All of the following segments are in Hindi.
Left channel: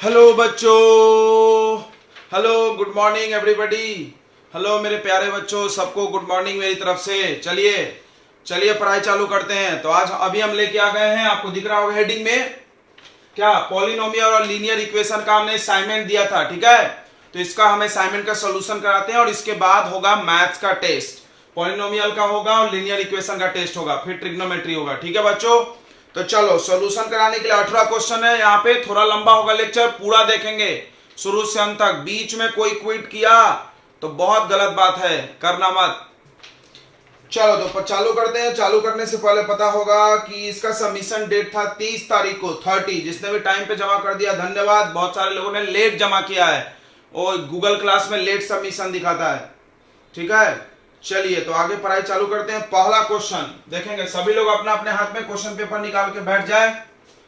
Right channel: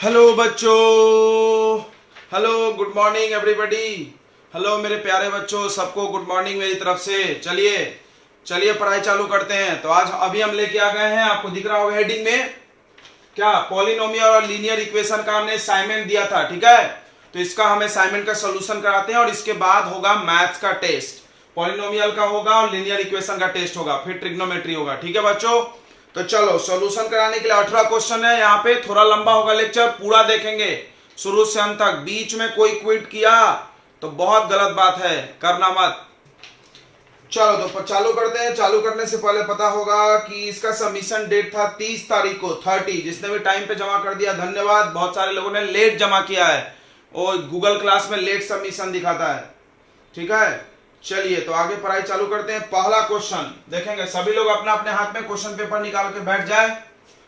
हेलो बच्चों, hello, good morning everybody. Hello मेरे प्यारे बच्चों, सबको गुड मॉर्निंग मेरी तरफ से। चलिए चलिए पढ़ाई चालू करते हैं। तो आज अभी हम लेके आ गए हैं, आपको दिख रहा होगा हेडिंग में क्या, पॉलिनोमियल और लीनियर इक्वेशन का हमने असाइनमेंट दिया था। ठीक है, तो इसका हम असाइनमेंट का सोल्यूशन कराते हैं और इसके बाद होगा मैथ्स का टेस्ट। पॉलिनोमियल का होगा और लीनियर इक्वेशन का टेस्ट होगा, फिर ट्रिग्नोमेट्री होगा। ठीक है बच्चों, तो चलो सॉल्यूशन कराने के लिए 18 क्वेश्चन है यहाँ पे। थोड़ा लंबा होगा लेक्चर, पूरा देखेंगे शुरू से अंत तक। बीच में कोई क्विट किया तो बहुत गलत बात है, करना मत। चलो तो चालू करते हैं। चालू करने से पहले पता होगा कि इसका सबमिशन डेट था 30 तारीख को, 30। जिसने भी टाइम पे जमा कर दिया धन्यवाद। बहुत सारे लोगों ने लेट जमा किया है और गूगल क्लास में लेट सबमिशन दिखाता है। ठीक है, चलिए तो आगे पढ़ाई चालू करते हैं। पहला क्वेश्चन देखेंगे, सभी लोग अपना अपने हाथ में क्वेश्चन पेपर निकाल के बैठ जाए।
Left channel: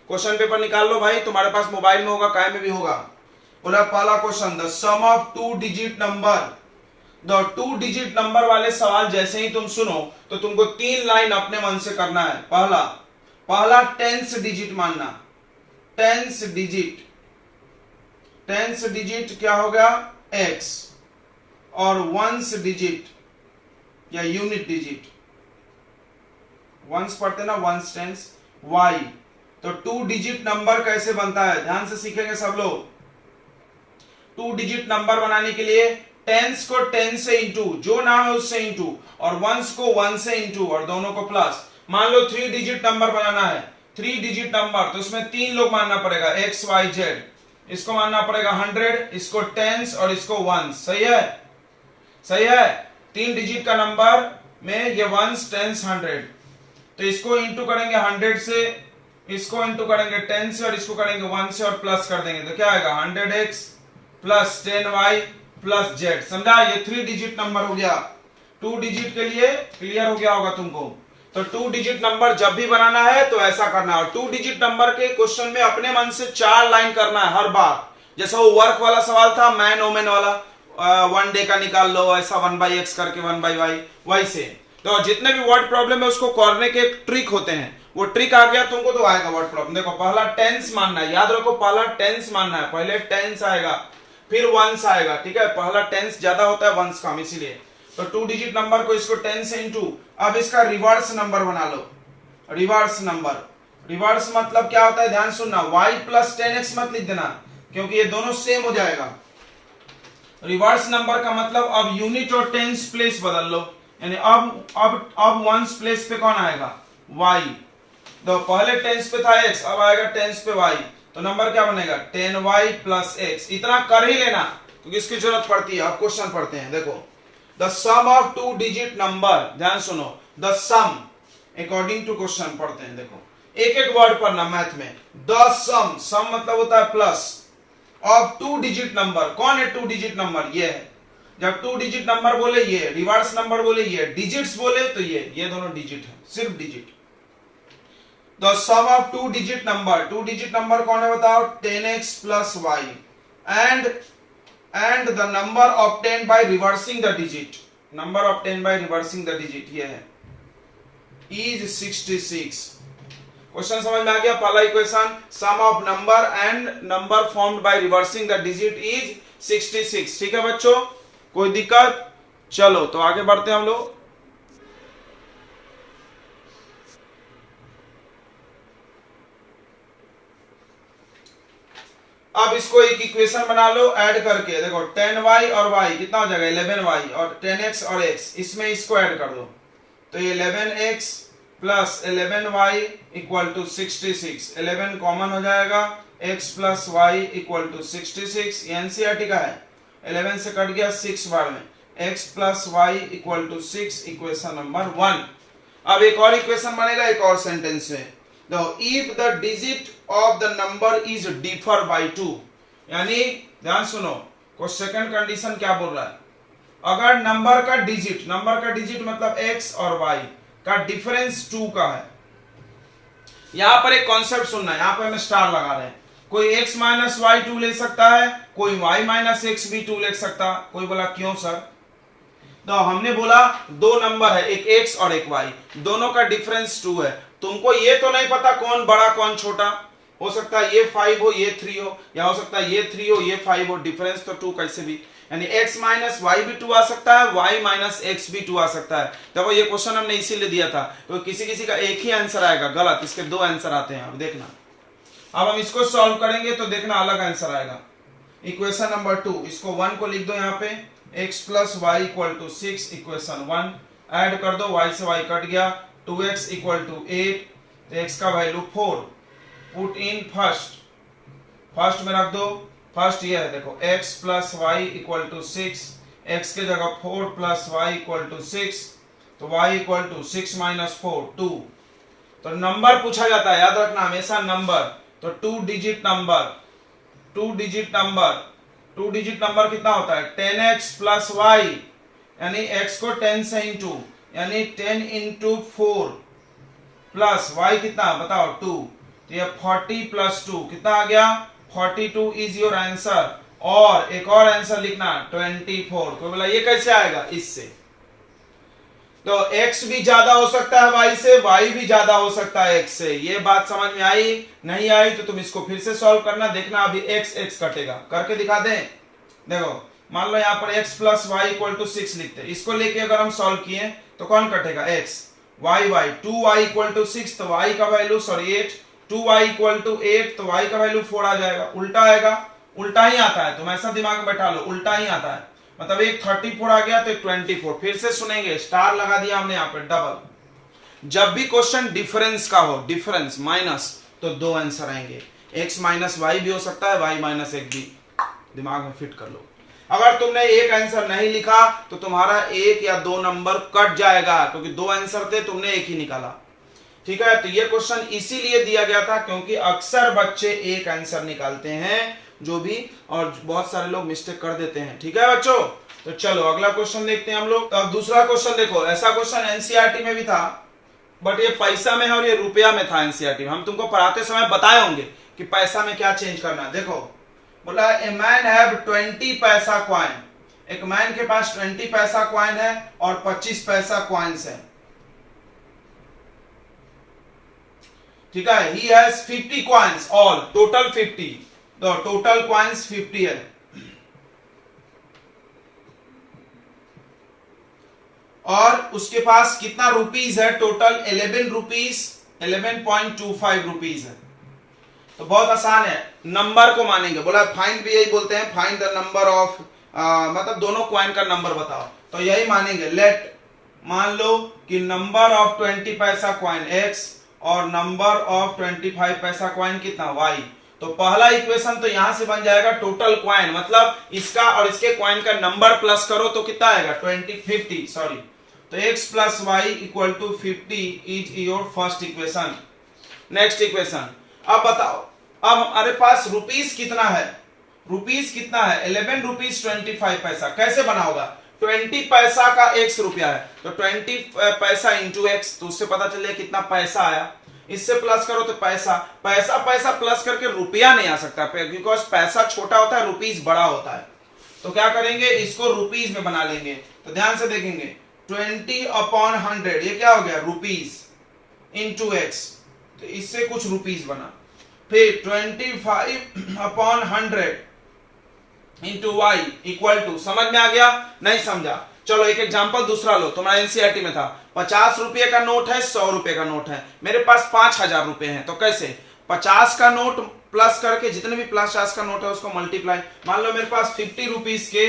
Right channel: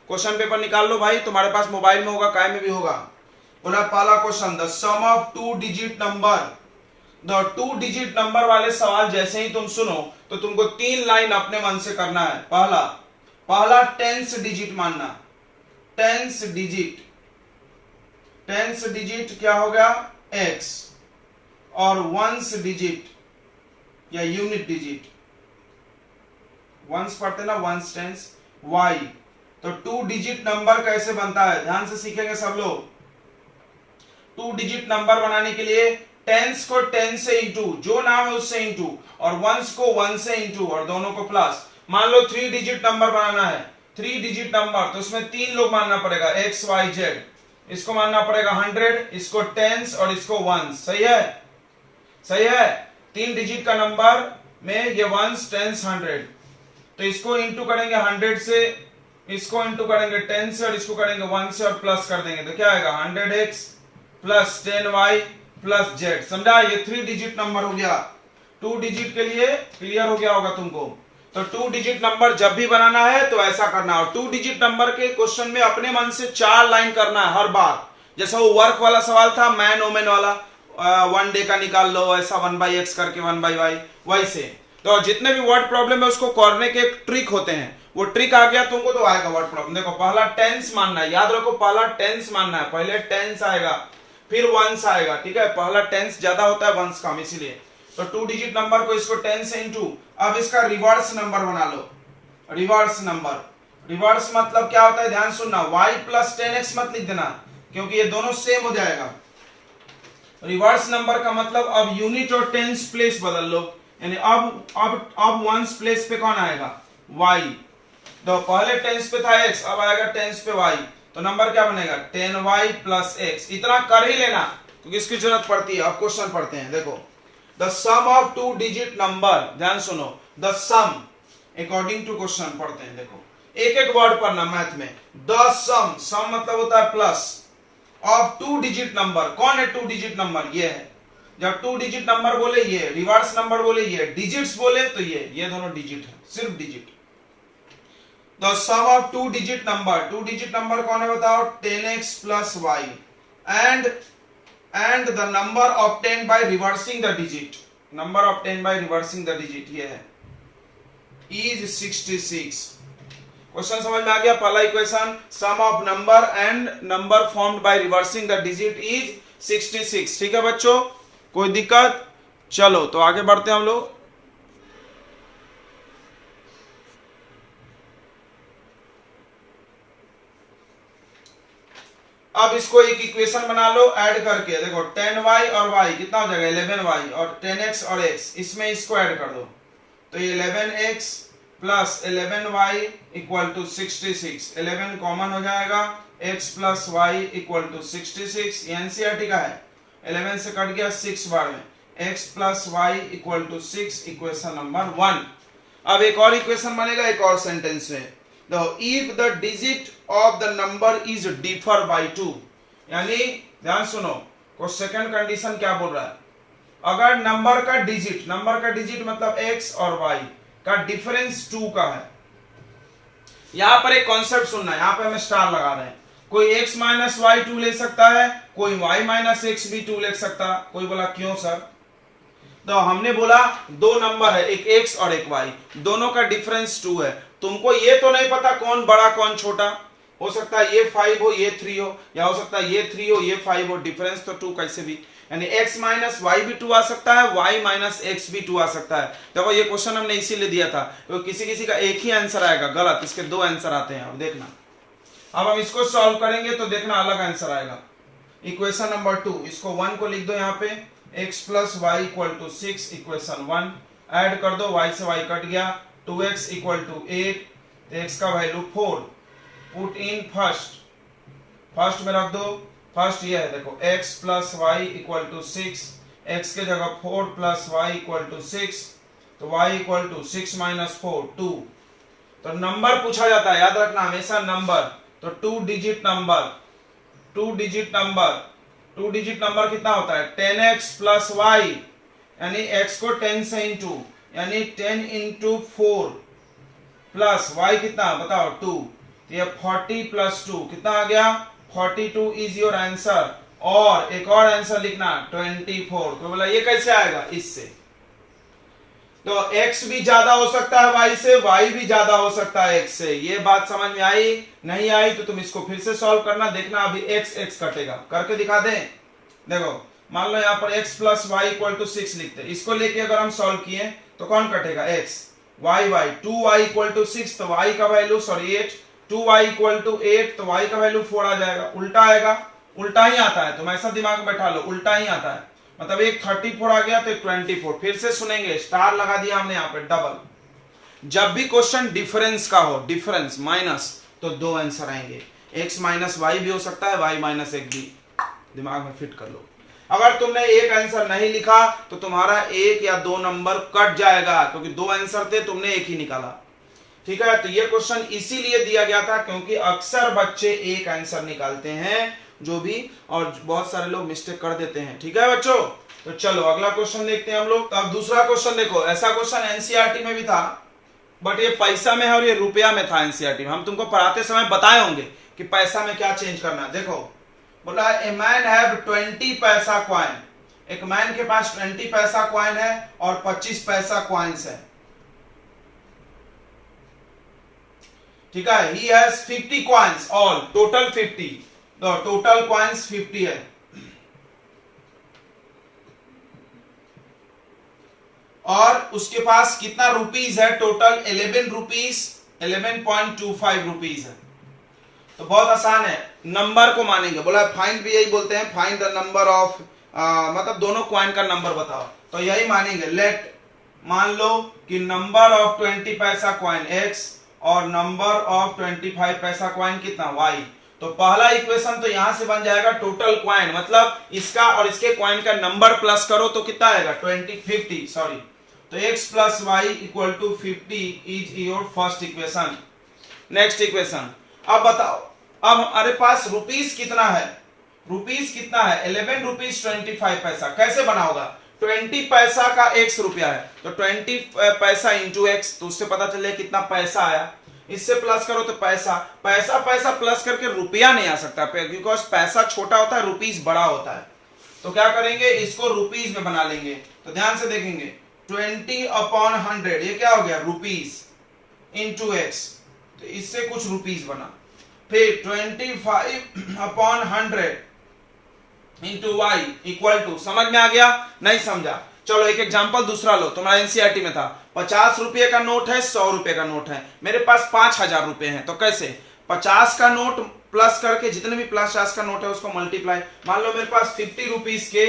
क्वेश्चन पेपर निकाल लो भाई, तुम्हारे पास मोबाइल में होगा, काय में भी होगा। बोला पहला question, the sum of two digit number. The two digit number वाले सवाल जैसे ही तुम सुनो तो तुमको 3 लाइन अपने मन से करना है। पहला टेंस डिजिट मानना। टेंस डिजिट क्या हो गया, एक्स, और वंस डिजिट या यूनिट डिजिट, वंस पढ़ते ना, वंस टेंस, वाई। तो टू डिजिट नंबर कैसे बनता है ध्यान से सीखेंगे सब लोग। टू डिजिट नंबर बनाने के लिए टेंस को 10 से इंटू, जो नाम है उससे इंटू, और वंस को 1 से इंटू, और दोनों को प्लस। मान लो 3 डिजिट नंबर बनाना है, 3 डिजिट नंबर, तो उसमें 3 लोग मानना पड़ेगा, एक्स वाई जेड। इसको मानना पड़ेगा 100, इसको 10 और इसको 1। सही है, सही है। 3 डिजिट का नंबर में ये 1 10 100, तो इसको इंटू करेंगे 100 से, इसको इंटू करेंगे 10 से, और इसको करेंगे 1 से और प्लस कर देंगे, तो क्या आएगा 100x plus 10y plus z। समझा, ये 3 डिजिट नंबर हो गया। 2 डिजिट के लिए क्लियर हो गया होगा तुमको। तो 2 डिजिट नंबर जब भी बनाना है तो ऐसा करना है। और 2 डिजिट नंबर के क्वेश्चन में अपने मन से 4 लाइन करना है हर बार। जैसा वो वर्क वाला सवाल था, मैन ओमेन वाला, 1 डे का निकाल लो, ऐसा 1/x करके 1/y, वैसे। तो जितने भी वर्ड प्रॉब्लम है उसको करने के एक ट्रिक होते हैं, वो ट्रिक आ गया तुमको तो आएगा वर्ड प्रॉब्लम। देखो पहला टेंस मानना है, याद रखो पहला टेंस मानना है। पहले टेंस आएगा फिर वंस आएगा। ठीक है, पहला टेंस ज्यादा होता है वंस कम, इसीलिए। तो 2 डिजिट नंबर को इसको 10 से इंटू, अब इसका रिवर्स नंबर बना लो। रिवर्स नंबर, रिवर्स मतलब क्या होता है ध्यान सुनना, y प्लस 10x मत लिख देना क्योंकि ये दोनों सेम हो जाएगा। रिवर्स नंबर का मतलब अब यूनिट और टेंस प्लेस बदल लो, यानी अब वंस प्लेस पे कौन आएगा, y। तो पहले टेंस पे था x, अब आएगा टेंस पे y, तो नंबर क्या बनेगा 10y प्लस x। इतना कर ही लेना क्योंकि इसकी जरूरत पड़ती है। अब क्वेश्चन पढ़ते हैं, देखो the sum of 2 digit number, ध्यान सुनो, the sum according to question पढ़ते हैं। देखो एक एक वर्ड पढ़ना मैथ में। द सम, सम मतलब होता है प्लस, ऑफ 2 डिजिट नंबर। कौन है 2 डिजिट नंबर, ये है। जब 2 डिजिट नंबर बोले ये, रिवर्स नंबर बोले ये, डिजिट्स बोले तो ये दोनों डिजिट है, सिर्फ digit. The sum of 2 digit number, 2 digit number कौन है बताओ, 10x plus y, and the number obtained by reversing the digit, number obtained by reversing the digit ये है, इज 66। क्वेश्चन समझ में आ गया। पहला equation, sum of number and number formed by reversing the digit is 66। ठीक है बच्चों, कोई दिक्कत? चलो तो आगे बढ़ते हैं हम लोग। अब इसको एक इक्वेशन बना लो ऐड करके। देखो 10y और y कितना हो जाएगा 11y, और 10x और x, इसमें इसको ऐड कर दो तो ये 11x plus 11y equal to 66। 11 common हो जाएगा, x plus y equal to 66। NCERT का है, 11 से कट गया 6 बार में, x plus y equal to 6, equation number 1। अब एक और इक्वेशन बनेगा एक और सेंटेंस में। If the digit of the number is differ by 2, यानी ध्यान सुनो, को सेकंड कंडीशन क्या बोल रहा है, अगर नंबर का डिजिट मतलब x और y का डिफरेंस 2 का है। यहां पर एक कॉन्सेप्ट सुनना है, यहां पर हमें स्टार लगा रहे हैं। कोई x माइनस वाई 2 ले सकता है, कोई y माइनस एक्स भी 2 ले सकता। कोई बोला क्यों सर, तो हमने बोला दो नंबर है, एक x और एक y, दोनों का डिफरेंस 2 है। तुमको ये तो नहीं पता कौन बड़ा कौन छोटा, हो सकता है ये 5 हो ये 3 हो, या हो सकता है ये 3 हो ये 5 हो, डिफरेंस तो 2 कैसे भी, यानी x माइनस वाई भी 2 आ सकता है, y माइनस एक्स भी 2 आ सकता है। देखो ये क्वेश्चन हमने इसीलिए दिया था तो किसी किसी का एक ही आंसर आएगा, गलत, इसके दो आंसर आते हैं। अब देखना, अब हम इसको सॉल्व करेंगे तो देखना अलग आंसर आएगा। इक्वेशन नंबर 2, इसको 1 को लिख दो यहाँ पे, x plus y equal to 6, equation 1 add कर दो, y से y कट गया, 2x इक्वल टू 8, तो x का वैल्यू 4, पुट इन फर्स्ट में रख दो, फर्स्ट ये है देखो x plus y equal to 6, x के जगह 4 प्लस वाई इक्वल टू 6, तो y इक्वल टू 6 माइनस 4 2। तो नंबर पूछा जाता है, याद रखना हमेशा नंबर, तो 2 डिजिट नंबर कितना होता है 10x प्लस वाई, यानी x को 10 से इंटू, यानी 10 इंटू 4 प्लस y कितना बताओ 2, तो ये 40 प्लस 2 कितना आ गया 42 इज योर आंसर। और एक और आंसर लिखना 24, तो बोला ये कैसे आएगा, इससे, तो x भी ज्यादा हो सकता है y से, y भी ज्यादा हो सकता है x से। ये बात समझ में आई, नहीं आई तो तुम इसको फिर से सॉल्व करना, देखना अभी x कटेगा, करके दिखा दें। देखो मान लो यहाँ पर x plus y equal to 6 लिखते हैं, इसको लेके अगर हम सॉल्व किए तो कौन कटेगा x, y 2y equal to 6, तो y का वैल्यू 8, 2y इक्वल टू 8, तो y का वैल्यू 4 आ जाएगा, उल्टा आएगा, उल्टा ही आता है, तुम ऐसा दिमाग में बैठा लो, उल्टा ही आता है, मतलब एक 34 आ गया तो एक 24। फिर से सुनेंगे, स्टार लगा दिया हमने यहाँ पे डबल। जब भी क्वेश्चन डिफरेंस का हो, डिफरेंस माइनस, तो दो आंसर आएंगे, x माइनस वाई भी हो सकता है, y माइनस एक भी, दिमाग में फिट कर लो। अगर तुमने एक आंसर नहीं लिखा तो तुम्हारा 1 या 2 नंबर कट जाएगा, क्योंकि दो आंसर थे, तुमने एक ही निकाला। ठीक है, तो ये क्वेश्चन इसीलिए दिया गया था क्योंकि अक्सर बच्चे एक आंसर निकालते हैं जो भी, और बहुत सारे लोग मिस्टेक कर देते हैं। ठीक है बच्चों, तो चलो अगला क्वेश्चन देखते हैं हम लोग। तो अब दूसरा क्वेश्चन देखो, ऐसा क्वेश्चन एनसीईआरटी में भी था, बट ये पैसा में है और ये रुपया में था एनसीईआरटी में। हम तुमको पढ़ाते समय बताए होंगे कि पैसा में क्या चेंज करना है। देखो बोला ए मैन हैव 20 पैसा कॉइन, एक मैन के पास 20 पैसा कॉइन है और 25 पैसा कॉइन्स है। ठीक है, he has 50 coins, all total 50, तो टोटल कॉइन्स 50 है, और उसके पास कितना रुपीस है टोटल 11 रुपीस, 11.25 रुपीस है। तो बहुत आसान है, नंबर को मानेंगे, बोला फाइंड भी यही बोलते हैं, फाइंड द नंबर ऑफ, मतलब दोनों कॉइन का नंबर बताओ, तो यही मानेंगे। लेट मान लो कि नंबर ऑफ 20 पैसा कॉइन x और नंबर ऑफ 25 पैसा कॉइन कितना y, तो पहला इक्वेशन तो यहां से बन जाएगा टोटल कॉइन, मतलब इसका और इसके कॉइन का नंबर प्लस करो तो कितना आएगा 50 सॉरी, तो x plus y equal to 50 is your first equation. Next equation, अब बताओ, अब हमारे पास रुपीस कितना है, 11 रुपीस 25 पैसा, कैसे बना होगा, 20 पैसा का x रुपया है, तो 20 पैसा इंटू x, तो उससे पता चले कितना पैसा आया, इससे प्लस करो तो पैसा प्लस करके रुपया नहीं आ सकता, बिकॉज पैसा छोटा होता है, रुपीस बड़ा होता है। तो क्या करेंगे, इसको रुपीस में बना लेंगे। तो ध्यान से देखेंगे, 20/100 ये क्या हो गया रुपीस इंटू x, तो इससे कुछ रुपीस बना। फिर 25/100 इंटू y इक्वल टू, समझ में आ गया, नहीं समझा, चलो एक एग्जांपल दूसरा लो, तुम्हारा एनसीईआरटी में था, 50 रुपए का नोट है, 100 रुपए का नोट है, मेरे पास 5000 रुपए हैं, तो कैसे 50 का नोट प्लस करके जितने भी 50 का नोट है उसको मल्टीप्लाई, मान लो मेरे पास 50 रुपीस के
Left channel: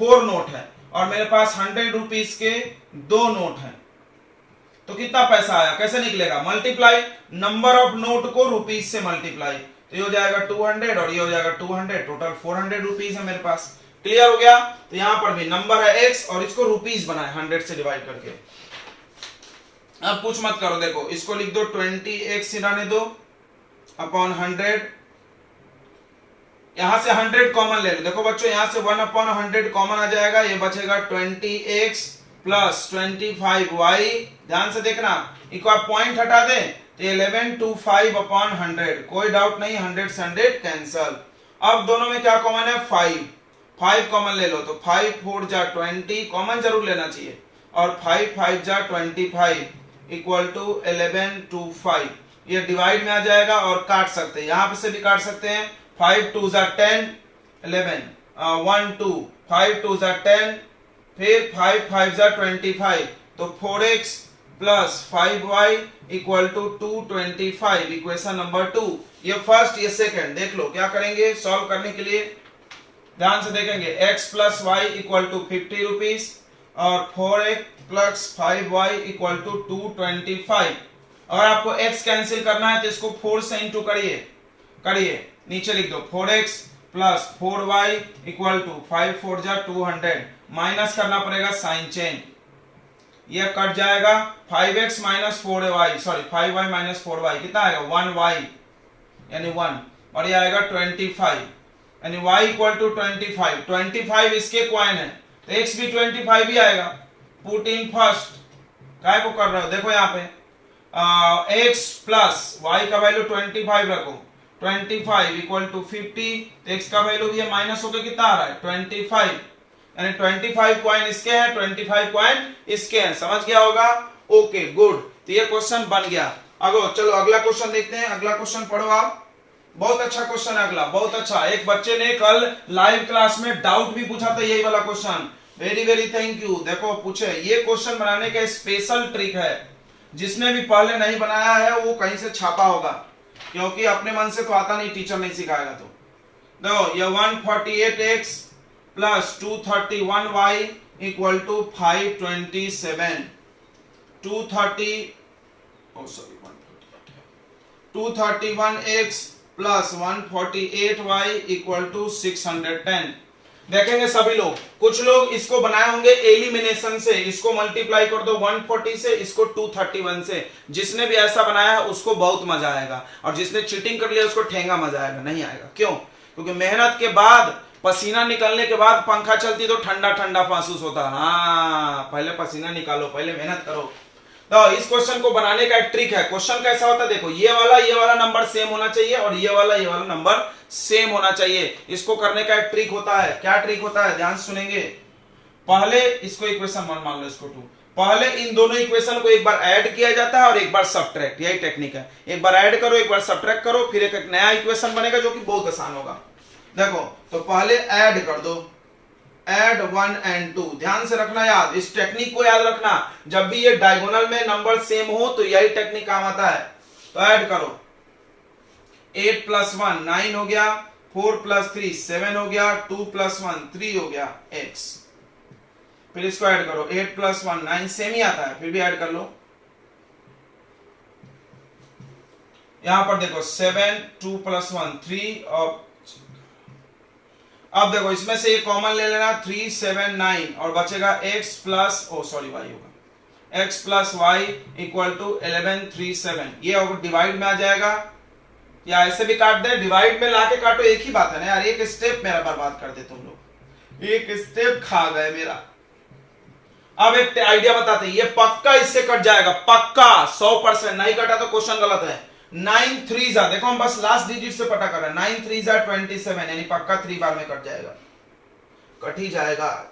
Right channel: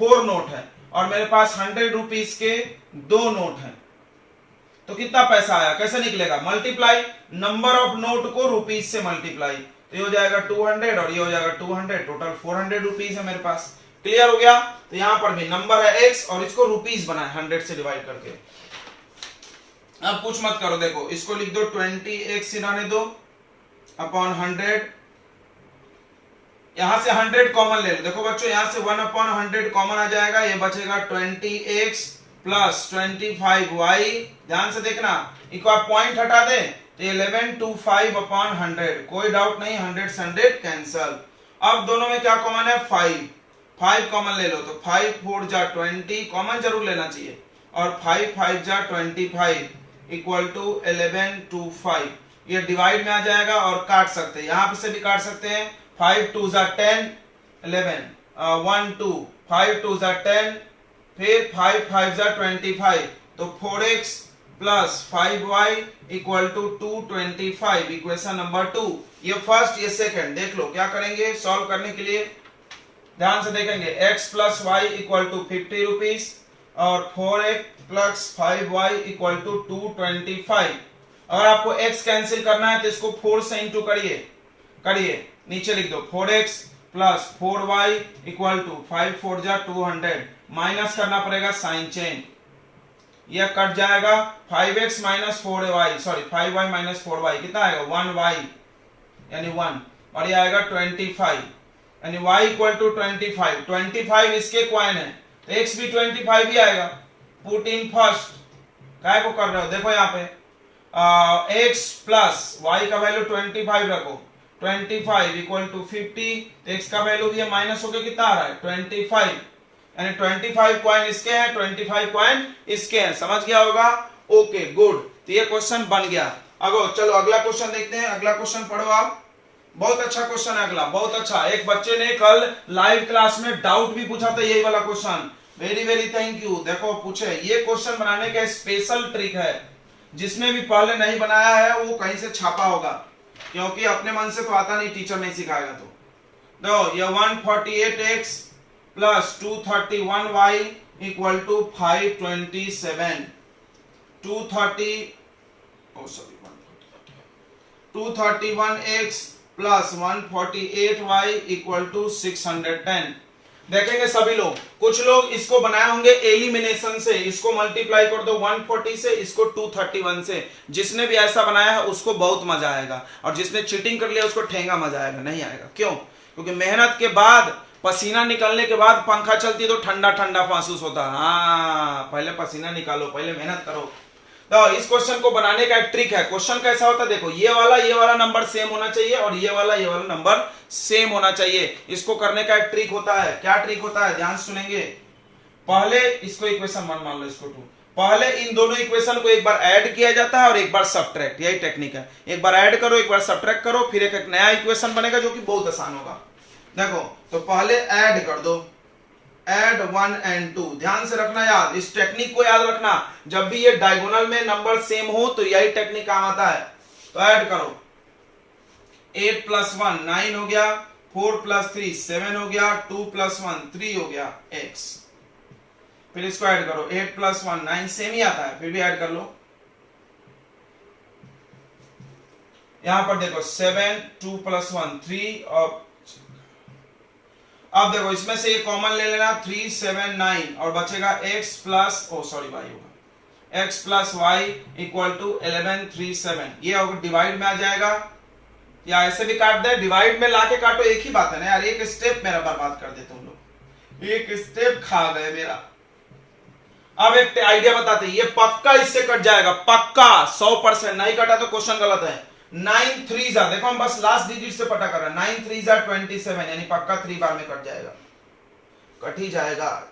4 नोट है और मेरे पास 100 रुपीस के 2 नोट है, तो कितना पैसा आया, कैसे निकलेगा, मल्टीप्लाई, नंबर ऑफ नोट को रुपीस से मल्टीप्लाई, तो ये हो जाएगा 200 और ये हो जाएगा 200, टोटल 400 रुपीस है मेरे पास। क्लियर हो गया, तो यहां पर भी नंबर है x और इसको रुपीस बनाए 100 से डिवाइड करके। अब कुछ मत करो, देखो इसको लिख दो 20x रहने दो अपॉन 100, यहां से 100 कॉमन ले लो, देखो बच्चों यहां से 1/100 कॉमन आ जाएगा, ये बचेगा 20x प्लस 25y, ध्यान से देखना, एक बार पॉइंट हटा दे तो 1125/100, कोई डाउट नहीं, 100 से 100 कैंसल। अब दोनों में क्या कॉमन है, 5 कॉमन ले लो, तो 5 4 जा 20 कॉमन जरूर लेना चाहिए, और 5 5 जा 25 इक्वल टू 1125, ये डिवाइड में आ जाएगा और काट सकते हैं, यहां पे से भी काट सकते हैं। 5 2 जा 10 11 1 2 5 2 जा 10 फिर 5 5 जा 25 तो 4x plus 5y equal to 225 equation number 2। ये फर्स्ट ये सेकंड देख लो क्या करेंगे सॉल्व करने के लिए, ध्यान से देखेंगे। x plus y equal to 50 rupees और 4x plus 5y equal to 225। अगर आपको x कैंसिल करना है तो इसको 4 से इंटू करिए नीचे लिख दो 4x plus 4y equal to 5 4 जा 200 माइनस करना पड़ेगा साइन चेंज, यह कट जाएगा 5x minus 4y sorry 5y minus 4y कितना आएगा 1y यानी 1 और ये आएगा 25 यानी y इक्वल टू 25 इसके क्वाइन है तो x भी 25 ही आएगा। पुट इन फर्स्ट काय को कर रहे हो देखो यहाँ पे x प्लस y का वैल्यू 25 रखो 25 इक्वल टू 50 x का वैल्यू भी माइनस होकर कितना आ रहा है 25 यानी 25 क्वाइन इसके हैं 25 क्वाइन इसके हैं, समझ गया होगा। ओके गुड, तो ये क्वेश्चन बन गया। अगो चलो अगला क्वेश्चन देखते हैं, अगला क्वेश्चन पढ़ो आप। बहुत अच्छा क्वेश्चन है अगला, बहुत अच्छा। एक बच्चे ने कल लाइव क्लास में डाउट भी पूछा था यही वाला question, very very thank you. देखो पूछे, ये क्वेश्चन बनाने का स्पेशल ट्रिक है, जिसने भी पहले नहीं बनाया है वो कहीं से छापा होगा, क्योंकि अपने मन से तो आता नहीं, टीचर नहीं सिखाएगा। तो देखो ये 148x plus 231y equal to 527 231x plus 148y equal to 610। देखेंगे सभी लोग, कुछ लोग इसको बनाए होंगे एलिमिनेशन से, इसको मल्टीप्लाई कर दो 140 से, इसको 231 से। जिसने भी ऐसा बनाया है उसको बहुत मजा आएगा, और जिसने चीटिंग कर लिया उसको ठेंगा मजा आएगा, नहीं आएगा। क्यों? क्योंकि मेहनत के बाद, पसीना निकलने के बाद पंखा चलती तो ठंडा ठंडा महसूस होता। हाँ, पहले पसीना निकालो, पहले मेहनत करो। तो इस क्वेश्चन को बनाने का एक ट्रिक है। क्वेश्चन कैसा होता है देखो, ये वाला नंबर सेम होना चाहिए और ये वाला नंबर सेम होना चाहिए। इसको करने का एक ट्रिक होता है। क्या ट्रिक होता है, ध्यान सुनेंगे। पहले इसको इक्वेशन 1 मान लो, इसको 2। पहले इन दोनों इक्वेशन को एक बार ऐड किया जाता है और एक बार सब्ट्रैक्ट, यही टेक्निक है। एक बार ऐड करो, एक बार सब्ट्रैक्ट करो, फिर एक नया इक्वेशन बनेगा जो कि बहुत आसान होगा। देखो तो पहले ऐड कर दो, ऐड 1 and 2। ध्यान से रखना याद, इस टेक्निक को याद रखना। जब भी ये डायगोनल में नंबर सेम हो तो यही टेक्निक काम आता है। तो ऐड करो, 8 प्लस 1 9 हो गया, 4 प्लस 3 7 हो गया, 2 प्लस 1 3 हो गया x। फिर इसको ऐड करो, 8 प्लस 1 9 सेम ही आता है, फिर भी ऐड कर लो। यहां पर देखो 7 2 प्लस 1 3 और अब देखो इसमें से ये कॉमन ले लेना, 3 7 9 और बचेगा x प्लस y होगा, x plus y equal to 11 3 7। ये डिवाइड में आ जाएगा, या ऐसे भी काट दे, डिवाइड में लाके काटो, एक ही बात है ना यार। एक स्टेप मेरा बर्बाद कर दे तुम लोग, एक स्टेप खा गए मेरा। अब एक आइडिया बताते हैं, ये पक्का इससे कट जाएगा, पक्का 100%। नहीं कटा तो क्वेश्चन गलत है। 9 3 जा, देखो हम बस लास्ट डिजिट से पता कर रहे हैं, 9 3 जा 27 यानी पक्का 3 बार में कट जाएगा, कट ही जाएगा।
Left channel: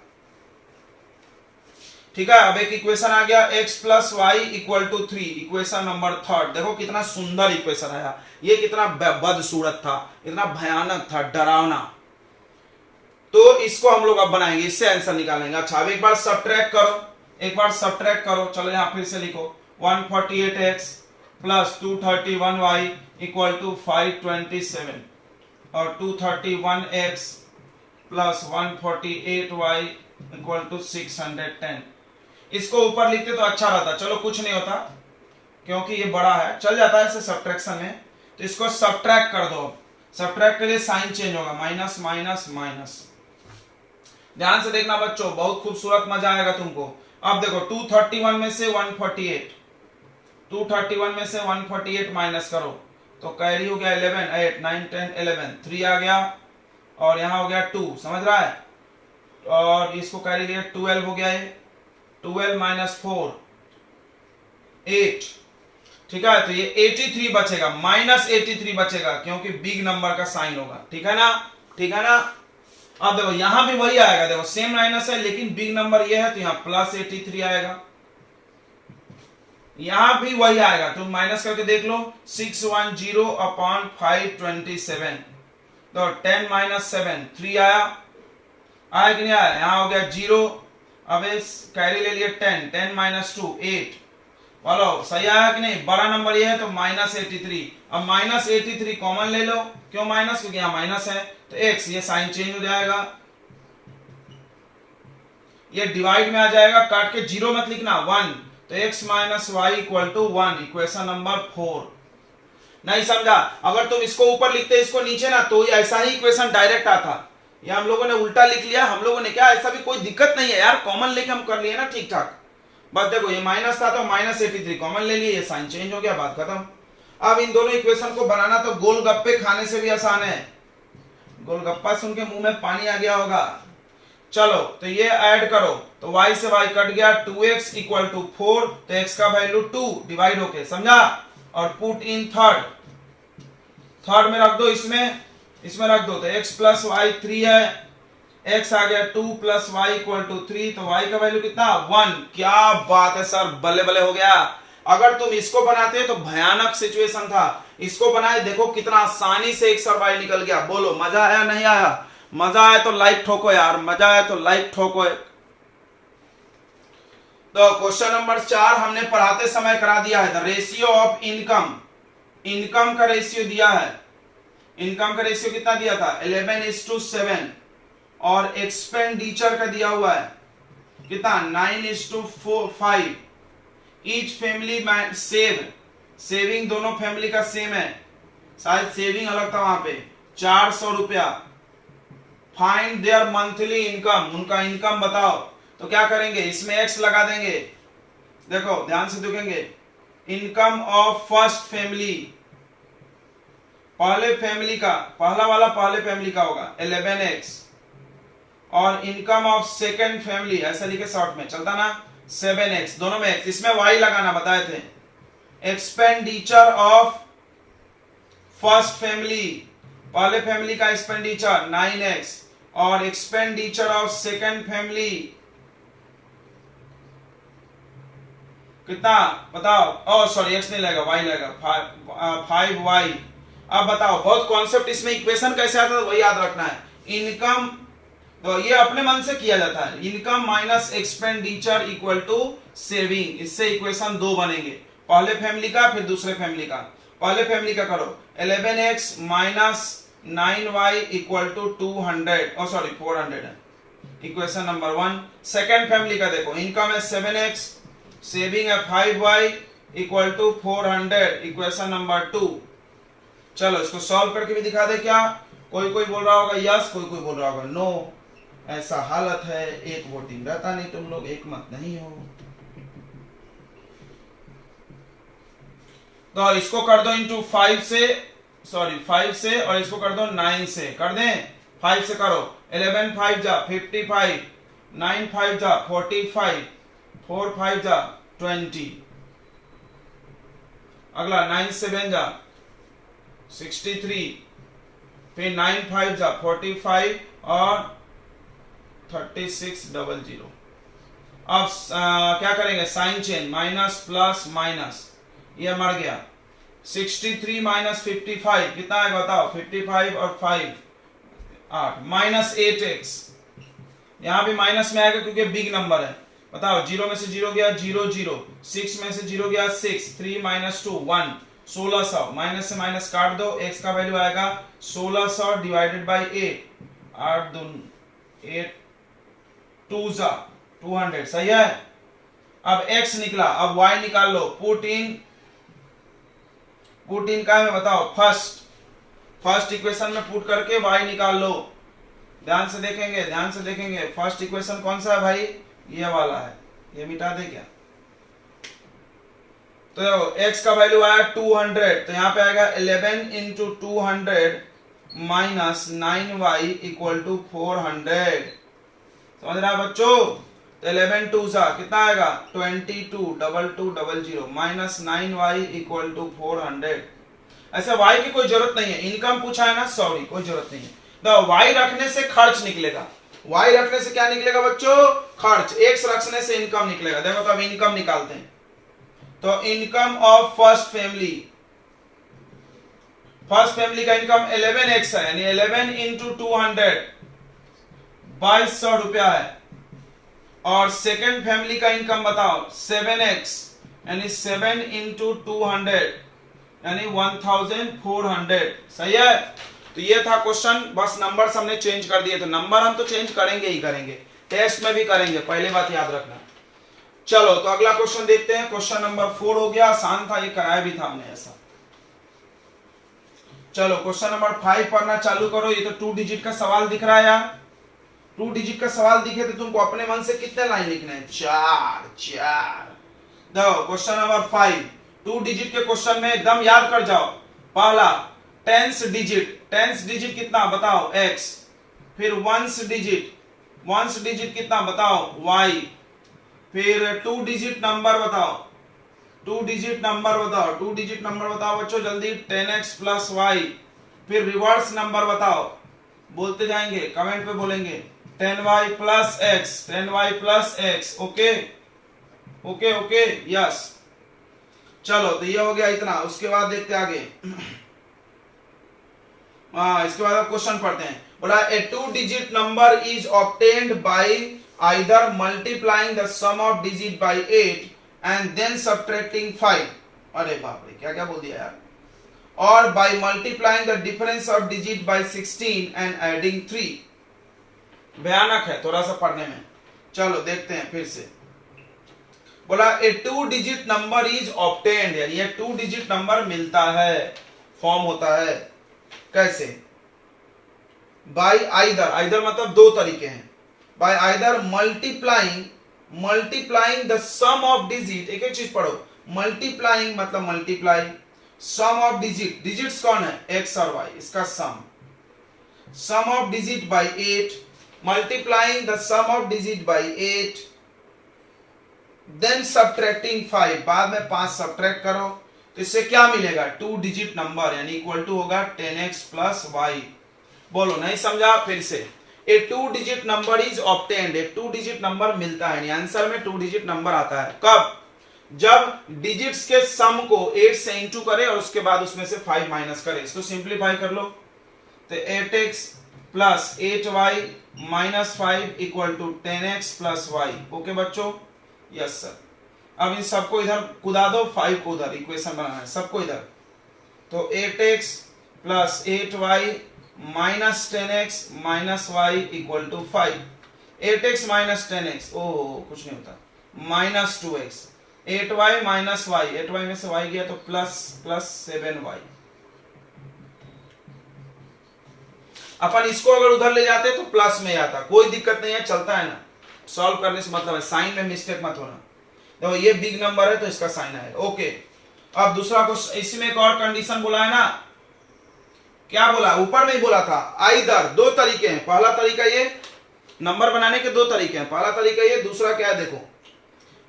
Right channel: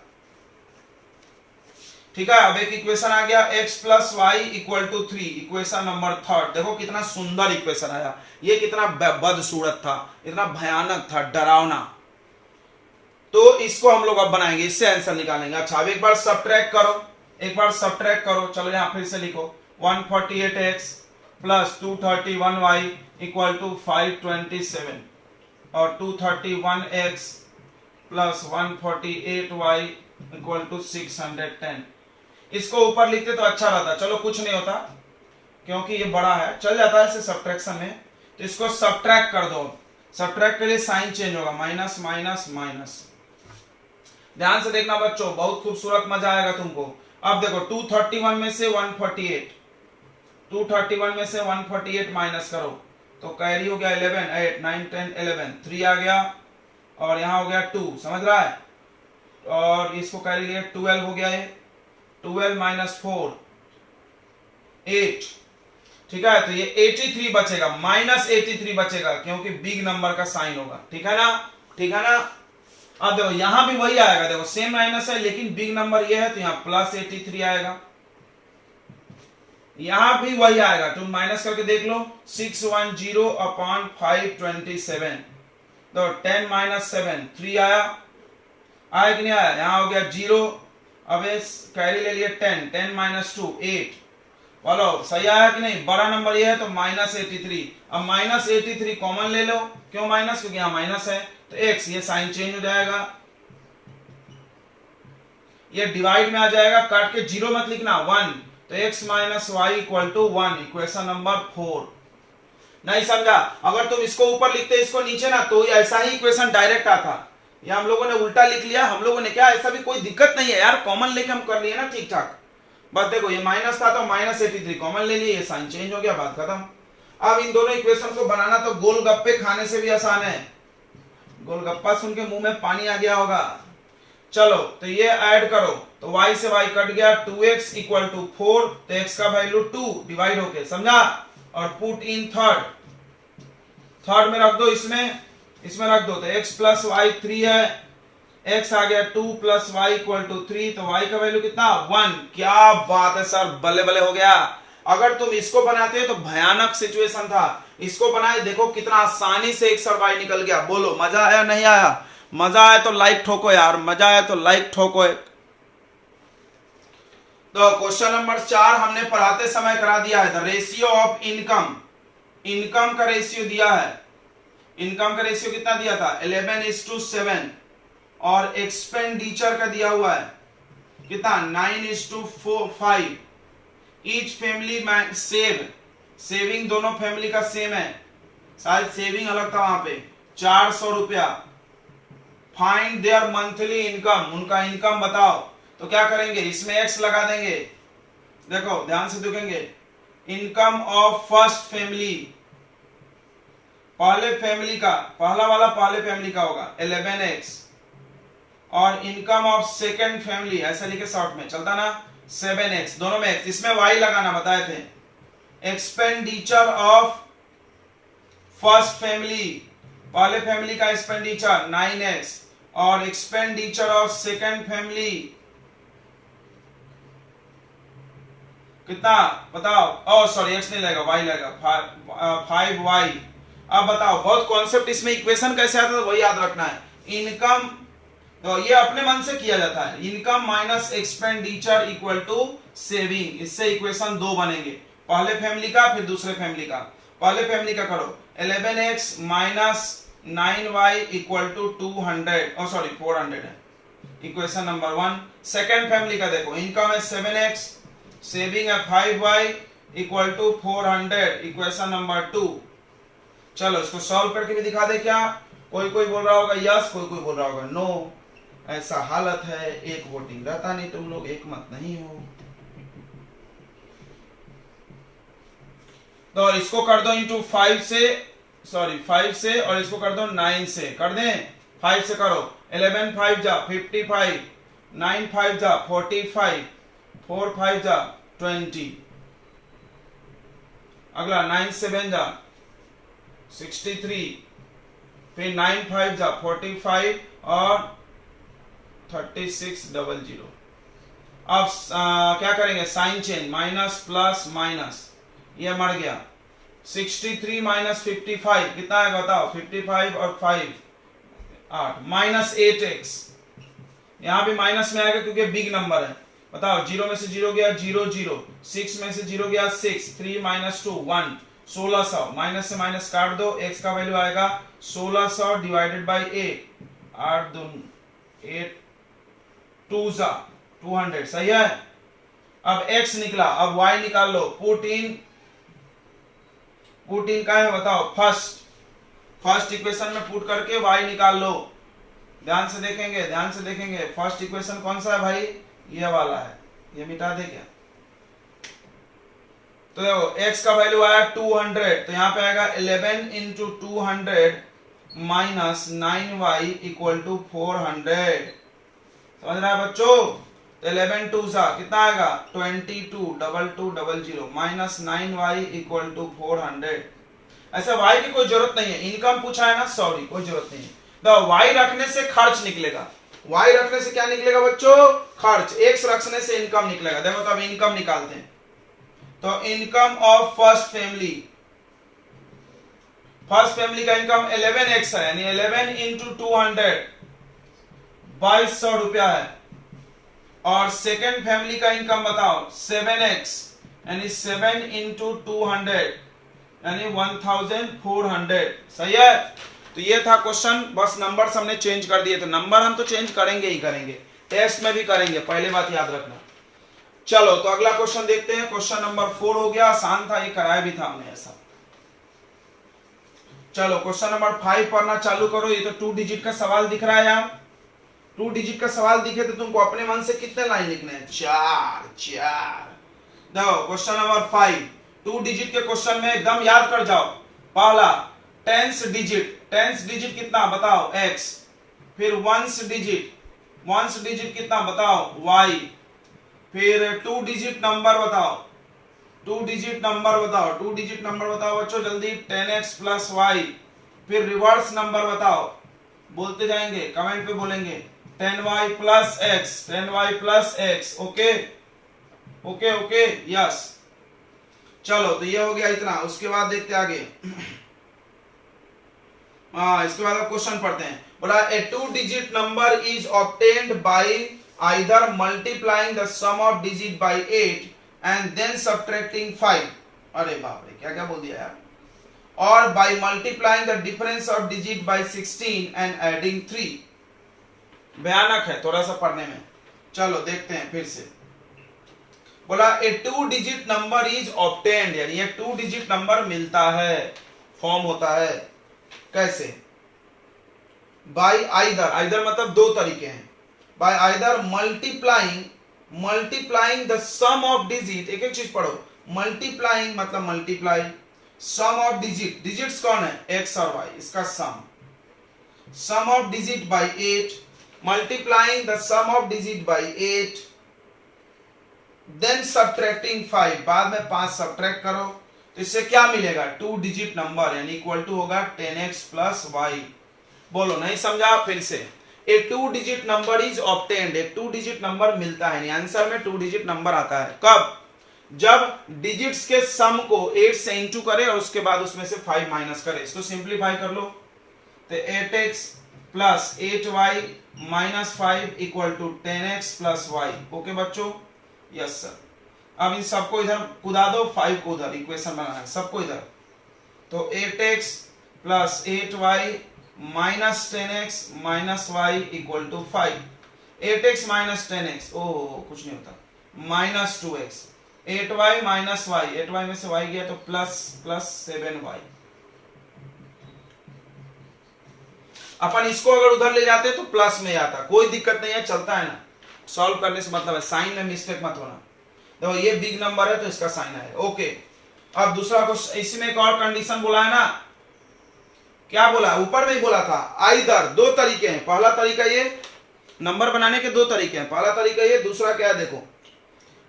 ठीक है, अब एक इक्वेशन आ गया, x plus y equal to 3, equation number 3। देखो कितना सुंदर इक्वेशन आया, ये कितना बदसूरत था, इतना भयानक था, डरावना। तो इसको हम लोग अब बनाएंगे, इससे आंसर निकालेंगे। अच्छा अब एक बार सब्ट्रैक्ट करो, चलो यहां फिर से लिखो, 148x plus 231y equal to 527 और 231x plus 148y equal to 610। इसको ऊपर लिखते तो अच्छा रहता, चलो कुछ नहीं होता क्योंकि ये बड़ा है, चल जाता है इसे सब्ट्रैक्शन में। तो इसको सब्ट्रैक्ट कर दो, सब्ट्रैक्ट के लिए साइन चेंज होगा, माइनस माइनस माइनस। ध्यान से देखना बच्चों, बहुत खूबसूरत मजा आएगा तुमको। अब देखो 231 में से 148, 231 में से 148 माइनस करो तो कैरी हो गया 11 8 9 10 11, 3 आ गया और यहां हो गया 2, समझ रहा है। और इसको कैरी लिया 12 हो गया, ये 12 माइनस 4 8। ठीक है, तो ये 83 बचेगा, माइनस 83 बचेगा क्योंकि बिग नंबर का साइन होगा। ठीक है ना, ठीक है ना। अब देखो यहां भी वही आएगा, देखो सेम माइनस है लेकिन बिग नंबर ये है तो यहां प्लस 83 आएगा। यहां भी वही आएगा, तुम माइनस करके देख लो। 610 अपॉन 527, तो 10 माइनस 7 3 आया कि नहीं आया? यहां हो गया 0, अब कैरी ले लिए 10, 10 माइनस 2 8, बोलो सही आया कि नहीं? बड़ा नंबर ये है तो माइनस 83। अब माइनस 83 कॉमन ले लो, क्यों माइनस? क्योंकि यहां माइनस है, तो x ये साइन चेंज हो जाएगा, ये डिवाइड में आ जाएगा, काट के 0 मत लिखना 1, तो x minus y equal to 1, equation number 4। नहीं समझा? अगर तुम इसको ऊपर लिखते इसको नीचे ना, तो ऐसा ही इक्वेशन डायरेक्ट आता। ये हम लोगों ने उल्टा लिख लिया, हम लोगों ने क्या, ऐसा भी कोई दिक्कत नहीं है यार, कॉमन लेके हम कर लिए ना ठीक ठाक। बस देखो ये माइनस था तो माइनस 83 कॉमन ले लिए, ये साइन चेंज हो गया, बात खत्म। अब इन दोनों इक्वेशन को बनाना तो गोलगप्पे खाने से भी आसान है। गोलगप्पा सुन के मुंह में पानी आ गया होगा। चलो तो ये ऐड करो, तो y से y कट गया, 2x इक्वल टू 4, तो x का वैल्यू 2 डिवाइड होके, समझा? और पुट इन थर्ड में रख दो, इसमें रख दो, तो x प्लस वाई 3 है, x आ गया 2 प्लस वाई इक्वल टू 3, तो y का वैल्यू कितना? 1। क्या बात है सर, बल्ले बल्ले हो गया। अगर तुम इसको बनाते तो भयानक सिचुएशन था, इसको बनाए देखो कितना आसानी से x और y निकल गया। बोलो मजा आया नहीं आया? मजा आया तो लाइक ठोको यार, मजा आया तो लाइक ठोको। तो क्वेश्चन नंबर 4 हमने पढ़ाते समय करा दिया है, द रेशियो ऑफ इनकम का रेशियो दिया है। इनकम का रेशियो कितना दिया था? 11:7, और एक्सपेंडिचर का दिया हुआ है कितना? 9:5। ईच फैमिली सेविंग दोनों फैमिली का सेम है, शायद सेविंग अलग था वहां पे, 400 रुपया। फाइंड देयर मंथली इनकम, उनका इनकम बताओ। तो क्या करेंगे, इसमें x लगा देंगे, देखो ध्यान से देखेंगे, इनकम ऑफ फर्स्ट फैमिली, पहले फैमिली का, पहला वाला पहले फैमिली का होगा 11x, और इनकम ऑफ सेकंड फैमिली, ऐसा लिखे शॉर्ट में चलता ना, 7x, दोनों में x, इसमें y लगाना बताए थे। एक्सपेंडिचर ऑफ फर्स्ट फैमिली, पहले फैमिली का एक्सपेंडिचर 9x, और एक्सपेंडिचर ऑफ सेकंड फैमिली कितना बताओ? ओ सॉरी, x नहीं लगेगा, y लगेगा, 5y। अब बताओ, बहुत कॉन्सेप्ट इसमें, इक्वेशन कैसे आता है वही याद रखना है। इनकम, तो ये अपने मन से किया जाता है, income minus expenditure equal to saving, इससे इक्वेशन 2 बनेंगे, पहले फैमिली का फिर दूसरे फैमिली का। पहले फैमिली का करो, 11x minus 9y equal to 400 है, इक्वेशन नंबर 1। सेकेंड फैमिली का देखो, इनकम है 7x, सेविंग है 5y equal to 400, equation number 2। चलो इसको सॉल्व करके भी दिखा दे क्या? कोई बोल रहा होगा यस, कोई बोल रहा होगा नो। ऐसा हालत है, एक वोटिंग रहता नहीं, तुम लोग एक मत नहीं हो। तो इसको कर दो इंटू 5 से, और इसको कर दो 9 से, कर दें? 5 से करो, 11 5 जा 55, 9 5 जा 45, 4 5 जा 20, अगला 9 7 जा 63, फिर 9 5 जा 45, और 3600। अब क्या करेंगे, sign change, minus plus minus, ये मर गया। 63 माइनस 55 कितना है बताओ? 55 और 5 8, माइनस 8x, यहां भी माइनस में आएगा क्योंकि बिग नंबर है। बताओ, 0 में से 0 गया 0 0, 6 में से 0 गया 6, 3 माइनस 2 1, 1600, माइनस से माइनस काट दो, x का वैल्यू आएगा 1600 डिवाइडेड बाई 8, 8 8 2 200, सही है। अब x निकला, अब y निकाल लो, पुट इन का है बताओ, फर्स्ट इक्वेशन में पुट करके y निकाल लो। ध्यान से देखेंगे, फर्स्ट इक्वेशन कौन सा है भाई? ये वाला है, ये मिटा दे क्या? तो देखो x का वैल्यू आया 200, तो यहां पे आएगा 11 into 200 minus 9y equal to 400, समझ रहा है बच्चों? तो 11 2 सा कितना आएगा? 22 2200 माइनस 9y इक्वल टू 400। ऐसा y की कोई जरूरत नहीं है, इनकम पूछा है ना, सॉरी कोई जरूरत नहीं है। तो y रखने से खर्च निकलेगा, y रखने से क्या निकलेगा बच्चों? खर्च। x रखने से इनकम निकलेगा। देखो तो अब इनकम निकालते हैं, तो इनकम ऑफ फर्स्ट फैमिली का इनकम 11x है, यानी 11 इंटू 200 2200 रुपया है। और सेकेंड फैमिली का इनकम बताओ 7x, यानी 7 इंटू 200 यानी 1400। सही है। तो ये था क्वेश्चन, बस नंबर हमने चेंज कर दिए थे। नंबर हम तो चेंज करेंगे ही करेंगे, टेस्ट में भी करेंगे, पहले बात याद रखना। चलो तो अगला क्वेश्चन देखते हैं। क्वेश्चन नंबर 4 हो गया, आसान था, ये कराया भी था हमने ऐसा। चलो क्वेश्चन नंबर 5 पढ़ना चालू करो। ये तो 2 डिजिट का सवाल दिख रहा है यार। 2 डिजिट का सवाल दिखे तो तुमको अपने मन से कितने लाइन लिखने हैं? 4। देखो क्वेश्चन नंबर 5 2 डिजिट के क्वेश्चन में एकदम याद कर जाओ। पहला टेंस डिजिट कितना बताओ? x। फिर वंस डिजिट कितना बताओ? y। फिर 2 डिजिट नंबर बताओ। 2 डिजिट नंबर बताओ बच्चों जल्दी। 10x plus y। फिर रिवर्स नंबर बताओ, बोलते जाएंगे, कमेंट पे बोलेंगे 10y plus x। Okay yes. चलो तो ये हो गया इतना। उसके बाद देखते आगे। इसके बाद क्वेश्चन पढ़ते हैं। बोला a 2 digit number is obtained by either multiplying the sum of digit by 8 and then subtracting 5। अरे बाप रे, क्या क्या बोल दिया यार। और by multiplying the difference of digit bye 16 and adding 3। भयानक है थोड़ा सा पढ़ने में। चलो देखते हैं फिर से। बोला a 2 digit number is obtained, यानी ये 2 डिजिट नंबर मिलता है, फॉर्म होता है। कैसे? बाय आइदर मतलब दो तरीके हैं। By either multiplying the sum of digit. एक एक चीज पढ़ो। मल्टीप्लाइंग मतलब मल्टीप्लाई, सम ऑफ डिजिट्स कौन है? x और y, इसका sum of digit by 8, multiplying the sum of digit by 8 then subtracting 5, बाद में 5 सब्ट्रैक्ट करो तो इससे क्या मिलेगा? 2 डिजिट नंबर, यानी इक्वल टू होगा 10x प्लस y। बोलो नहीं समझा? फिर से। ए 2 डिजिट नंबर इज ऑब्टेन्ड, एक 2 डिजिट नंबर मिलता है, आंसर में 2 डिजिट नंबर आता है। कब? जब डिजिट्स के सम को 8 से इंटू करे और उसके बाद उसमें से 5 माइनस करे। इसको सिंप्लीफाई कर लो तो 8x plus 8y minus 5 equal to 10x plus y। Okay बच्चों? Yes sir. अब इन सबको इधर कुदा दो, 5 को उधर इक्वेशन बनाना है सबको इधर। तो 8x plus 8y minus 10x minus y equal to 5। 8x minus 10x, ओह कुछ नहीं होता, minus 2x। 8y minus y, 8y में से y गया तो प्लस 7y। अपन इसको अगर उधर ले जाते तो प्लस में आता, कोई दिक्कत नहीं है, चलता है ना। सॉल्व करने से मतलब है, साइन में मिस्टेक मत होना। तो ये बिग नंबर है तो इसका साइन आएगा। ओके। अब दूसरा क्वेश्चन, इसमें एक और कंडीशन बोला है ना। क्या बोला? ऊपर में ही बोला था आइदर, दो तरीके हैं। पहला तरीका ये, नंबर बनाने के दो तरीके हैं। पहला तरीका ये, दूसरा क्या है देखो,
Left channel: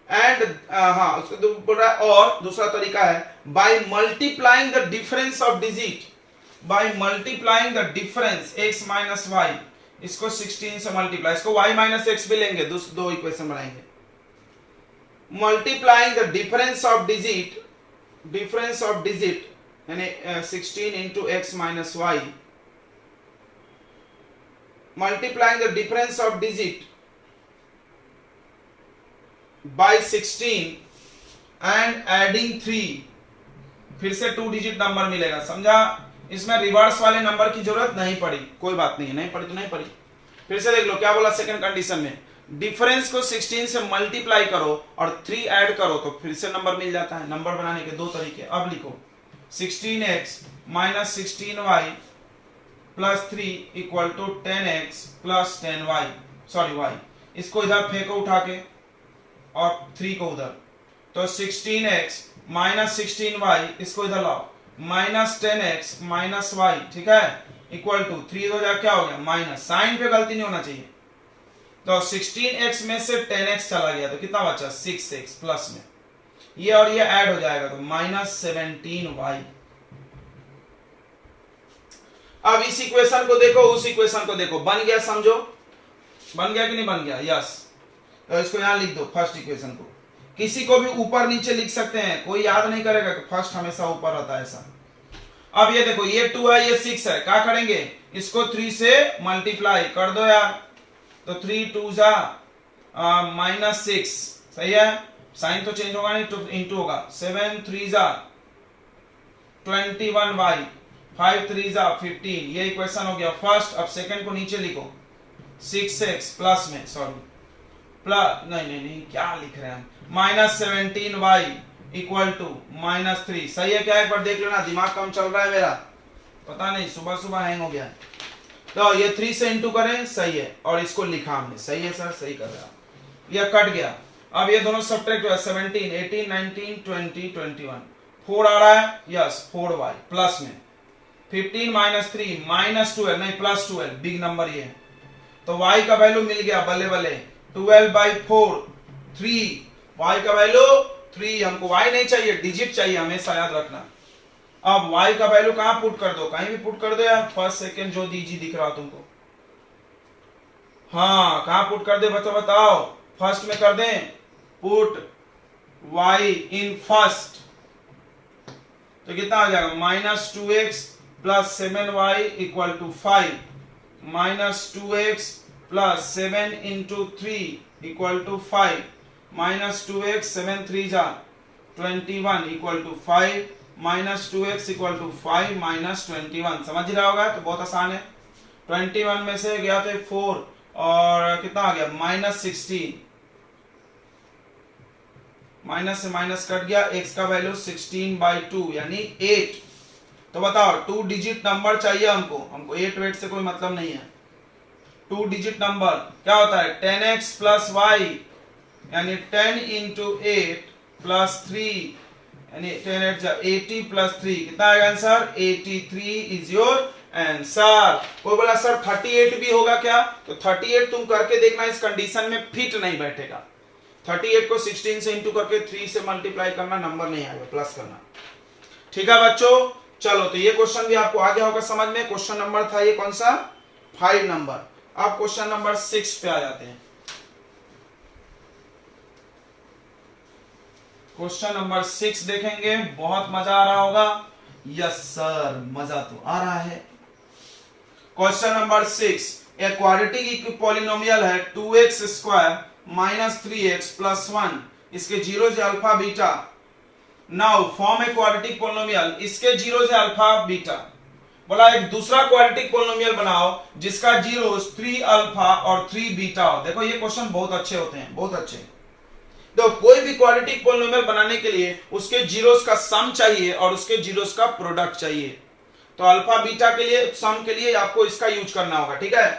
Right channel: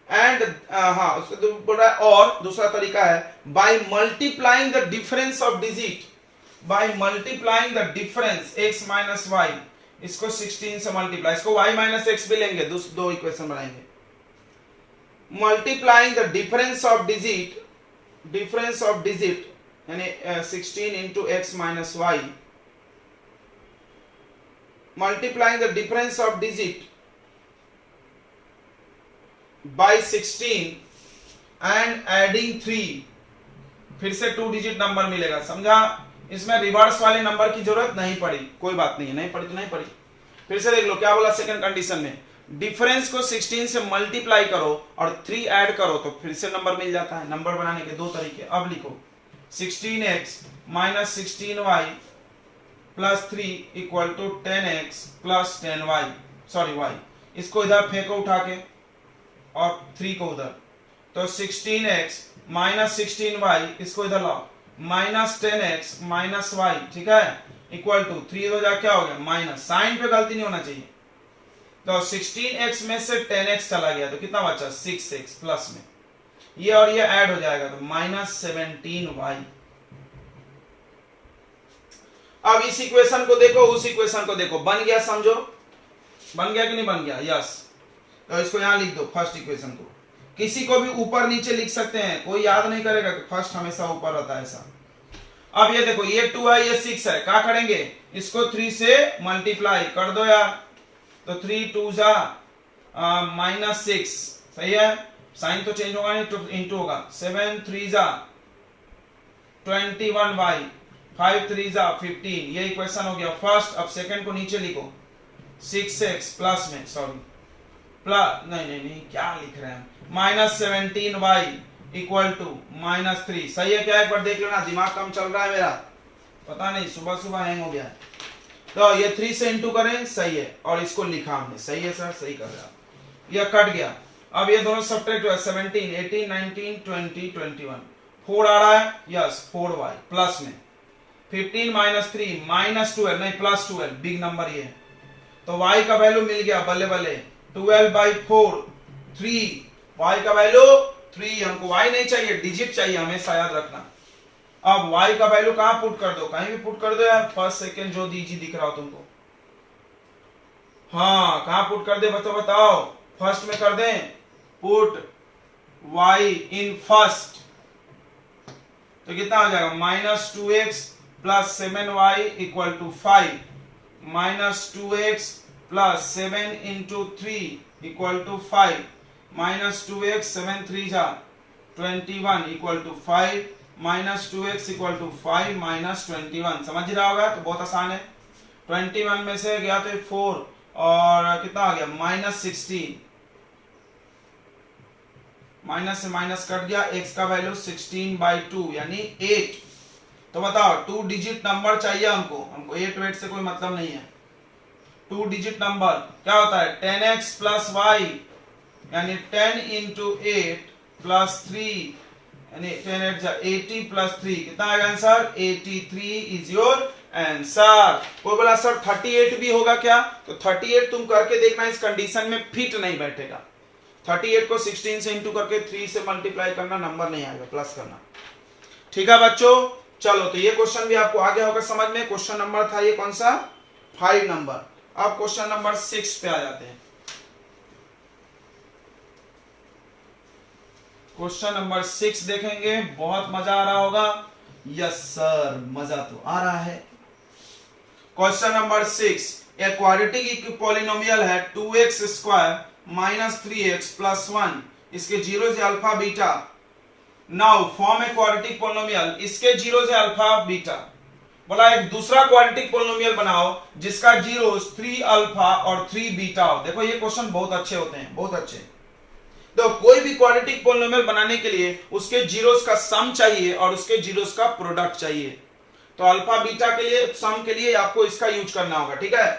एंड उसको बोल रहा है। और दूसरा तरीका है by multiplying the difference of digit, by multiplying the difference x minus y, इसको 16 से मल्टीप्लाई, इसको y माइनस x भी लेंगे, दो इक्वेशन बनाएंगे। Multiplying the difference of digit यानी 16 into x minus y, multiplying the difference of digit bye 16 and adding 3, फिर से 2 डिजिट नंबर मिलेगा। समझा? इसमें रिवर्स वाले नंबर की जरूरत नहीं पड़ी, कोई बात नहीं है, नहीं पड़ी तो नहीं पड़ी। फिर से देख लो क्या बोला सेकंड कंडीशन में, डिफरेंस को 16 से मल्टीप्लाई करो और 3 ऐड करो तो फिर से नंबर मिल जाता है। नंबर बनाने के दो तरीके। अब लिखो 16x minus 16y plus 3 equal to 10x plus 10y, sorry y। इसको इधर फेंको उठा के और 3 को उधर, तो 16x माइनस 16y, इसको इधर लाओ, माइनस 10x माइनस y, ठीक है, इक्वल टू 3 हो जाए क्या हो गया? माइनस। साइन पे गलती नहीं होना चाहिए। तो 16x में से 10x चला गया तो कितना बचा? 6x प्लस में ये और ये ऐड हो जाएगा तो माइनस 17y। अब इस इक्वेशन को देखो, उस इक्वेशन को देखो, बन गया? समझो बन गया कि नहीं बन गया? यस। तो इसको यहां लिख दो फर्स्ट इक्वेशन को। किसी को भी ऊपर नीचे लिख सकते हैं, कोई याद नहीं करेगा कि फर्स्ट हमेशा ऊपर रहता है ऐसा। अब ये देखो ये 2 है ये 6 है, क्या करेंगे इसको 3 से मल्टीप्लाई कर दो यार, तो 3 2 जा -6 सही है, साइन तो चेंज होगा नहीं तो इंटू होगा, 7 3 जा 21y 5 3 जा 15, ये इक्वेशन हो गया फर्स्ट। अब सेकंड को नीचे लिखो 6x प्लस में सॉरी प्लस नहीं क्या लिख रहे हैं -17y इक्वल टू -3 सही है क्या, एक बार देख लेना, दिमाग कम चल रहा है मेरा, पता नहीं सुबह सुबह हैंग हो गया है। तो ये 3 से इंटू करें सही है, और इसको लिखा हमने सही है सर, सही कर रहे हैं, ये कट गया। अब ये दोनों सब्ट्रैक्ट हुआ 17 18 19 20 21 4 आ रहा है, यस 4y प्लस में 15 -3 -12 नहीं +12 बिग नंबर ये, तो y का वैल्यू मिल गया बल्ले बल्ले 12/4 3, y का वैल्यू 3, हमको y नहीं चाहिए डिजिट चाहिए हमेशा याद रखना। अब y का वैल्यू कहां पुट कर दो, कहीं भी पुट कर दो यार, फर्स्ट सेकंड जो दीजिए दिख रहा हो तुमको, हाँ कहां पुट कर दे बताओ, फर्स्ट में कर दें, पुट y इन फर्स्ट, तो कितना आ जाएगा -2x plus 7y equal to 5, -2x plus 7 into 3 equal to 5, -2x 7 3 जा 21 equal to 5, -2x equal to 5 -21, समझ रहा होगा, तो बहुत आसान है। 21 में से गया थे 4 और कितना आ गया -16, माइनस से माइनस कट गया, x का वैल्यू 16/2 यानी 8। तो बताओ 2 डिजिट नंबर चाहिए हमको 8 वेट से कोई मतलब नहीं है। 2 डिजिट नंबर क्या होता है 10x प्लस y यानी 10 इंटू 8 प्लस 3 यानी 10 8 80 प्लस 3 कितना आएगा आंसर 83 इज योर आंसर। वो बोला सर 38 भी होगा क्या, तो 38 तुम करके देखना, इस कंडीशन में फिट नहीं बैठेगा। 38 को 16 से इंटू करके 3 से मल्टीप्लाई करना, नंबर नहीं आएगा, प्लस करना। ठीक है बच्चों, चलो तो ये क्वेश्चन भी आपको आ गया होगा समझ में। क्वेश्चन नंबर था ये कौन सा 5 नंबर। अब क्वेश्चन नंबर 6 पे आ जाते हैं। क्वेश्चन नंबर 6 देखेंगे, बहुत मजा आ रहा होगा। यस सर मजा तो आ रहा है। क्वेश्चन नंबर 6 एक क्वाड्रेटिक पॉलिनोमियल है 2x square minus 3x plus 1, इसके जीरो से alpha beta. Now form a quadratic polynomial, इसके जीरो से अल्फा बीटा। बोला एक दूसरा क्वाड्रेटिक पॉलिनोमियल बनाओ जिसका जीरो 3 अल्फा और 3 बीटा हो। देखो ये क्वेश्चन बहुत अच्छे होते हैं, बहुत अच्छे। तो कोई भी क्वाड्रेटिक पॉलिनोमियल बनाने के लिए उसके जीरोस का सम चाहिए और उसके जीरोस का प्रोडक्ट चाहिए। तो अल्फा बीटा के लिए सम के लिए आपको इसका यूज करना होगा, ठीक है।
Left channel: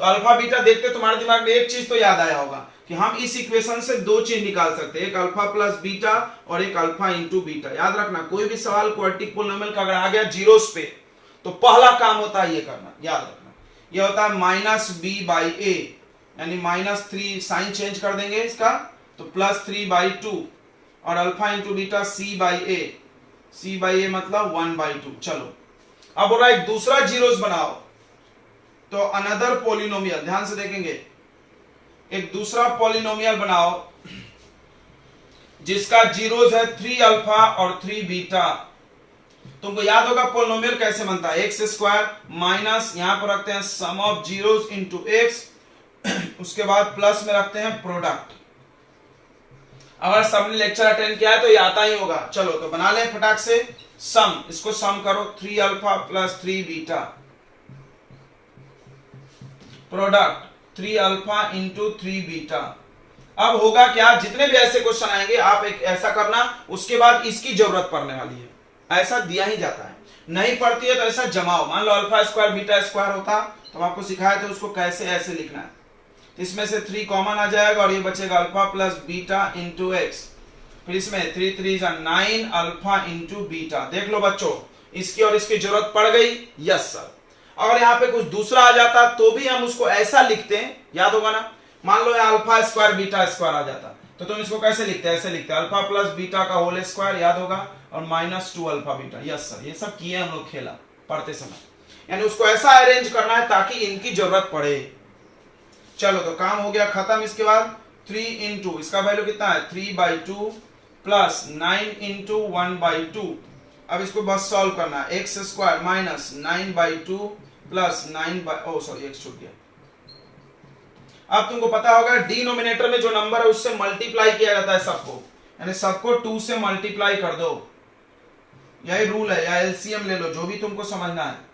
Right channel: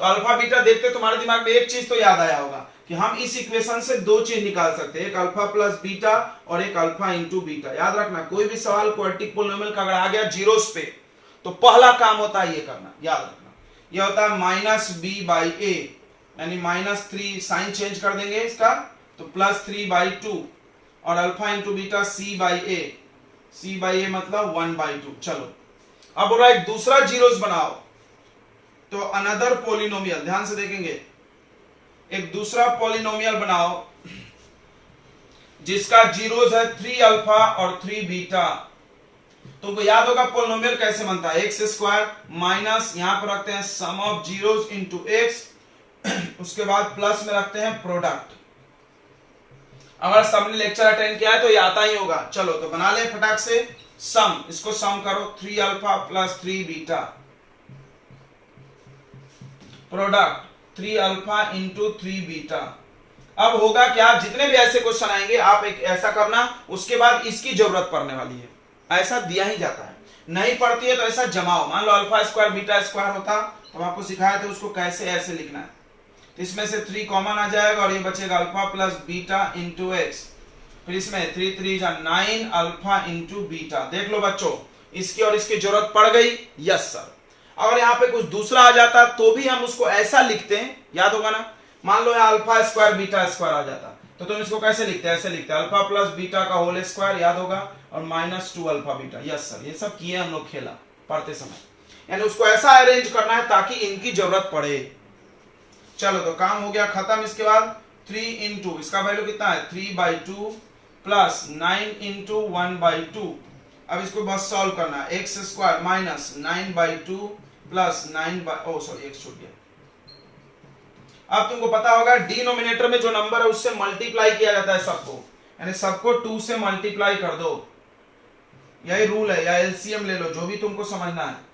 तो अल्फा बीटा देखते तुम्हारे दिमाग में एक चीज तो याद आया होगा कि हम इस इक्वेशन से दो चीज निकाल सकते हैं, एक अल्फा प्लस बीटा और एक अल्फा इंटू बीटा। याद रखना कोई भी सवाल क्वाड्रेटिक पॉलिनोमियल का अगर आ गया जीरोस पे तो पहला काम होता है ये करना, याद रखना। ये होता है माइनस बी बाई ए, यानी -3 साइन चेंज कर देंगे इसका तो +3/2 और alpha into beta c by A मतलब 1/2। चलो अब हो रहा है दूसरा जीरोस बनाओ, तो अनदर पॉलिनोमियल, ध्यान से देखेंगे, एक दूसरा पॉलिनोमियल बनाओ जिसका जीरोस है 3 अल्फा और 3 बीटा। तुमको याद होगा पॉलिनोमियल कैसे बनता है, एक्स स्क्वायर माइनस यहां पर रखते हैं सम ऑफ जीरोस इंटू एक्स, उसके बाद प्लस में रखते हैं प्रोडक्ट। अगर सबने लेक्चर अटेंड किया है तो ये आता ही होगा। चलो तो बना ले फटाक से सम, इसको सम करो 3 alpha plus 3 beta, product 3 alpha into 3 beta. अब होगा क्या, जितने भी ऐसे क्वेश्चन आएंगे आप एक ऐसा करना, उसके बाद इसकी जरूरत पड़ने वाली है, ऐसा दिया ही जाता है, नहीं पड़ती है तो ऐसा जमाओ। मान लो अल्फा स्क्वायर बीटा स्क्वायर होता तो आपको सिखाया तो उसको कैसे ऐसे लिखना है। इसमें से 3 कॉमन आ जाएगा और ये बचेगा alpha plus beta into x, फिर इसमें 3 3 9 अल्फा इंटू बीटा। देख लो बच्चों इसकी और इसकी जरूरत पड़ गई, यस सर। अगर यहाँ पे कुछ दूसरा आ जाता तो भी हम उसको ऐसा लिखते हैं, याद होगा ना। मान लो अल्फा स्क्वायर बीटा स्क्वायर आ जाता तो तुम इसको कैसे लिखते हैं, ऐसे लिखते हैं अल्फा प्लस बीटा का होल स्क्वायर, याद होगा, और -2 अल्फा बीटा। यस सर, ये सब किए हम लोग खेला पढ़ते समय, यानी उसको ऐसा अरेंज करना है ताकि इनकी जरूरत पड़े। चलो तो काम हो गया खत्म। इसके बाद 3 इंटू, इसका वैल्यू कितना है 3/2 प्लस 9 इंटू 1/2। अब इसको बस सॉल्व करना है, x square minus 9/2 plus 9 x छूट गया। अब तुमको पता होगा डिनोमिनेटर में जो नंबर है उससे मल्टीप्लाई किया जाता है सबको, यानी सबको 2 से मल्टीप्लाई कर दो, यही रूल है, या एलसीएम ले लो, जो भी तुमको समझना है।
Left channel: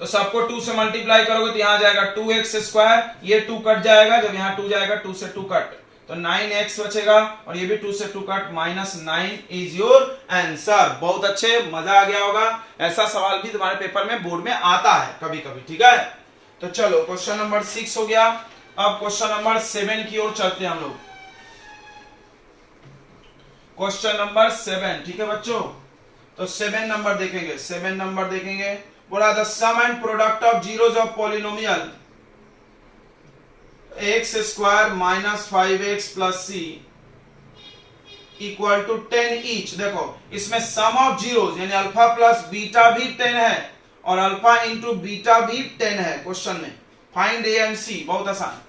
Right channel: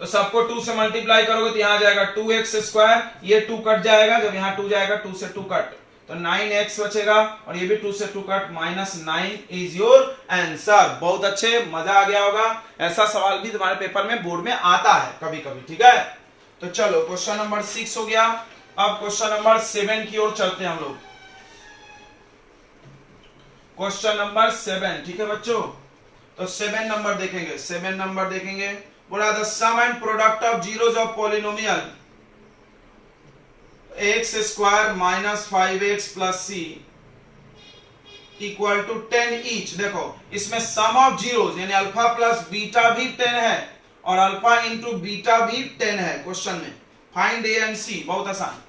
तो सबको 2 से मल्टीप्लाई करोगे तो यहां जाएगा 2x स्क्वायर, ये 2 कट जाएगा, जब यहां 2 जाएगा 2 से 2 कट, तो 9x बचेगा, और ये भी 2 से 2 कट, -9 इज योर आंसर। बहुत अच्छे, मजा आ गया होगा। ऐसा सवाल भी तुम्हारे पेपर में बोर्ड में आता है कभी कभी, ठीक है। तो चलो क्वेश्चन नंबर 6 हो गया। अब क्वेश्चन नंबर 7 की ओर चलते हैं हम लोग। क्वेश्चन नंबर 7, ठीक है बच्चों। तो 7 नंबर देखेंगे, 7 नंबर देखेंगे। बोला the sum and product of zeros of polynomial x square minus 5x plus c equal to 10 each. देखो इसमें सम ऑफ जीरोज यानी अल्फा प्लस बीटा भी 10 है और अल्फा इंटू बीटा भी 10 है क्वेश्चन में। फाइंड ए एंड सी, बहुत आसान।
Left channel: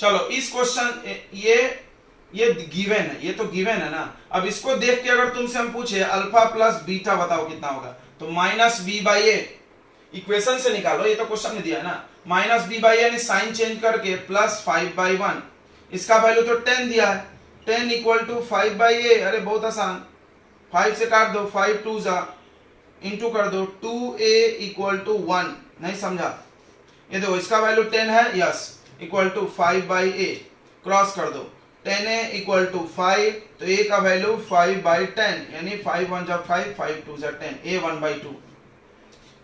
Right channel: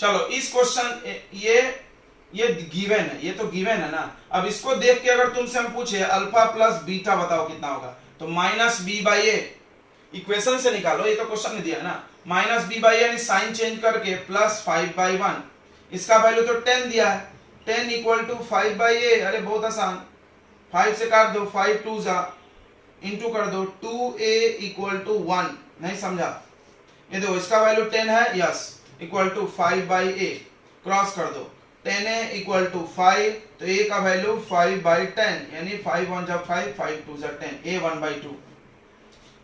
चलो इस क्वेश्चन ये गिवन है, ये तो गिवन है ना। अब इसको देख के अगर तुमसे हम पूछे अल्फा प्लस बीटा बताओ कितना होगा, तो -b/a इक्वेशन से निकालो, ये तो क्वेश्चन में दिया है ना। -b/a यानी साइन चेंज करके प्लस 5/1, इसका वैल्यू तो 10 दिया है, 10 इक्वल टू 5/a। अरे बहुत आसान, 5 से काट दो, 5 2 जा, इंटू कर दो, 2a इक्वल टू 1। नहीं समझा, ये देखो इसका वैल्यू 10 है, yes, equal to 5/a, cross कर दो, 10a इक्वल टू 5, तो a का वैल्यू 5/10 यानी 5 1 जा 5, 5 2 जा 10, a 1/2।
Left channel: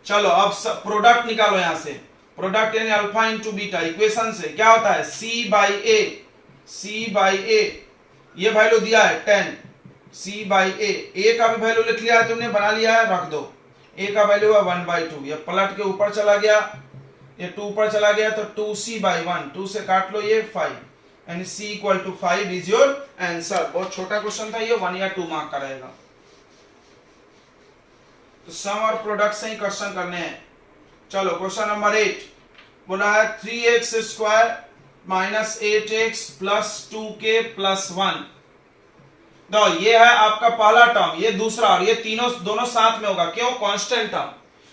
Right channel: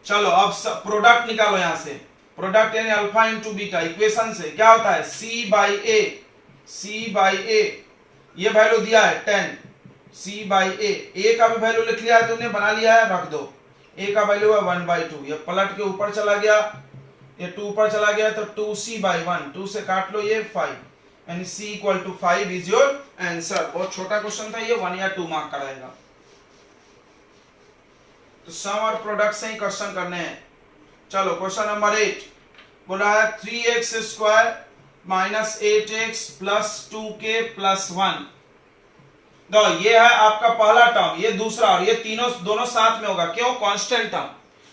चलो अब प्रोडक्ट निकालो, यहां से प्रोडक्ट यानी अल्फा इंटू बीटा, इक्वेशन से क्या होता है c/a, c/a ये वैल्यू दिया है 10, c/a, a का भी वैल्यू लिख लिया है तुमने, बना लिया है, रख दो। a का वैल्यू है 1/2, ये पलट के ऊपर चला गया, ये 2 ऊपर चला गया, तो 2c/1, 2 से काट लो ये 5, यानी c equal to 5 is your answer. बहुत छोटा क्वेश्चन था ये, 1 या 2 मार्क का रहेगा। तो सम और प्रोडक्ट से ही क्वेश्चन करने हैं। चलो क्वेश्चन नंबर 8 बोला है 3x square minus 8x plus 2k plus 1। तो ये है आपका पहला टर्म, ये दूसरा, और ये तीनों दोनों साथ में होगा, क्यों, कांस्टेंट टर्म।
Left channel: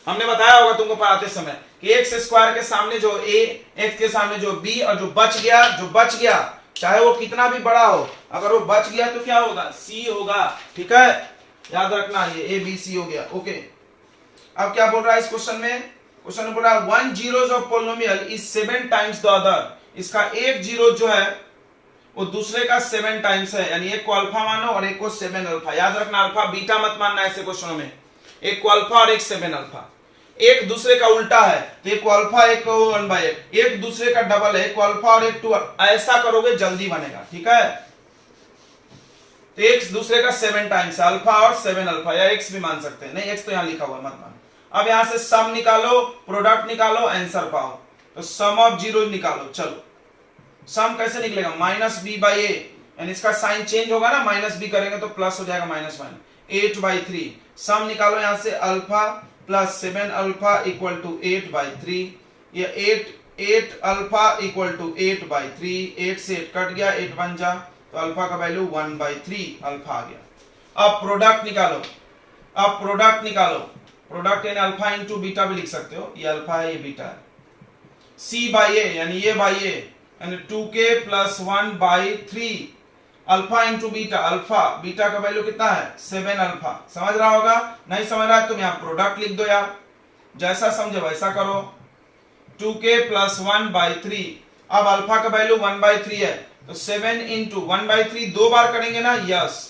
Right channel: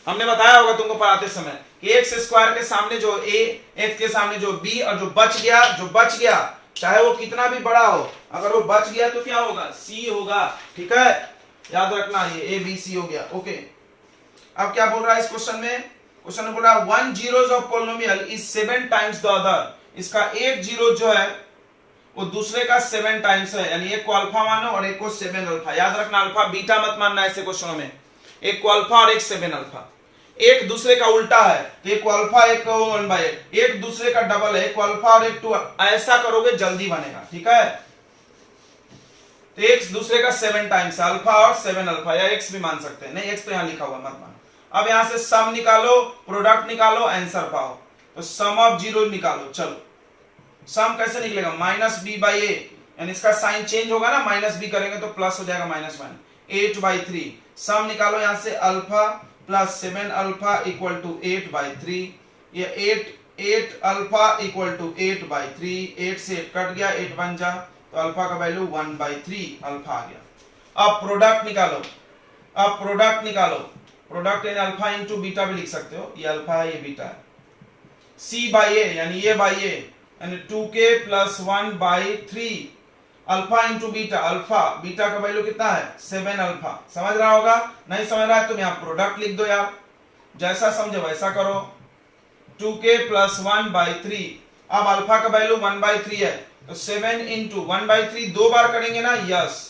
हमने बताया होगा तुमको पढ़ाते समय कि x स्क्वायर के सामने जो a, x के सामने जो b, और जो बच गया चाहे वो कितना भी बड़ा हो, अगर वो बच गया तो क्या होगा, c होगा, ठीक है, याद रखना। ये a b c हो गया, ओके। अब क्या बोल रहा है इस क्वेश्चन में, क्वेश्चन में बोल रहा है 1 zeros of polynomial is 7 times the other. इसका एक जीरो जो है वो दूसरे का 7 टाइम्स है, यानी एक को अल्फा मानो और एक को 7 अल्फा। याद रखना, अल्फा बीटा मत मानना ऐसे क्वेश्चनों में, एक को अल्फा और एक 7 अल्फा। एक दूसरे का उल्टा है, तो एक को अल्फा एक को 1/8, एक दूसरे का डबल है, एक को अल्फा और एक 2, ऐसा करोगे जल्दी बनेगा, ठीक है। तो एक दूसरे का 7 टाइम्स अल्फा और 7 अल्फा, या एक्स भी मान सकते हैं, नहीं एक्स तो यहां लिखा हुआ मत मानो। अब यहां से सम निकालो, प्रोडक्ट निकालो, आंसर पाओ। तो सम ऑफ जीरो निकालो। चलो सम कैसे निकलेगा, -b/a, यानी इसका साइन चेंज होगा ना, -b करेंगे तो प्लस हो जाएगा -1, 8/3। सम निकालो यहां से alpha plus 7 alpha equal to 8/3, ये 8 अल्फा इक्वल टू 8/3, 8 से 8 कट गया, 8 बन जा, तो अल्फा का वैल्यू 1/3 अल्फा आ गया। अब प्रोडक्ट निकालो, प्रोडक्ट यानी अल्फा इंटू बीटा भी लिख सकते हो, ये अल्फा है ये बीटा है। c/a यानी ये बाई a, यानी 2k plus 1/3 alpha into beta, alpha beta का वैल्यू कितना है 7 अल्फा। समझ रहा होगा, नहीं समझ रहा है तुम यहाँ प्रोडक्ट लिख दो यार, जैसा समझे वैसा करो। 2k प्लस 1/3, अब अल्फा का वैल्यू 1/3 है, तो 7 इंटू 1/3 दो बार करेंगे ना, यस।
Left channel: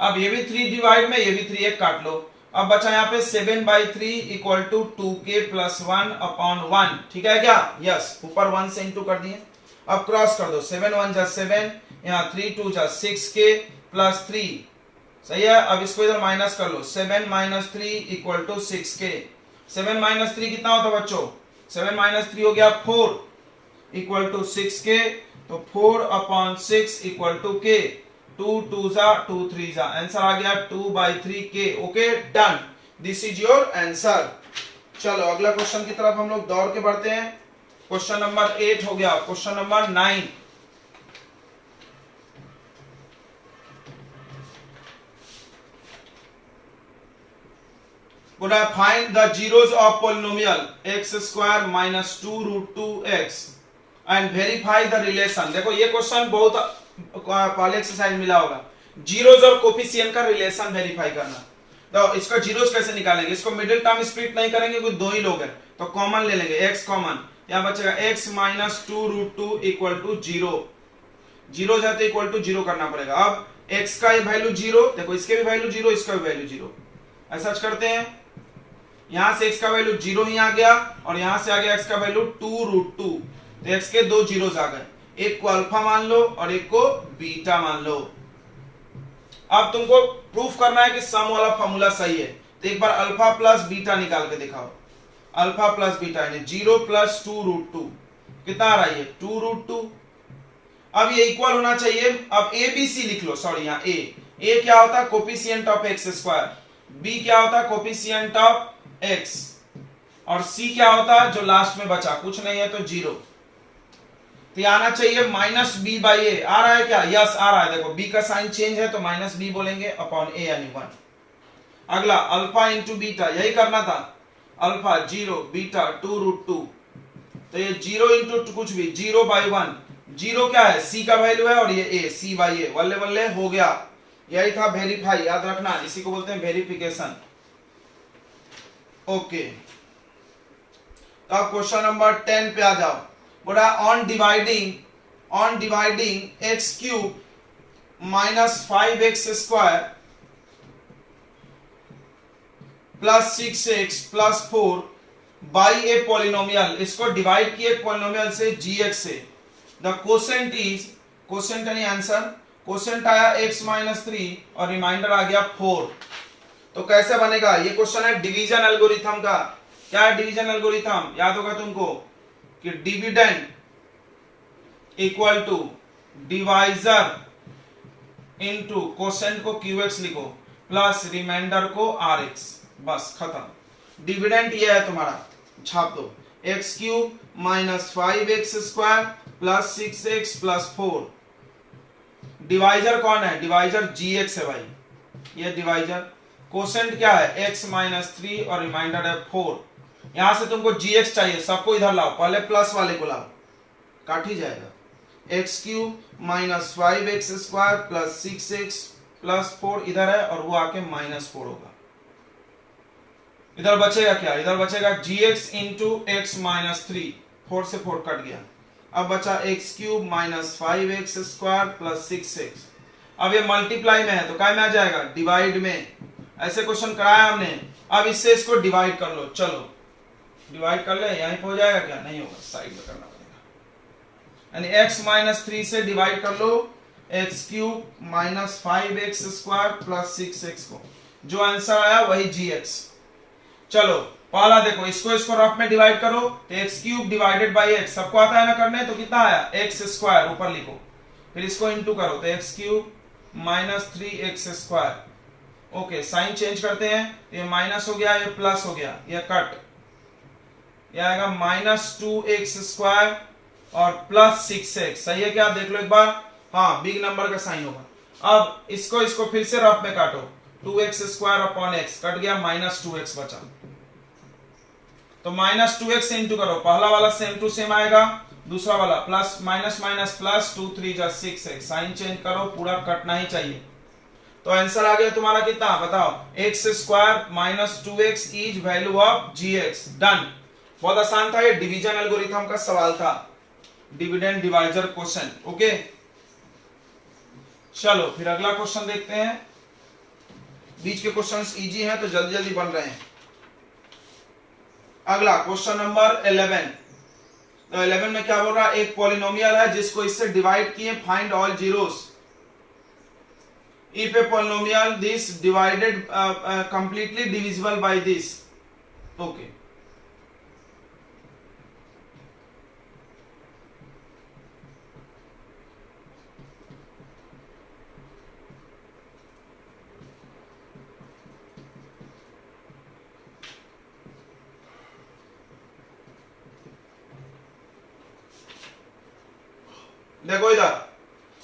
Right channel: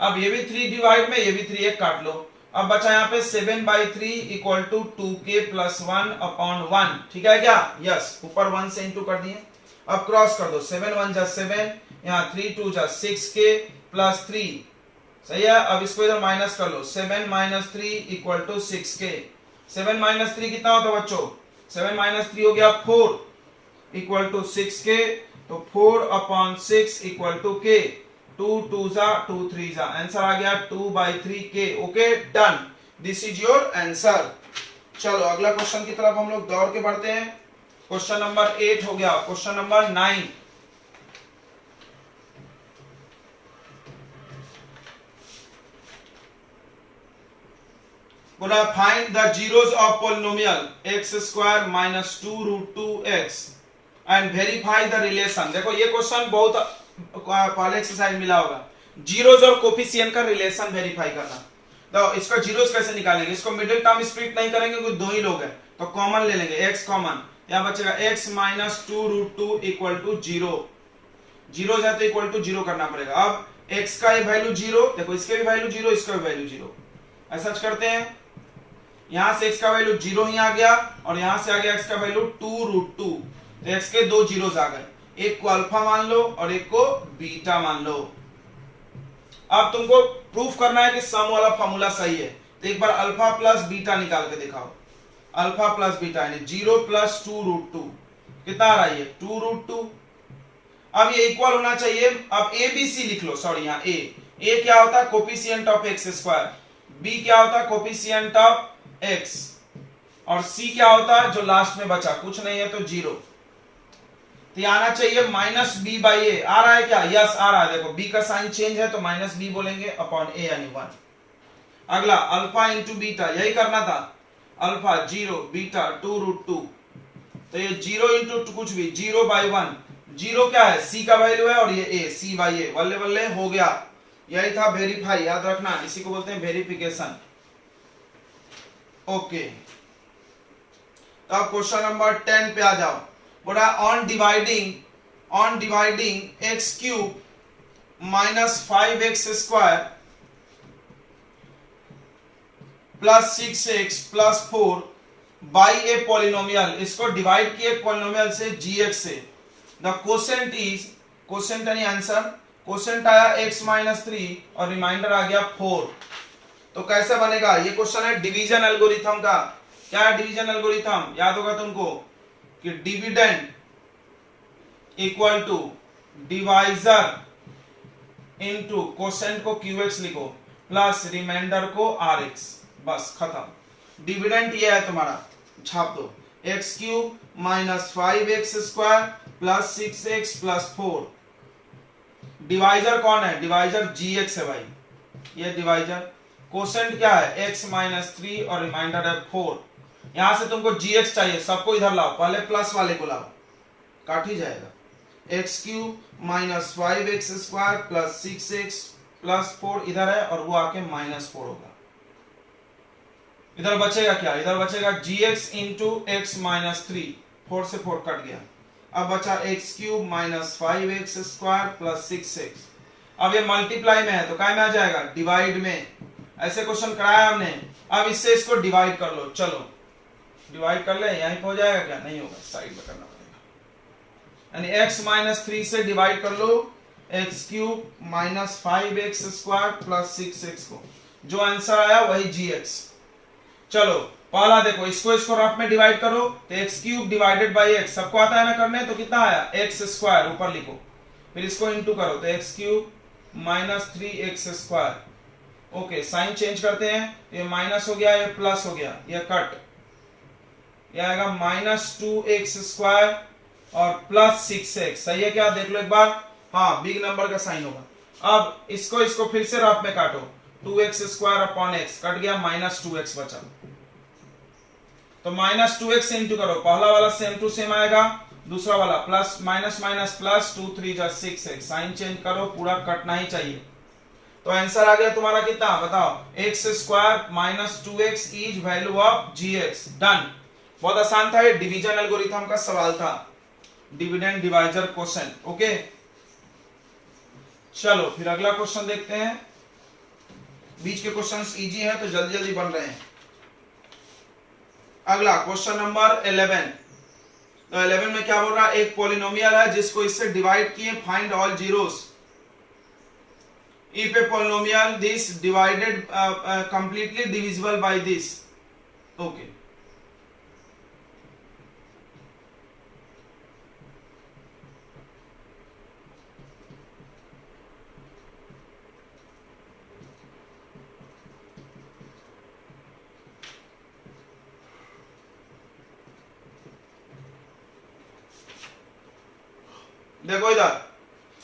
अब ये भी 3 डिवाइड में, ये भी 3, एक काट लो। अब बचा यहाँ पे 7/3 इक्वल टू 2k प्लस 1/1, ठीक है क्या, यस। ऊपर 1 से इंटू कर दिए, अब क्रॉस कर दो, 7 1 जा 7, यहाँ 3 2 जा 6k प्लस 3, सही है। अब इसको इधर माइनस कर लो, 7 - 3 इक्वल टू 6k। 7 - 3 कितना होता है बच्चों, 7 - 3 हो गया 4 इक्वल टू 6k, तो 4/6 इक्वल टू k, 2 2 जा 2 3 जा, आंसर आ गया 2/3k। Okay done, this is your answer. चलो अगला क्वेश्चन की तरफ हम लोग दौड़ के बढ़ते हैं। क्वेश्चन नंबर 8 हो गया। क्वेश्चन नंबर 9, बोला find the zeros of polynomial x square minus 2√2x and verify the relation. देखो ये क्वेश्चन बहुत पहले एक्सरसाइज मिला होगा, जीरोस और कोफिशिएंट का रिलेशन वेरीफाई करना। तो इसका जीरोस कैसे निकालेंगे, इसको मिडिल टर्म स्प्लिट नहीं करेंगे क्योंकि दो ही लोग हैं, तो कॉमन ले लेंगे, x कॉमन, यहां बचेगा x minus 2√2 equal to 0, zero जाते इक्वल टू 0 करना पड़ेगा। अब x का ये वैल्यू 0, देखो इसके भी वैल्यू 0, इसका भी वैल्यू 0, ऐसा करते हैं, यहां से x का वैल्यू 0 ही आ गया और यहां से आ गया x का वैल्यू 2√2, तो x के दो जीरोस आ गए, एक को अल्फा मान लो और एक को बीटा मान लो। अब तुमको प्रूफ करना है कि सम वाला फॉर्मूला सही है, तो एक बार अल्फा प्लस बीटा निकाल के दिखाओ। अल्फा प्लस बीटा यानी 0 प्लस 2√2 कितना आ रहा है, 2√2। अब ये इक्वल होना चाहिए। अब ए बी सी लिख लो, सॉरी यहाँ ए क्या होता है, coefficient of x square, b क्या होता है, कोफिशिएंट ऑफ एक्स, और सी क्या होता है जो लास्ट में बचा, कुछ नहीं है तो 0। तो आना चाहिए माइनस बी बाई ए, आ रहा है क्या, यस आ रहा है। देखो बी का साइन चेंज है तो माइनस बी बोलेंगे अपॉन ए यानी 1। अगला अल्फा इंटू बीटा, यही करना था, अल्फा 0 बीटा 2√2, तो ये 0 इंटू कुछ भी 0 बाई 1, 0 क्या है, सी का वैल्यू है और ये ए, सी बाई ए, बल्ले बल्ले हो गया। यही था वेरीफाई, याद रखना, इसी को बोलते हैं वेरिफिकेशन। ओके, तो अब क्वेश्चन नंबर 10 पे आ जाओ। बोला on dividing x cube minus 5x square plus 6x plus 4 by a polynomial, इसको डिवाइड किए पॉलिनोमियल से gx से। द क्वोशेंट इज, क्वोशेंट यानी आंसर, क्वोशेंट आया x माइनस 3 और रिमाइंडर आ गया 4। तो कैसे बनेगा, ये क्वेश्चन है डिवीजन एल्गोरिथम का। क्या है डिवीजन एल्गोरिथम, याद होगा तुमको कि dividend equal to divisor into quotient को QX लिखो प्लस रिमाइंडर को RX, बस खत्म। डिविडेंड ये है तुम्हारा, छाप दो, x cube minus 5x square plus 6x plus 4। Divisor कौन है, डिवाइजर GX है भाई, ये डिवाइजर। क्वोशेंट क्या है, x माइनस 3 और रिमाइंडर है 4। यहां से तुमको gx चाहिए, सबको इधर लाओ, पहले प्लस वाले को लाओ, काट ही जाएगा। X cube minus 5x square plus 6x plus 4 इधर है और वो आके माइनस 4 होगा। इधर बचेगा क्या, इधर बचेगा gx इंटू एक्स माइनस 3, 4 से 4 कट गया। अब बचा x cube minus 5x square plus 6x। अब ये मल्टीप्लाई में है तो काय में आ जाएगा, डिवाइड में। ऐसे क्वेश्चन कराया हमने। अब इससे इसको डिवाइड कर लो, चलो डिवाइड कर ले, यहीं पे हो जाएगा क्या, नहीं होगा, साइड में करना पड़ेगा। यानी x माइनस 3 से डिवाइड कर लो x cube minus 5x square plus 6x को, जो आंसर आया वही gx। चलो पहला देखो, इसको रफ में डिवाइड करो तो x cube divided by x, सबको आता है ना करने, तो कितना आया एक्स स्क्वायर, ऊपर लिखो, फिर इसको इंटू करो तो x cube minus 3x square. Okay, sign change करते हैं, ये माइनस हो गया, ये प्लस हो गया, ये कट, ये आएगा माइनस 2x स्क्वायर और प्लस 6x। सही है क्या, देख लो एक बार, हाँ बिग नंबर का साइन होगा। अब इसको फिर से रफ में काटो, 2x square upon x cut गया, माइनस 2x बचा, तो माइनस 2x इंटू करो, पहला वाला सेम टू सेम आएगा, दूसरा वाला प्लस माइनस माइनस प्लस 2 3 जा 6x, साइन चेंज करो, पूरा कटना ही चाहिए। तो आंसर आ गया तुम्हारा कितना, बताओ, x square minus 2x is value of gx। Done, बहुत आसान था, ये डिवीजन एल्गोरिथम का सवाल था, डिविडेंड डिवाइजर क्वेश्चन। ओके, चलो फिर अगला क्वेश्चन देखते हैं। बीच के क्वेश्चंस इजी हैं तो जल्दी जल्दी बन रहे हैं। अगला क्वेश्चन नंबर 11। तो 11 में क्या बोल रहा है, एक पॉलिनोमियल है जिसको इससे डिवाइड किए, find all zeros if a polynomial this divided completely divisible by this। okay, देखो इधर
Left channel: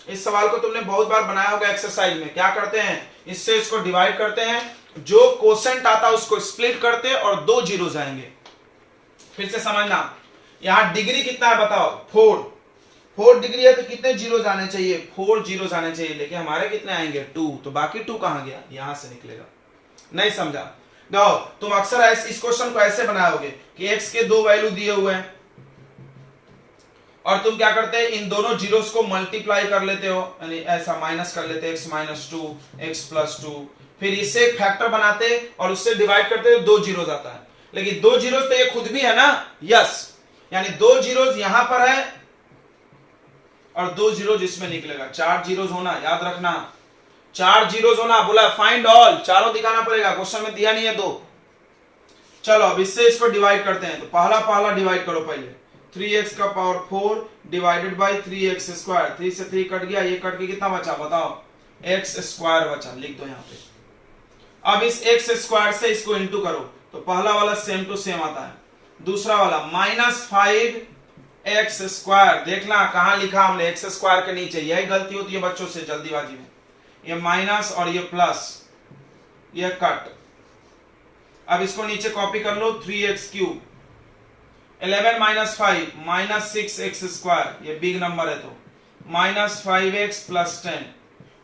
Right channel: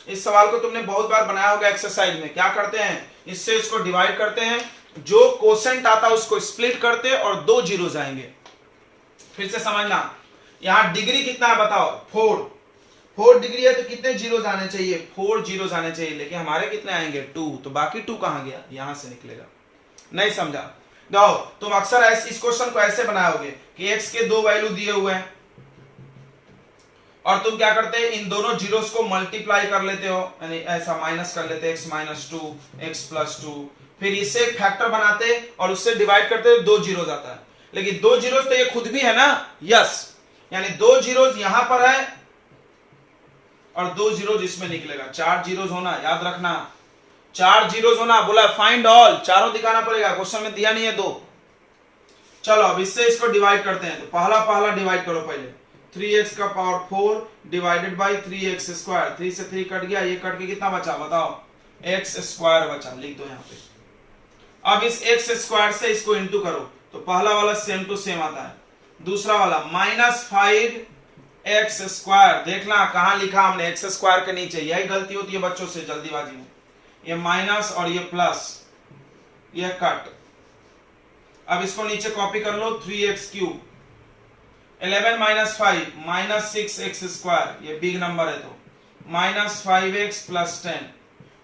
इस सवाल को तुमने बहुत बार बनाया होगा एक्सरसाइज में। क्या करते हैं, इससे इसको डिवाइड करते हैं, जो कोसेंट आता है उसको स्प्लिट करते हैं और 2 जीरोस आएंगे। फिर से समझना, यहां डिग्री कितना है बताओ, 4 डिग्री है तो कितने जीरोस आने चाहिए, 4 जीरोस आने चाहिए, लेकिन हमारे कितने आएंगे 2, तो बाकी 2 कहां गया, यहां से निकलेगा। नहीं समझा, देखो तुम अक्सर इस क्वेश्चन को ऐसे बनाओगे कि x के 2 वैल्यू दिए हुए हैं और तुम क्या करते हैं, इन दोनों जीरोस को मल्टीप्लाई कर लेते हो, यानी ऐसा माइनस कर लेते, x माइनस 2 x प्लस 2, फिर इससे एक फैक्टर बनाते और उससे डिवाइड करते, 2 जीरोस आता है। लेकिन 2 जीरोस तो ये खुद भी है ना, यस, यानी 2 जीरोस यहां पर है और 2 जीरोस इसमें निकलेगा। 4 जीरोस होना, याद रखना 4 जीरोस होना। बोला फाइंड ऑल, चारों दिखाना पड़ेगा, क्वेश्चन में दिया नहीं है 2। चलो अब इससे इसको डिवाइड करते हैं, तो पहला डिवाइड करो पहले, 3x का power 4 divided by 3x square, 3 से 3 कट गया, ये कट के कितना बचा बताओ, x स्क्वायर बचा, लिख दो यहाँ पे। अब इस x स्क्वायर से इसको इंटू करो, तो पहला वाला सेम टू सेम आता है, दूसरा वाला -5x स्क्वायर, देखना कहां लिखा हमने, x स्क्वायर के नीचे, यही गलती होती है बच्चों से जल्दीबाजी में, ये माइनस और ये प्लस, ये कट। अब इसको नीचे कॉपी कर लो, 3x cube, 11 minus 5 -6x square, ये बिग नंबर है तो -5x प्लस 10,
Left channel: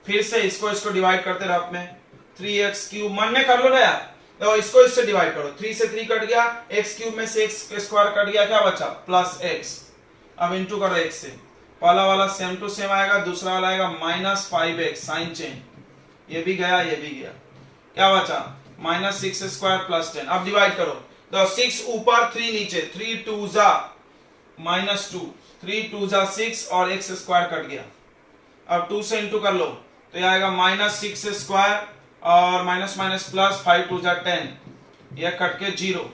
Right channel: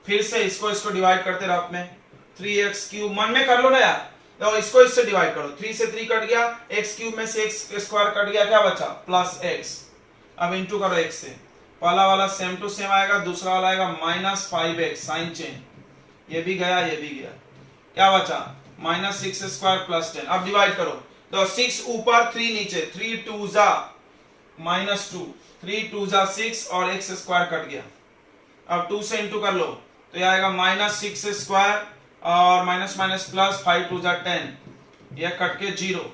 फिर से इसको डिवाइड करते रहो अपने, 3x क्यूब, मन में कर लो ना यार, तो इसको इससे डिवाइड करो, 3 से 3 कट गया, x क्यूब में से x स्क्वायर कट गया, क्या बचा प्लस x। अब इंटू करो x से, पहला वाला सेम टू सेम आएगा, दूसरा वाला आएगा -5x, साइन चेंज, ये भी गया ये भी गया, क्या बचा -6 स्क्वायर प्लस 10। अब डिवाइड करो, तो 6 ऊपर 3 नीचे, 3 2 जा -2, 3 2 जा 6 और x स्क्वायर कट गया। अब 2 से इंटू कर लो, तो ये आएगा -6 स्क्वायर और माइनस माइनस प्लस, 5 2 जा 10, ये कट के 0।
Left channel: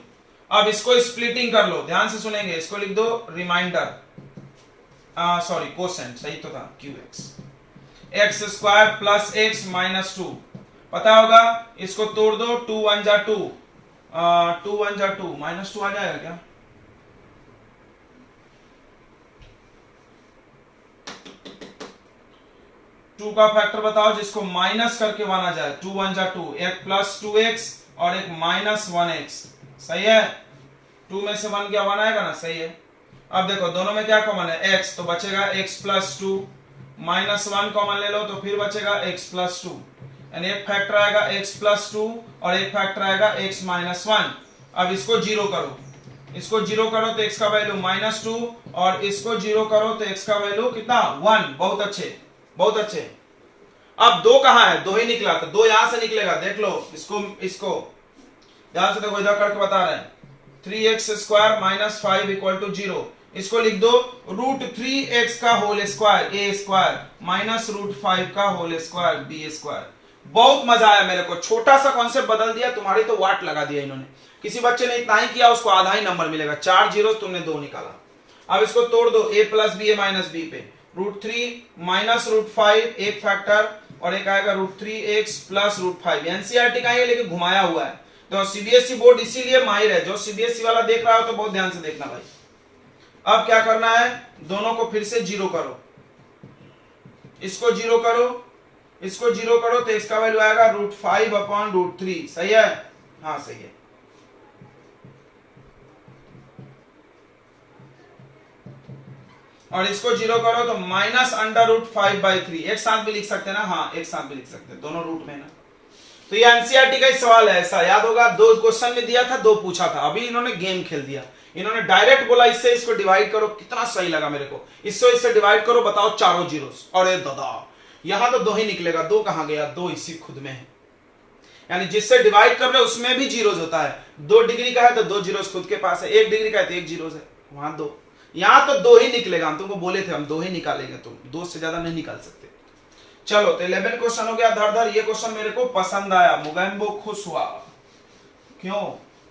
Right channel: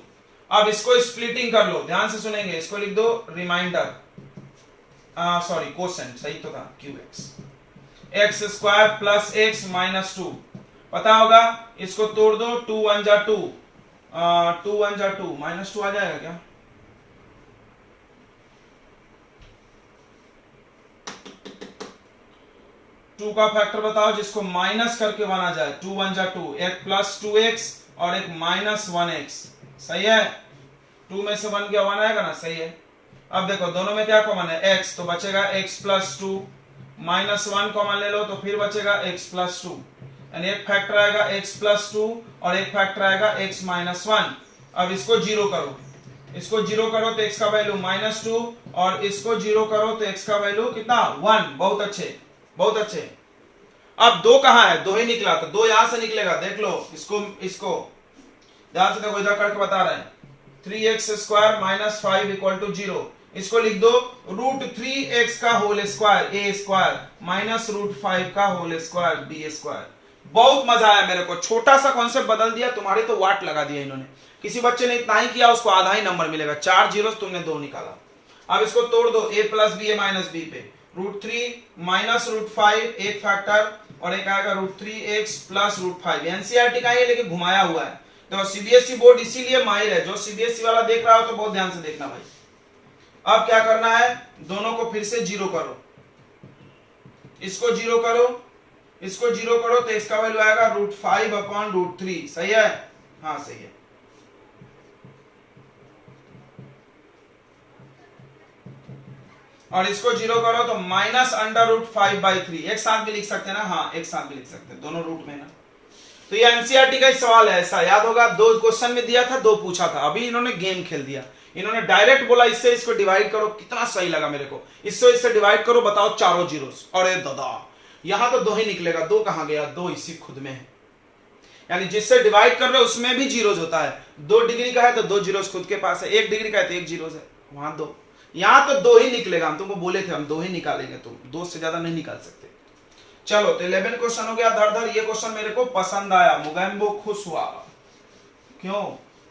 अब इसको स्प्लिटिंग कर लो, ध्यान से सुनेंगे, इसको लिख दो रिमाइंडर, सॉरी कोसेंट, सही तो था qx, x square plus x minus 2, पता होगा, इसको तोड़ दो, 2 1 जा 2, 2 1 जा 2, -2 आ जाएगा क्या, टू का फैक्टर बताओ जिसको माइनस करके 1 आ जाए, 2 1 जा 2, एक प्लस 2x और एक -1x, सही है, 2 में से 1 गया 1 आएगा ना, सही है। अब देखो दोनों में क्या कॉमन है, x, तो बचेगा x प्लस 2, -1 कॉमन ले लो तो फिर बचेगा x प्लस 2, यानी एक फैक्टर आएगा x प्लस 2 और एक फैक्टर आएगा x माइनस 1। अब इसको जीरो करो, इसको जीरो करो तो x का वैल्यू -2 और इसको जीरो करो तो x का वैल्यू कितना 1, बहुत अच्छे बहुत अच्छे। अब 2 कहां है, 2 ही निकला, तो 2 यहां से निकलेगा, देख लो इसको ध्यान से देखो, इधर करके बता रहे हैं, 3x square minus 5 equal to 0, इसको लिख दो √3x का whole square a square minus √5 का होल स्क्वायर b स्क्वायर। बहुत मजा आया मेरे को, छोटा सा कॉन्सेप्ट बदल दिया, तुम्हारी तो वाट लगा दिया इन्होंने, किसी बच्चे ने इतना ही किया उसको आधा ही नंबर मिलेगा, 4 जीरो तुमने 2 निकाला। अब इसको तोड़ दो, a plus b, minus b पे, √3 माइनस √5 एक फैक्टर और एक आएगा √3x प्लस √5, एनसीईआरटी का है लेकिन घुमाया हुआ है, तो सीबीएसई बोर्ड इसीलिए माहिर है, जो सीबीएसई वाला देख रहा हो तो बहुत ध्यान से देखना भाई। अब क्या करना है, दोनों को फिर से जीरो करो, इसको जीरो करो, इसको जीरो करो तो इसका वैल्यू आएगा √5/√3, सही है, हाँ सही है। और इसको जीरो करो तो -√5/3, एक साथ भी लिख सकते हैं ना, हाँ एक साथ भी लिख सकते हैं, दोनों रूट में ना। तो ये एनसीईआरटी का ही सवाल है, ऐसा याद होगा, 2 क्वेश्चन में दिया था, 2 पूछा था, अभी इन्होंने गेम खेल दिया, इन्होंने डायरेक्ट बोला इससे इसको डिवाइड करो, कितना सही लगा मेरे को, इससे डिवाइड करो, बताओ चारों जीरोस, अरे दादा यहां तो 2 ही निकलेगा, 2 कहां गया, 2 इसी खुद में है, यानी जिससे डिवाइड कर रहे हो उसमें भी जीरोस होता है, 2 डिग्री का है तो 2 जीरोस खुद के पास है, 1 डिग्री का है तो 1 जीरोस है, वहां 2, यहां तो 2 ही निकलेगा, हम तुमको बोले थे हम 2 ही निकालेंगे, तुम 2 से ज्यादा नहीं निकाल सकते। चलो तो 11 क्वेश्चन हो गया धर धर, ये क्वेश्चन मेरे को पसंद आया, मुगैम्बो खुश हुआ, क्यों,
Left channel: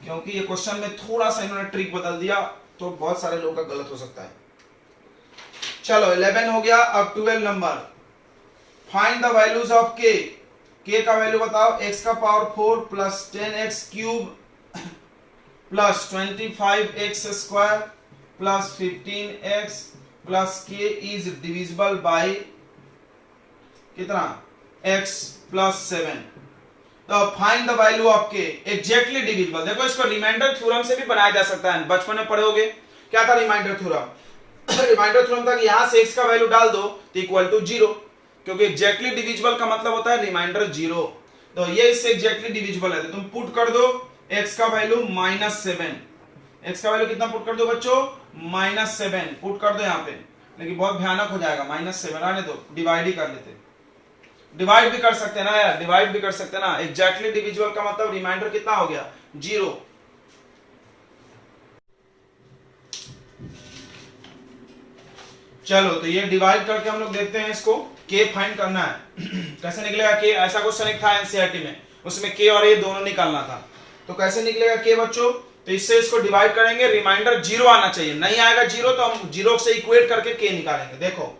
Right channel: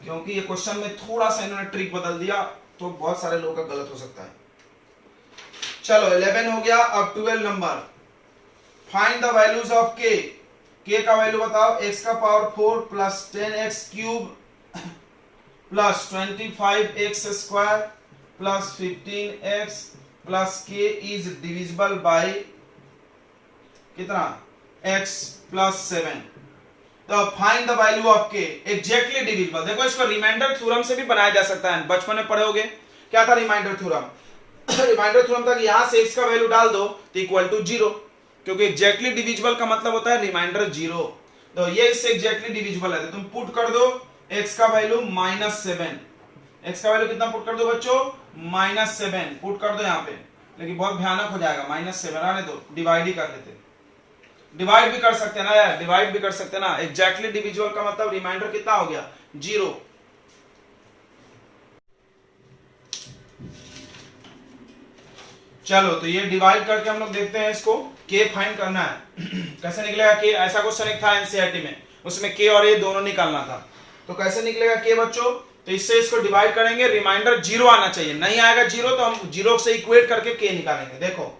क्योंकि ये क्वेश्चन में थोड़ा सा इन्होंने ट्रिक बदल दिया, तो बहुत सारे लोगों का गलत हो सकता है। चलो 11 हो गया, अब 12 number, find the values of k का वैल्यू बताओ, x का power 4 plus 10x cube plus 25x square plus 15x plus के इज डिविजिबल बाय कितना x प्लस 7। तो फाइंड द वैल्यू ऑफ के एग्जैक्टली डिविजिबल। देखो इसको रिमाइंडर थ्योरम से भी बनाया जा सकता है, बचपन में पढ़ोगे क्या था रिमाइंडर थ्योरम। रिमाइंडर थ्योरम था कि यहां से x का वैल्यू डाल दो तो इक्वल टू 0, क्योंकि एग्जैक्टली डिविजिबल का मतलब होता है रिमाइंडर 0। तो ये इससे एग्जैक्टली डिविजिबल है, तो तुम पुट कर दो x का वैल्यू -7। x का वैल्यू कितना पुट कर दो बच्चों, -7 पुट कर दो यहाँ पे, लेकिन बहुत भयानक हो जाएगा। -7 आने दो, डिवाइड ही कर देते, डिवाइड भी कर सकते हैं ना यार, डिवाइड भी कर सकते हैं ना। एग्जैक्टली डिविजिबल का मतलब रिमाइंडर कितना हो गया 0। चलो तो ये डिवाइड करके हम लोग देखते हैं इसको, के फाइंड करना है। कैसे निकलेगा के, ऐसा क्वेश्चन एक था एनसीईआरटी में, उसमें के और ए दोनों निकालना था। तो कैसे निकलेगा के बच्चों, तो इससे इसको डिवाइड करेंगे, रिमाइंडर 0 आना चाहिए, नहीं आएगा 0 तो हम 0 से इक्वेट करके के निकालेंगे। देखो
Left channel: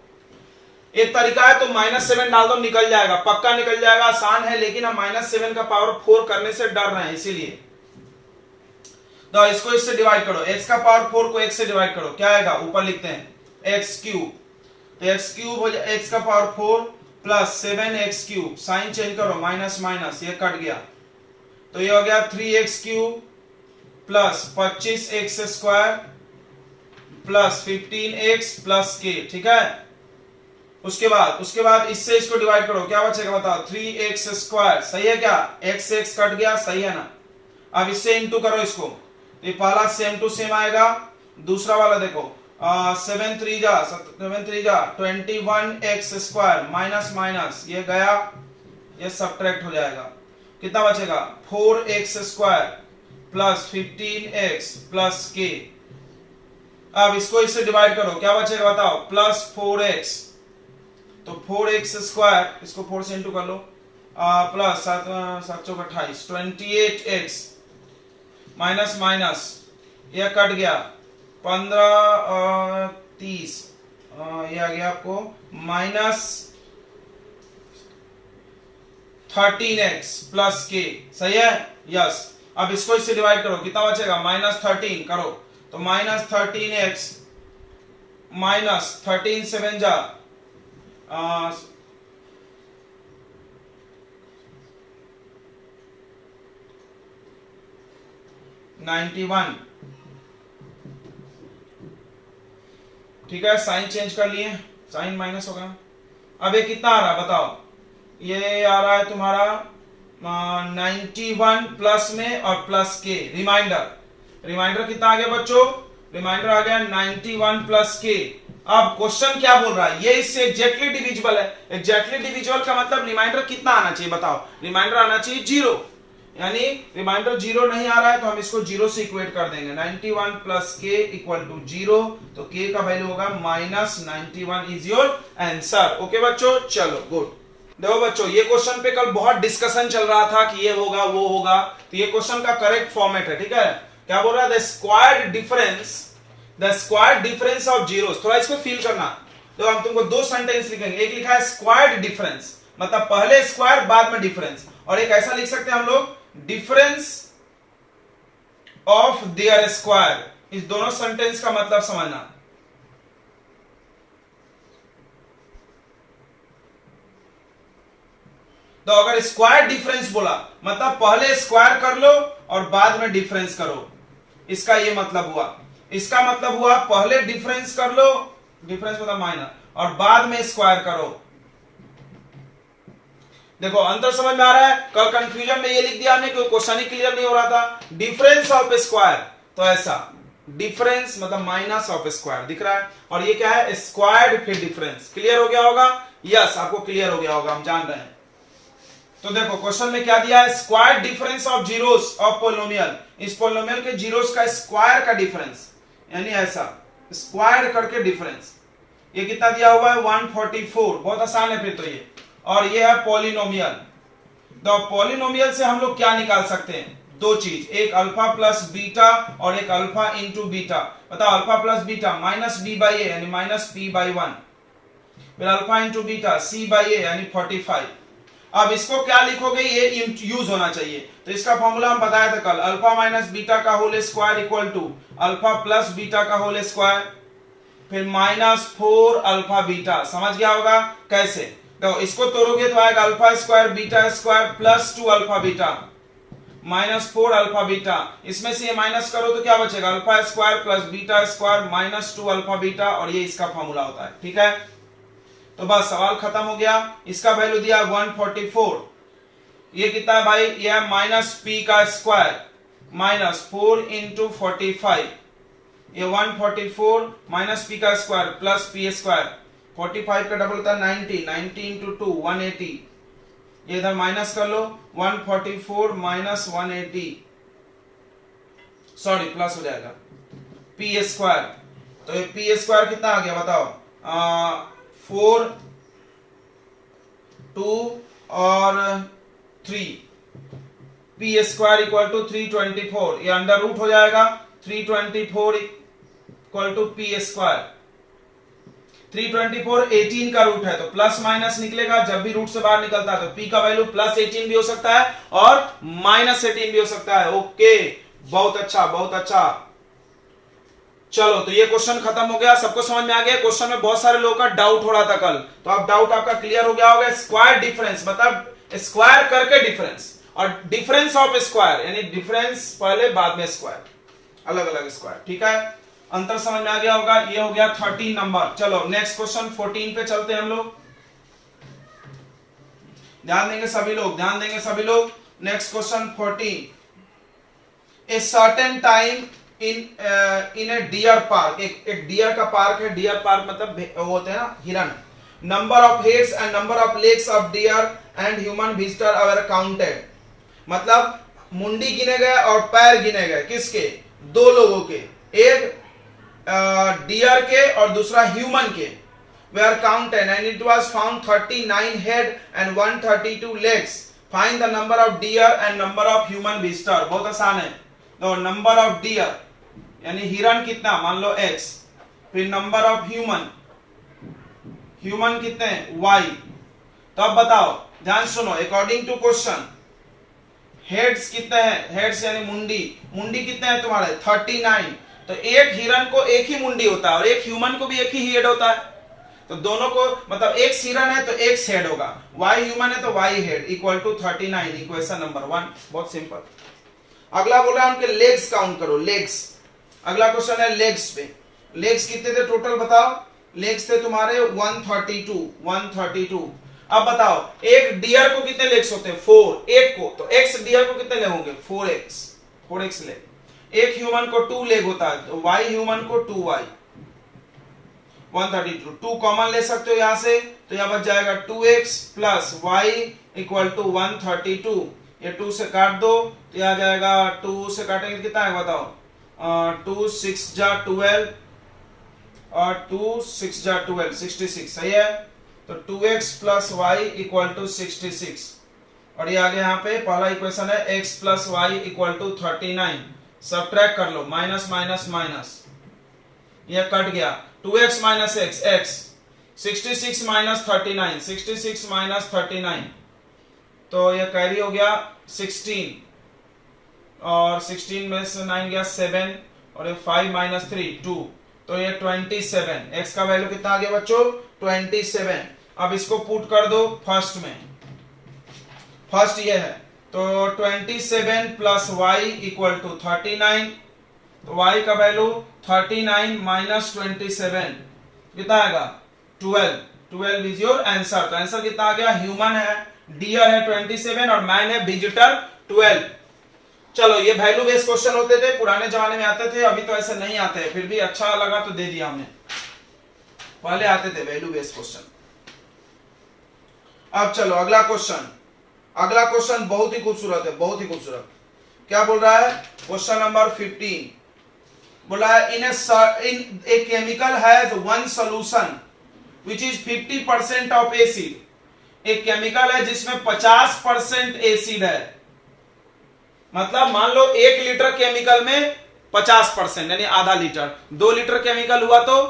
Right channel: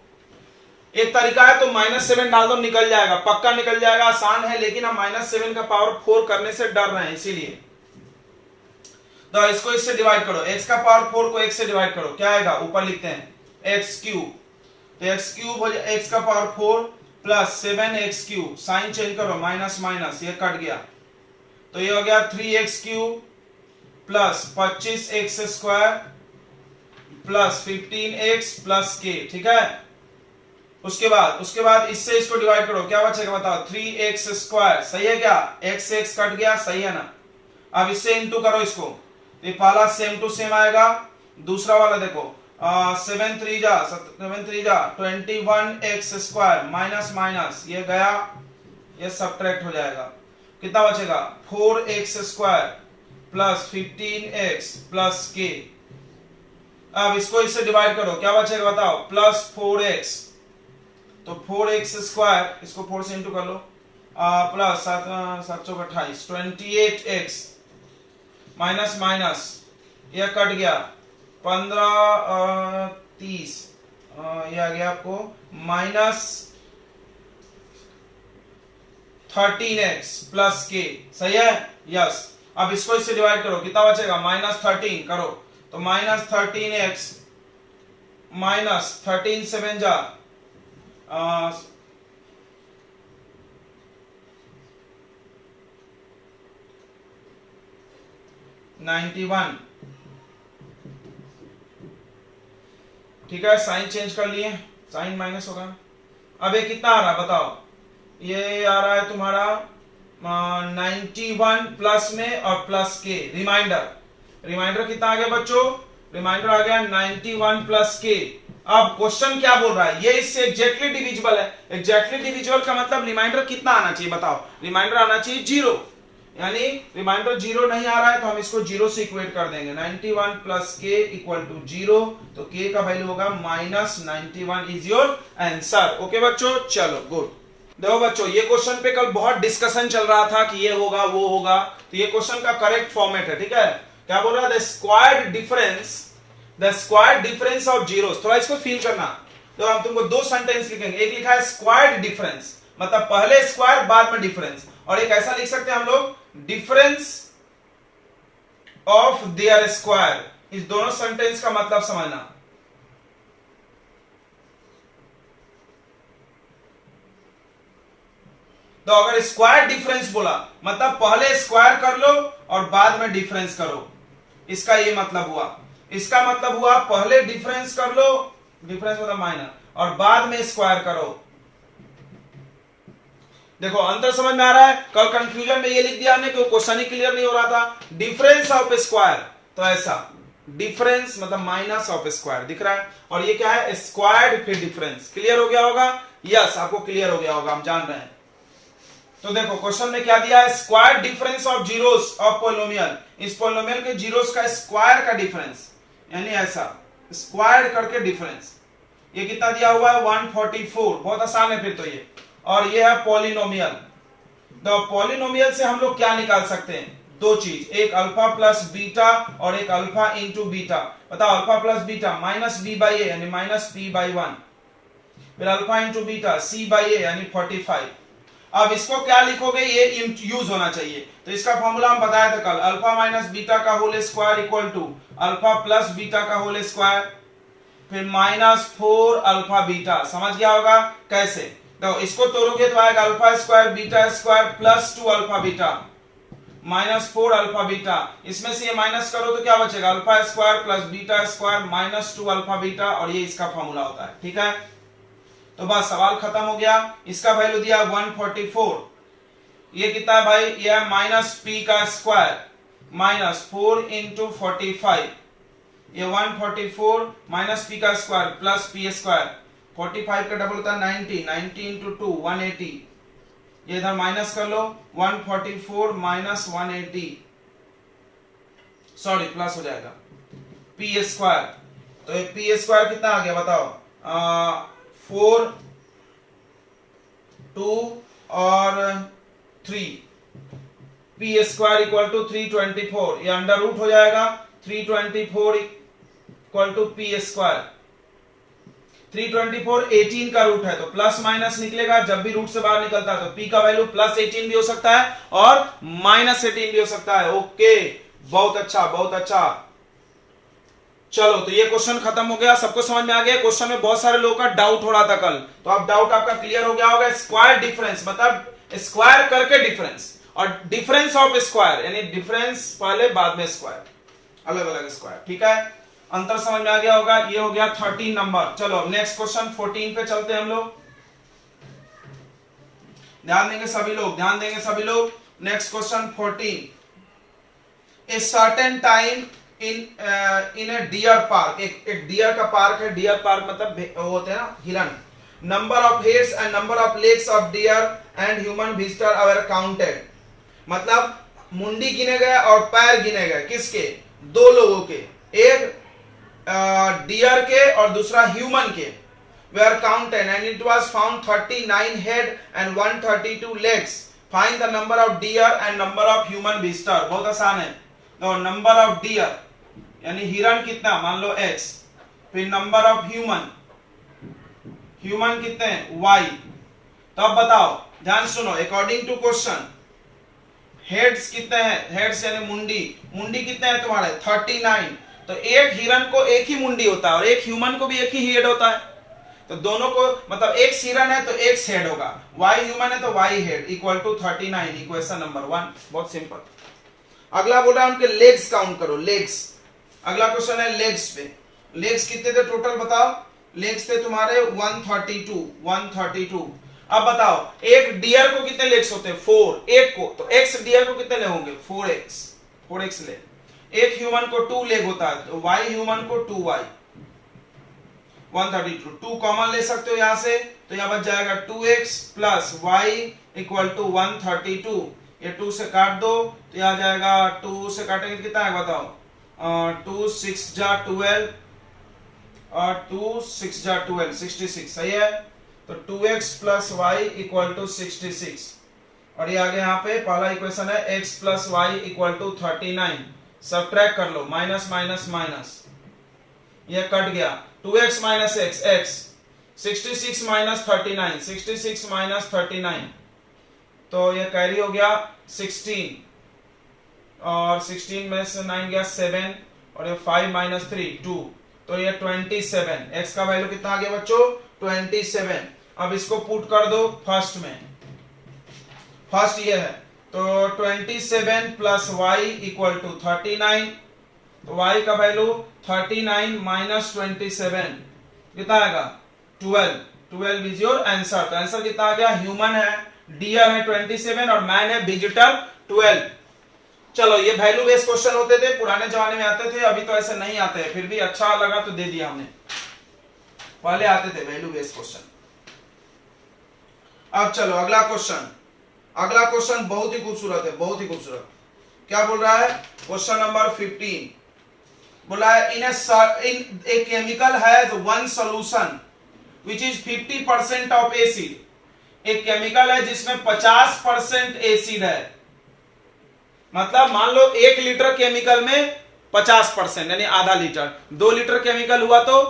एक तरीका है, तो -7 डाल दो निकल जाएगा, पक्का निकल जाएगा, आसान है, लेकिन हम -7 का पावर 4 करने से डर रहे हैं इसीलिए। तो इसको इससे डिवाइड करो, x का पावर 4 को x से डिवाइड करो, क्या आएगा ऊपर लिखते हैं x क्यूब, तो x क्यूब हो जाए x का power 4 plus 7x cube, sign change करो माइनस माइनस, ये कट गया, तो ये हो गया 3x cube plus 25x square plus 15x plus k। ठीक है, उसके बाद इससे इसको डिवाइड करो, क्या बचेगा बताओ 3x स्क्वायर, सही है क्या, x x कट गया, सही है ना। अब इससे इंटू करो इसको, ये पहला सेम टू सेम आएगा, दूसरा वाला देखो 7 3 जा 21x स्क्वायर माइनस माइनस, ये गया, ये सब्ट्रैक्ट हो जाएगा, कितना बचेगा 4x square plus 15x plus k। अब इसको इससे डिवाइड करो, क्या बचेगा बताओ प्लस 4x, तो 4x स्क्वायर, इसको 4 से इंटू कर लो, प्लस 728 28x माइनस माइनस, ये कट गया 15 30, ये आ गया आपको माइनस 13x प्लस k, सही है, यस। अब इसको इससे डिवाइड करो, कितना बचेगा -13 करो, तो -13x माइनस 13 7 जा 91। ठीक है, साइन चेंज कर लिए, साइन माइनस होगा। अब ये कितना आ रहा है बताओ, ये आ रहा है तुम्हारा 91 प्लस में और प्लस के, रिमाइंडर कितना आ गया बच्चों, रिमाइंडर आ गया 91 प्लस के। अब क्वेश्चन क्या बोल रहा है, ये इससे एग्जैक्टली डिविजिबल है, एग्जैक्टली डिविजिबल का मतलब रिमाइंडर कितना आना चाहिए बताओ, रिमाइंडर आना चाहिए 0, यानी रिमाइंडर 0 नहीं आ रहा है तो हम इसको 0 से इक्वेट कर देंगे, 91 प्लस के इक्वल टू 0, तो के का वैल्यू होगा -91 इज योर आंसर। ओके बच्चों, चलो गुड। देखो बच्चों, ये क्वेश्चन पे कल बहुत डिस्कशन चल रहा था कि ये होगा वो होगा, तो ये क्वेश्चन का करेक्ट फॉर्मेट है। ठीक है, क्या बोल रहा है, the squared difference of zeros, थोड़ा इसको फील करना। तो हम तुमको दो सेंटेंस लिखेंगे, एक लिखा है स्क्वायर्ड डिफरेंस, मतलब पहले स्क्वायर बाद में डिफरेंस, और एक ऐसा लिख सकते हैं हम लोग डिफरेंस ऑफ देयर स्क्वायर। इस दोनों सेंटेंस का मतलब समझना। तो अगर स्क्वायर डिफरेंस बोला मतलब पहले स्क्वायर कर लो और बाद में डिफरेंस करो, इसका ये मतलब हुआ। इसका मतलब हुआ पहले डिफरेंस कर लो, डिफरेंस मतलब माइनस, और बाद में स्क्वायर करो। देखो अंतर समझ में आ रहा है, कल कंफ्यूजन में ये लिख दिया हमने क्योंकि क्वेश्चन ही क्लियर नहीं हो रहा था। डिफरेंस ऑफ स्क्वायर, तो ऐसा डिफरेंस मतलब माइनस ऑफ स्क्वायर दिख रहा है, और ये क्या है स्क्वायर्ड फिर डिफरेंस। क्लियर हो गया होगा, यस आपको क्लियर हो गया होगा, हम जान रहे हैं। तो देखो क्वेश्चन में क्या दिया है, square difference of zeros of polynomial, इस पोलिनोमियल के जीरोस का स्क्वायर का डिफरेंस, यानी ऐसा स्क्वायर करके डिफरेंस। ये कितना दिया हुआ है 144, बहुत आसान है फिर तो ये, और ये है पॉलिनोमियल। तो पॉलिनोमियल से हम लोग क्या निकाल सकते हैं, दो चीज, एक अल्फा प्लस बीटा और एक अल्फा इंटू बीटा। बताओ alpha plus beta minus B by A यानी माइनस पी बाई 1, फिर alpha into beta C by A यानी 45। अब इसको क्या लिखोगे, ये यूज होना चाहिए। तो इसका फॉर्मूला हम बताया था कल, अल्फा माइनस बीटा का whole square equal to alpha plus beta का होल स्क्वायर। फिर -4 अल्फा बीटा। समझ गया होगा कैसे? तो इसको तोड़ोगे तो आएगा alpha square beta square plus 2 alpha beta -4 alpha beta. इसमें से ये माइनस करो तो क्या बचेगा? Alpha square plus beta square -2 alpha beta, और ये इसका फॉर्मूला होता है। ठीक है, तो बस सवाल खत्म हो गया। इसका वैल्यू दिया 144। ये कितना है भाई? ये है -p का स्क्वायर -4 इंटू 45। ये 144 -p का स्क्वायर प्लस p स्क्वायर। 45 का डबल होता है 90, 90 इंटू 2 180। ये इधर माइनस कर लो, 144 माइनस 180, सॉरी प्लस हो जाएगा p स्क्वायर। तो ये p स्क्वायर कितना आ गया बताओ? 4 2 और 3, p स्क्वायर इक्वल टू 324। ये अंडर रूट हो जाएगा, 324 इक्वल टू p स्क्वायर। 324 18 का रूट है तो प्लस माइनस निकलेगा। जब भी रूट से बाहर निकलता है तो p का वैल्यू +18 भी हो सकता है और -18 भी हो सकता है। ओके, बहुत अच्छा बहुत अच्छा। चलो, तो ये क्वेश्चन खत्म हो गया। सबको समझ में आ गया? क्वेश्चन में बहुत सारे लोगों का डाउट हो रहा था कल, तो अब डाउट आपका क्लियर हो गया होगा। स्क्वायर डिफरेंस मतलब स्क्वायर करके डिफरेंस, और डिफरेंस ऑफ स्क्वायर यानी डिफरेंस पहले बाद में स्क्वायर, अलग अलग स्क्वायर। ठीक है, अंतर समझ में आ गया होगा। ये हो गया 13 नंबर। चलो नेक्स्ट क्वेश्चन 14 पे चलते हैं हम लोग। ध्यान देंगे सभी लोग, ध्यान देंगे सभी लोग। Next question 14। A certain time in a deer park. एक डियर का पार्क है। डियर पार्क मतलब वो होते हैं ना हिरण। Number of heads and number of legs of deer and human visitor are counted. मतलब मुंडी गिने गए और पैर गिने गए। किसके? दो लोगों के, एक डियर के और दूसरा ह्यूमन के। were counted and it was found 39 head and 132 legs. Find the number of deer and number of human visitor. बहुत आसान है। तो नंबर ऑफ डियर यानी हिरण कितना, मान लो x, फिर नंबर ऑफ ह्यूमन, ह्यूमन कितने y। तो अब बताओ, ध्यान सुनो, अकॉर्डिंग टू क्वेश्चन हेड्स कितने हैं? हेड्स यानी मुंडी, मुंडी कितने हैं तुम्हारे? 39। तो एक हिरण को एक ही मुंडी होता है और एक ह्यूमन को भी एक ही हेड होता है। तो दोनों को मतलब एक हिरण है तो एक हेड होगा, वाई ह्यूमन है तो y head equal to 39। Equation number 1। बहुत सिंपल। अगला बोल रहा है उनके लेग्स काउंट करो, लेग्स। अगला क्वेश्चन है लेग्स पे। लेग्स कितने थे टोटल बताओ? लेग्स थे तुम्हारे 132। अब बताओ एक डियर को कितने लेग्स होते हैं? 4। एक को तो एक्स डियर को कितने लेग होंगे? 4x leg. एक ह्यूमन को 2 लेग होता है तो y ह्यूमन को 2y। 132 2 कॉमन ले सकते हो यहां से, तो यहां बच जाएगा 2x plus y equal to 132। ये 2 से काट दो तो यहां जाएगा, 2 से काटेंगे कितना है बताओ? 2 6 जा 12 और 2 6 जा 12 66। सही है, तो 2x plus y equal to 66। और ये आगे यहाँ पे पहला इक्वेशन है x plus y equal to 39। Subtract कर लो, माइनस माइनस माइनस, ये कट गया। 2x minus x 66 minus 39, 66 minus 39, तो ये कैरी हो गया 16, और 16 में से 9 गया 7, और ये 5 माइनस 3 2, तो ये 27। x का वैल्यू कितना आ गया बच्चों? 27। अब इसको पुट कर दो फर्स्ट में, फर्स्ट ये है तो 27 प्लस वाई इक्वल टू 39। तो y का वैल्यू 39 माइनस 27 कितना आएगा? 12। 12 इज योर आंसर। तो आंसर कितना आ गया? ह्यूमन है, डियर है 27 और मैन है विजिटर 12। चलो, ये वैल्यू बेस्ड क्वेश्चन होते थे, पुराने जमाने में आते थे, अभी तो ऐसे नहीं आते हैं, फिर भी अच्छा लगा तो दे दिया हमने। पहले आते थे वैल्यू बेस्ड क्वेश्चन। अब चलो अगला क्वेश्चन। अगला क्वेश्चन बहुत ही खूबसूरत है, बहुत ही खूबसूरत। क्या बोल रहा है? क्वेश्चन नंबर 15 बोला है in a chemical has one solution which is 50% of acid. एक केमिकल है जिसमें 50% एसिड है। मतलब मान लो 1 लीटर केमिकल में 50% यानी आधा लीटर। 2 लीटर केमिकल हुआ तो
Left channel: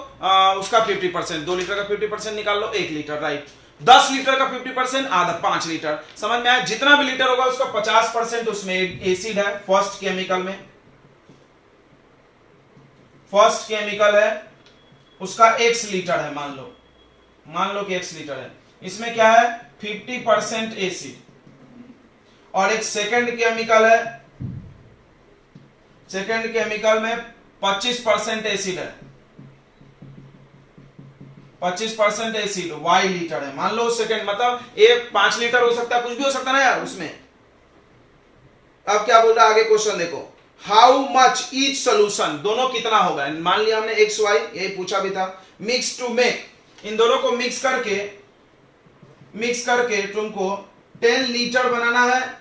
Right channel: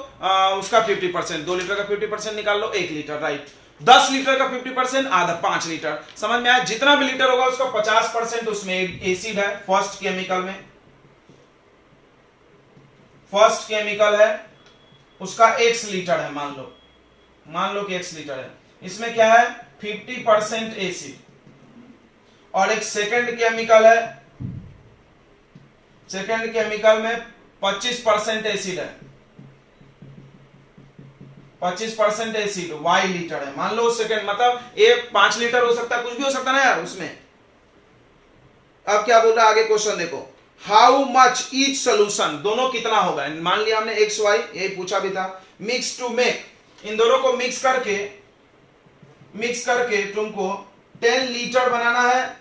उसका 50%, 2 लीटर का 50% निकाल लो 1 लीटर, राइट। 10 लीटर का 50% आधा 5 लीटर। समझ में आया? जितना भी लीटर होगा उसका 50% उसमें एसिड है। फर्स्ट केमिकल में, फर्स्ट केमिकल है उसका x लीटर है, मान लो कि x लीटर है, इसमें क्या है 50% एसिड, और एक सेकंड केमिकल में 25% एसिड है, 25% एसिड y लीटर है, मान लो सेकंड, मतलब ये 5 लीटर हो सकता है, कुछ भी हो सकता है ना यार उसमें। अब क्या बोल रहा है आगे क्वेश्चन देखो, हाउ मच ईच सोल्यूशन, दोनों कितना होगा, मान लिया हमने एक्स वाई, यही पूछा भी था, मिक्स टू मेक, इन दोनों को मिक्स करके तुमको 10 लीटर बनाना है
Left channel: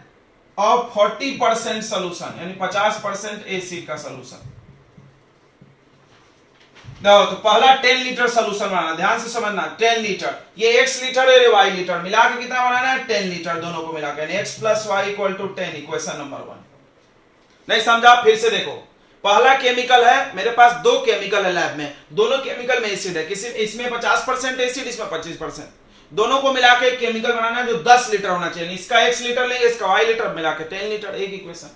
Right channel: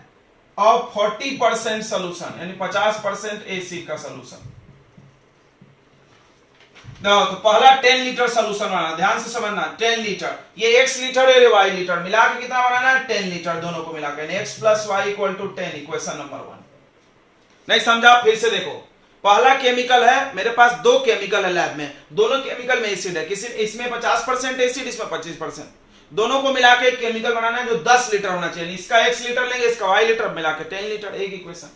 और 40% सोल्यूशन, यानी 50% एसिड का सोल्यूशन। तो पहला 10 लीटर सोल्यूशन बनाना, ध्यान से समझना, 10 लीटर, ये x लीटर है, y लीटर, मिला के कितना बनाना है 10 लीटर, दोनों को मिला के x plus y equal to 10, equation number 1। नहीं समझा, फिर से देखो, पहला केमिकल है, मेरे पास 2 केमिकल है लैब में, दोनों केमिकल में एसिड है, किसी इसमें 50% एसिड, इसमें 25%, दोनों को मिला के एक केमिकल बनाना है जो 10 लीटर होना चाहिए, इसका x लीटर लेंगे, इसका y लीटर, मिला के 10 लीटर, एक इक्वेशन।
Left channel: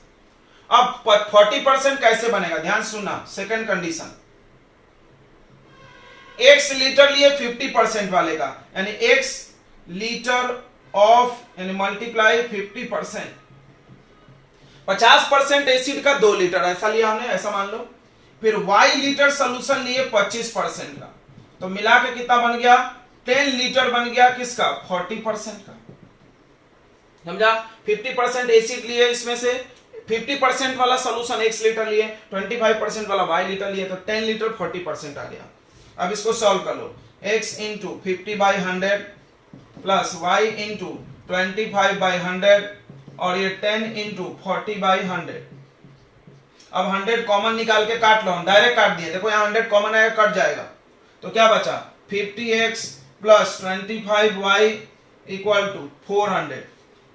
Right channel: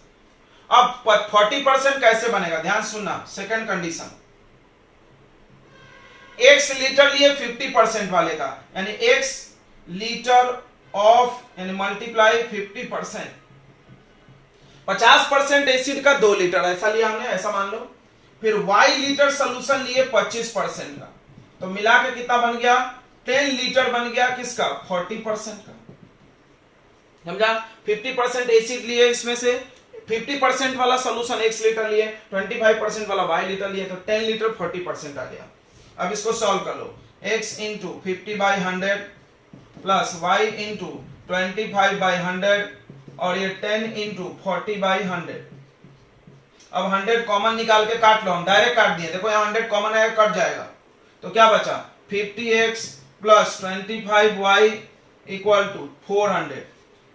अब 40% कैसे बनेगा, ध्यान सुनना, सेकंड कंडीशन, x लीटर लिए 50% वाले का, यानी x लीटर ऑफ, यानी मल्टीप्लाई 50%, 50% एसिड का 2 लीटर, ऐसा लिया हमने, ऐसा मान लो, फिर y लीटर सोल्यूशन लिए 25% का, तो मिला के कितना बन गया 10 लीटर बन गया, किसका 40% का, समझा। 50% एसिड लिए, इसमें से 50% वाला सोल्यूशन x लीटर लिए, 25% वाला y लीटर लिए, तो 10 लीटर 40% आ गया। अब इसको सॉल्व कर लो, x into 50/100 plus y into 25/100 और ये 10 इंटू 40/100। अब 100 कॉमन निकाल के काट लो, हम डायरेक्ट काट दिए, देखो यहाँ 100 कॉमन है, कट जाएगा, तो क्या बचा 50x plus 25y equal to 400,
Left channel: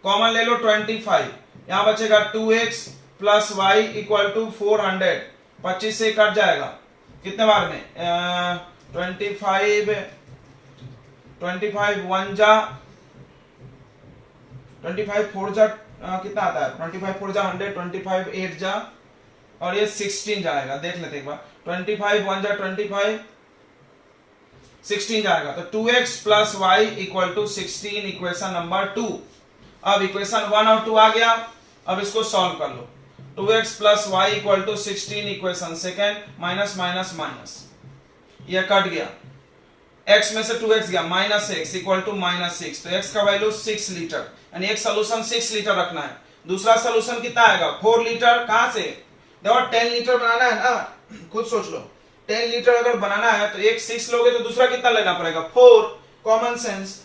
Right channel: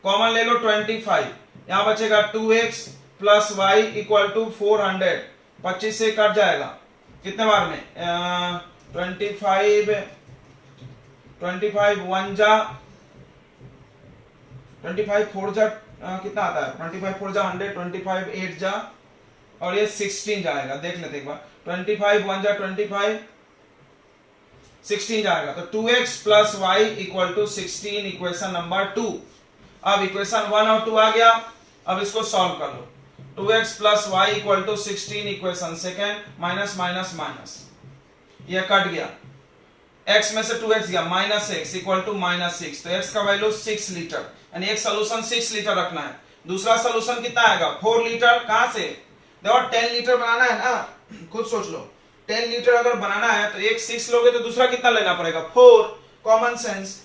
common ले लो 25, यहां बचेगा 2x plus y equal to 400, 25 से कट जाएगा, कितने बार में 25 1 जा 25 4 जा कितना आता है, 25 4 जा 100, 25 8 जा, और ये 16 जाएगा, देख लेते एक बार, 25 1 जा 25, 16 जाएगा, तो 2x plus y equal to 16, equation number 2। अब इक्वेशन 1 और 2 आ गया, अब इसको सॉल्व कर लो, 2x plus y equal to 16, equation second, minus minus minus, यह कट गया, x में से 2x गया, minus x equal to minus 6, तो x का वैल्यू 6 लीटर, यानी एक सोल्यूशन 6 लीटर रखना है, दूसरा सोल्यूशन कितना आएगा 4 लीटर, कहां से, देखो 10 लीटर बनाना है ना, खुद सोच लो, 10 लीटर अगर बनाना है तो एक 6 लोगे तो दूसरा कितना लेना पड़ेगा 4, कॉमन सेंस।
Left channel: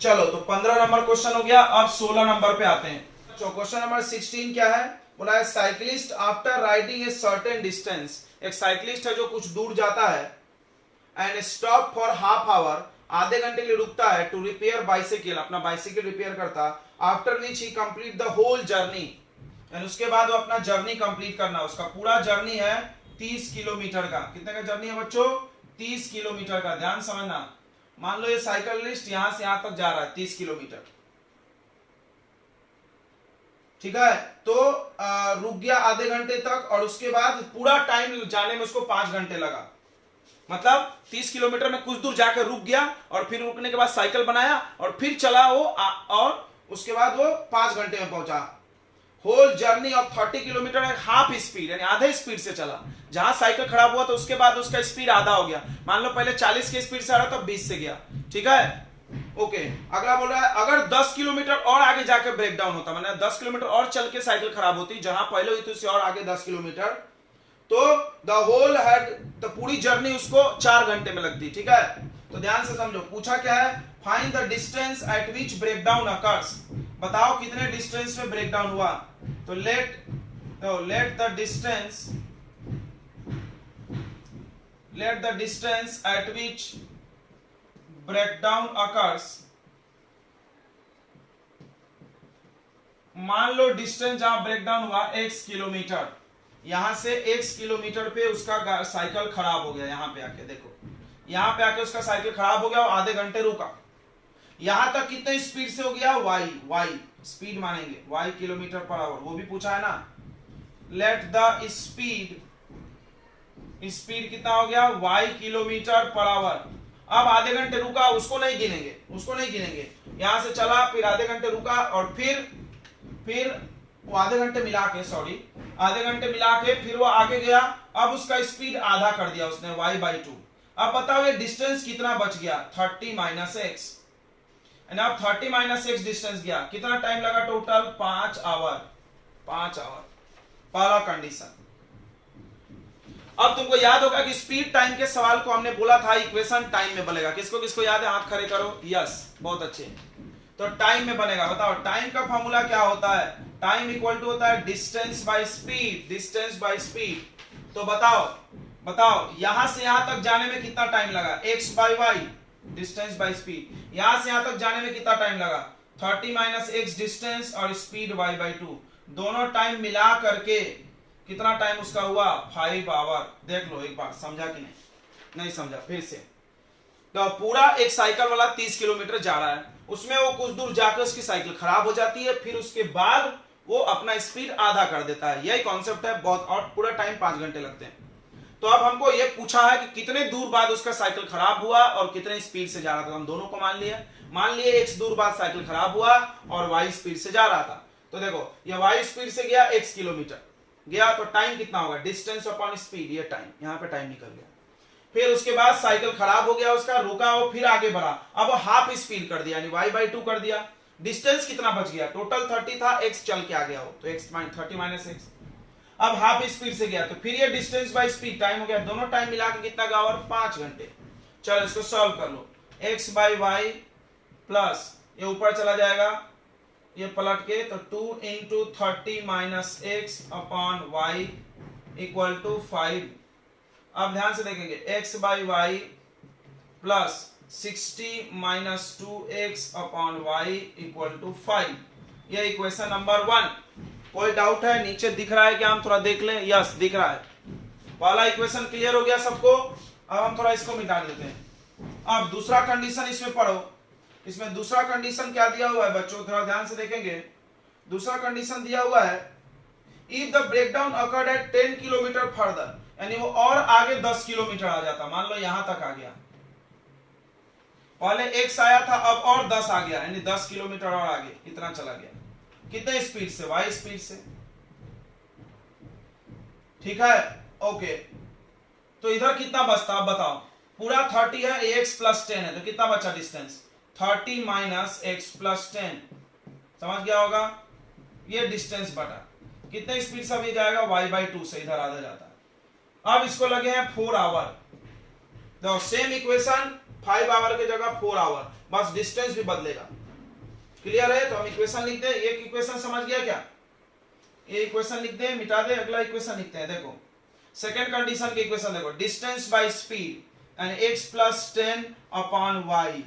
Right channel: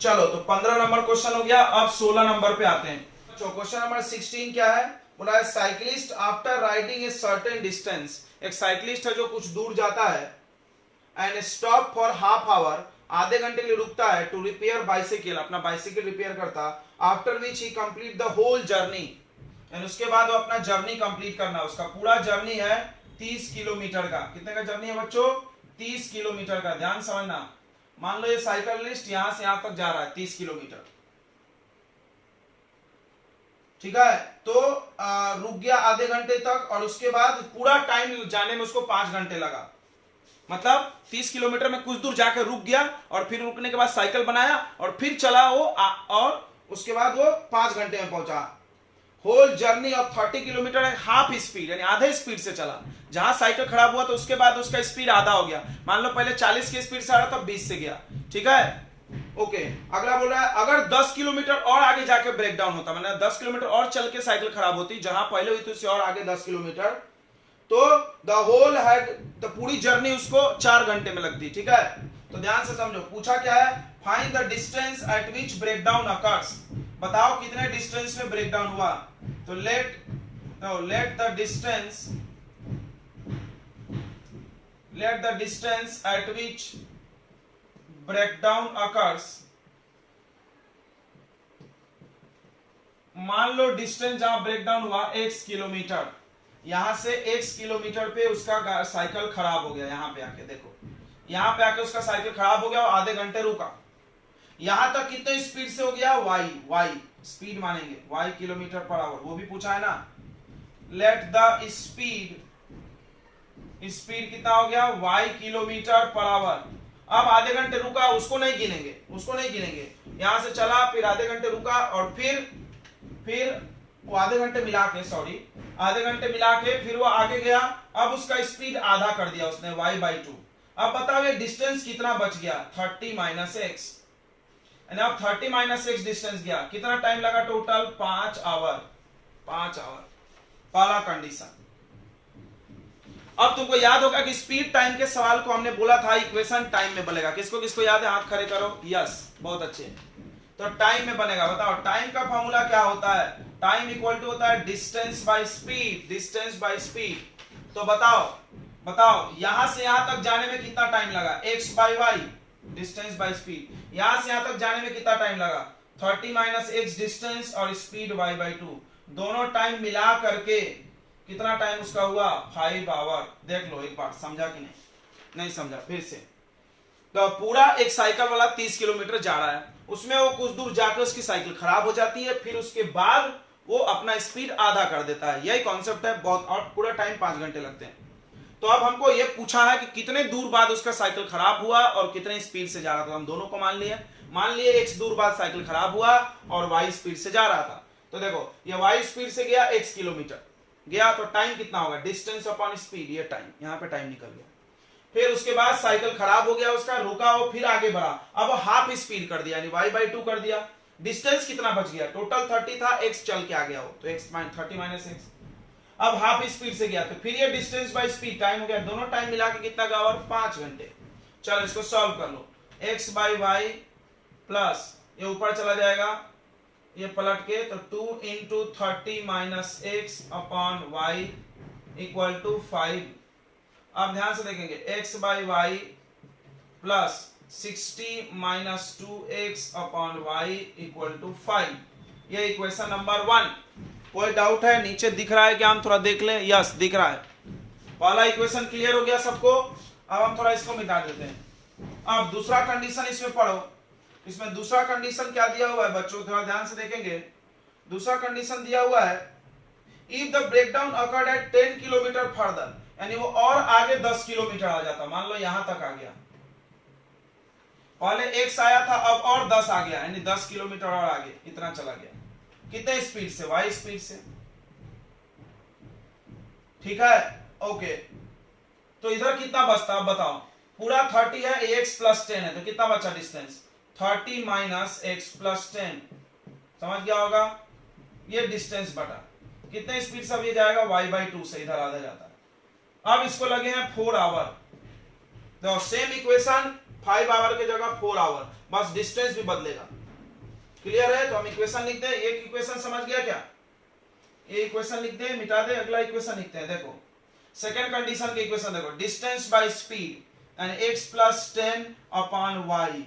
चलो तो 15 नंबर क्वेश्चन हो गया, अब 16 नंबर पे आते हैं। तो क्वेश्चन नंबर 16 क्या है, बोला है cyclist after riding a certain distance, एक साइक्लिस्ट है जो कुछ दूर जाता है, and stop for half hour, आधे घंटे के लिए रुकता है, टू रिपेयर बाइसिकल, अपना बाइसिकल रिपेयर करता, after which he complete the whole journey, and उसके बाद वो अपना जर्नी कंप्लीट करना, उसका पूरा जर्नी है 30 किलोमीटर का, कितने का जर्नी है बच्चों 30 किलोमीटर का, ध्यान समझना, मान लो ये साइकिलिस्ट यहां से यहां तक जा रहा है 30 किलोमीटर, ठीक है, तो रुक गया आधे घंटे तक, और उसके बाद पूरा टाइम जाने में उसको 5 घंटे लगा, मतलब 30 किलोमीटर में कुछ दूर जाकर रुक गया, और फिर रुकने के बाद साइकिल बनाया और फिर चला वो, और उसके बाद वो 5 घंटे में पहुंचा। Whole journey of 30 kilometre half speed, यानी आधे स्पीड से चला, जहां साइकिल खराब हुआ तो उसके बाद उसका स्पीड आधा हो गया, मान लो पहले 40 की स्पीड से आ रहा था, 20 से गया, ठीक है, ओके। अगला बोल रहा है अगर 10 किलोमीटर और आगे जाकर ब्रेक डाउन होता, मतलब 10 किलोमीटर और चल के साइकिल खराब होती, जहां पहले हुई थी उससे और आगे 10 किलोमीटर, तो द होल हैड, तो पूरी जर्नी उसको 4 घंटे में लगती, ठीक है। तो ध्यान से समझो, पूछा क्या है, find the distance at which break down occurs, बताओ कितने डिस्टेंस में ब्रेक डाउन हुआ, तो let the distance at which breakdown occurs, मान लो डिस्टेंस जहां ब्रेकडाउन हुआ x किलोमीटर, यहां से x किलोमीटर पे उसका साइकिल खराब हो गया, यहां पे आके देखो, यहां पे आके उसका साइकिल खराब हो गया और आधे घंटे रुका, यहां तक कितने स्पीड से हो गया y स्पीड मानेंगे y किलोमीटर पर आवर, वो भी पूछा है ना, लेट द स्पीड स्पीड कितना हो गया y किलोमीटर पर आवर। अब आधे घंटे रुका, उसको नहीं गिनेंगे, यहां से चला फिर आधे घंटे रुका और फिर वो आधे घंटे मिला के फिर वो आगे गया। अब उसका स्पीड आधा कर दिया उसने y/2। अब बताओ ये डिस्टेंस कितना बच गया 30 माइनस एक्स। अब 30 माइनस एक्स डिस्टेंस गया, कितना टाइम लगा टोटल 5 आवर। पहला कंडीशन। अब तुमको याद होगा कि स्पीड टाइम के सवाल को हमने बोला था इक्वेशन टाइम में बनेगा। किसको किसको याद है, हाथ खड़े करो। यस, बहुत अच्छे। तो टाइम में बनेगा। बताओ टाइम का फॉर्मूला क्या होता है। टाइम इक्वल टू होता है डिस्टेंस बाय स्पीड। तो बताओ यहां से यहां तक जाने में कितना टाइम लगा, x by y distance by speed. यहां से यहां तक जाने में कितना टाइम लगा 30 माइनस x डिस्टेंस और स्पीड y/2। दोनों टाइम मिला करके कितना टाइम उसका हुआ 5 आवर। देख लो एक बार, समझा कि नहीं समझा, फिर से। तो पूरा एक साइकिल वाला 30 किलोमीटर जा रहा है, उसमें वो कुछ दूर जाकर उसकी साइकिल खराब हो जाती है, फिर उसके बाद वो अपना स्पीड आधा कर देता है। यही कॉन्सेप्ट है बहुत, और पूरा टाइम 5 घंटे लगते हैं। तो अब हमको ये पूछा है कि कितने दूर बाद उसका साइकिल खराब हुआ और कितने स्पीड से जा रहा था। हम दोनों को मान लिए x दूर बाद साइकिल खराब हुआ और y स्पीड से जा रहा था। तो देखो ये y स्पीड से गया x किलोमीटर गया, तो टाइम कितना होगा डिस्टेंस अपॉन स्पीड, ये टाइम, यहाँ पे टाइम निकल गया। फिर उसके बाद साइकिल खराब हो गया उसका, रुका वो, फिर आगे बढ़ा, अब हाफ स्पीड कर दिया यानी y/2 कर दिया। डिस्टेंस कितना बच गया, टोटल 30 था, x चल के आ गया वो, तो x 30 माइनस x। अब हाफ स्पीड से गया तो फिर ये डिस्टेंस बाय स्पीड टाइम हो गया। दोनों टाइम मिला के कितना गया और 5 घंटे। चलो इसको सॉल्व कर लो। x बाय y प्लस ये ऊपर चला जाएगा, ये पलट के, तो 2 into 30 minus x upon y equal to 5। अब ध्यान से देखेंगे x by y plus 60 minus 2x upon y equal to 5। ये इक्वेशन नंबर 1। कोई डाउट है, नीचे दिख रहा है क्या, हम थोड़ा देख लें। यस दिख रहा है। पहला इक्वेशन क्लियर हो गया सबको। अब हम थोड़ा इसको मिटा लेते हैं। अब दूसरा कंडीशन इसमें पढ़ो। इसमें दूसरा कंडीशन क्या दिया हुआ है बच्चों, थोड़ा ध्यान से देखेंगे। दूसरा कंडीशन दिया हुआ है if the breakdown occurred at 10 kilometre further, यानी वो और आगे 10 किलोमीटर आ जाता। मान लो यहां तक आ गया, पहले x आया था, अब और 10 आ गया, यानी 10 किलोमीटर और आगे इतना चला गया। कितने स्पीड से, y स्पीड से। ठीक है, ओके। तो इधर कितना बचता अब बताओ। पूरा 30 है, x प्लस 10 है, तो कितना बचा डिस्टेंस 30 माइनस एक्स प्लस 10। समझ गया होगा, ये डिस्टेंस बटा कितने स्पीड से ये जाएगा y/2 से, इधर आधा जाता है। अब इसको लगे हैं 4 आवर। तो सेम इक्वेशन 5 आवर की जगह 4 आवर, बस डिस्टेंस भी बदलेगा। क्लियर है, तो हम इक्वेशन लिखते हैं। एक इक्वेशन समझ गया क्या, ये इक्वेशन लिख दे, मिटा दे, अगला इक्वेशन लिखते हैं। देखो सेकंड कंडीशन की इक्वेशन देखो, distance by speed and x plus 10 upon y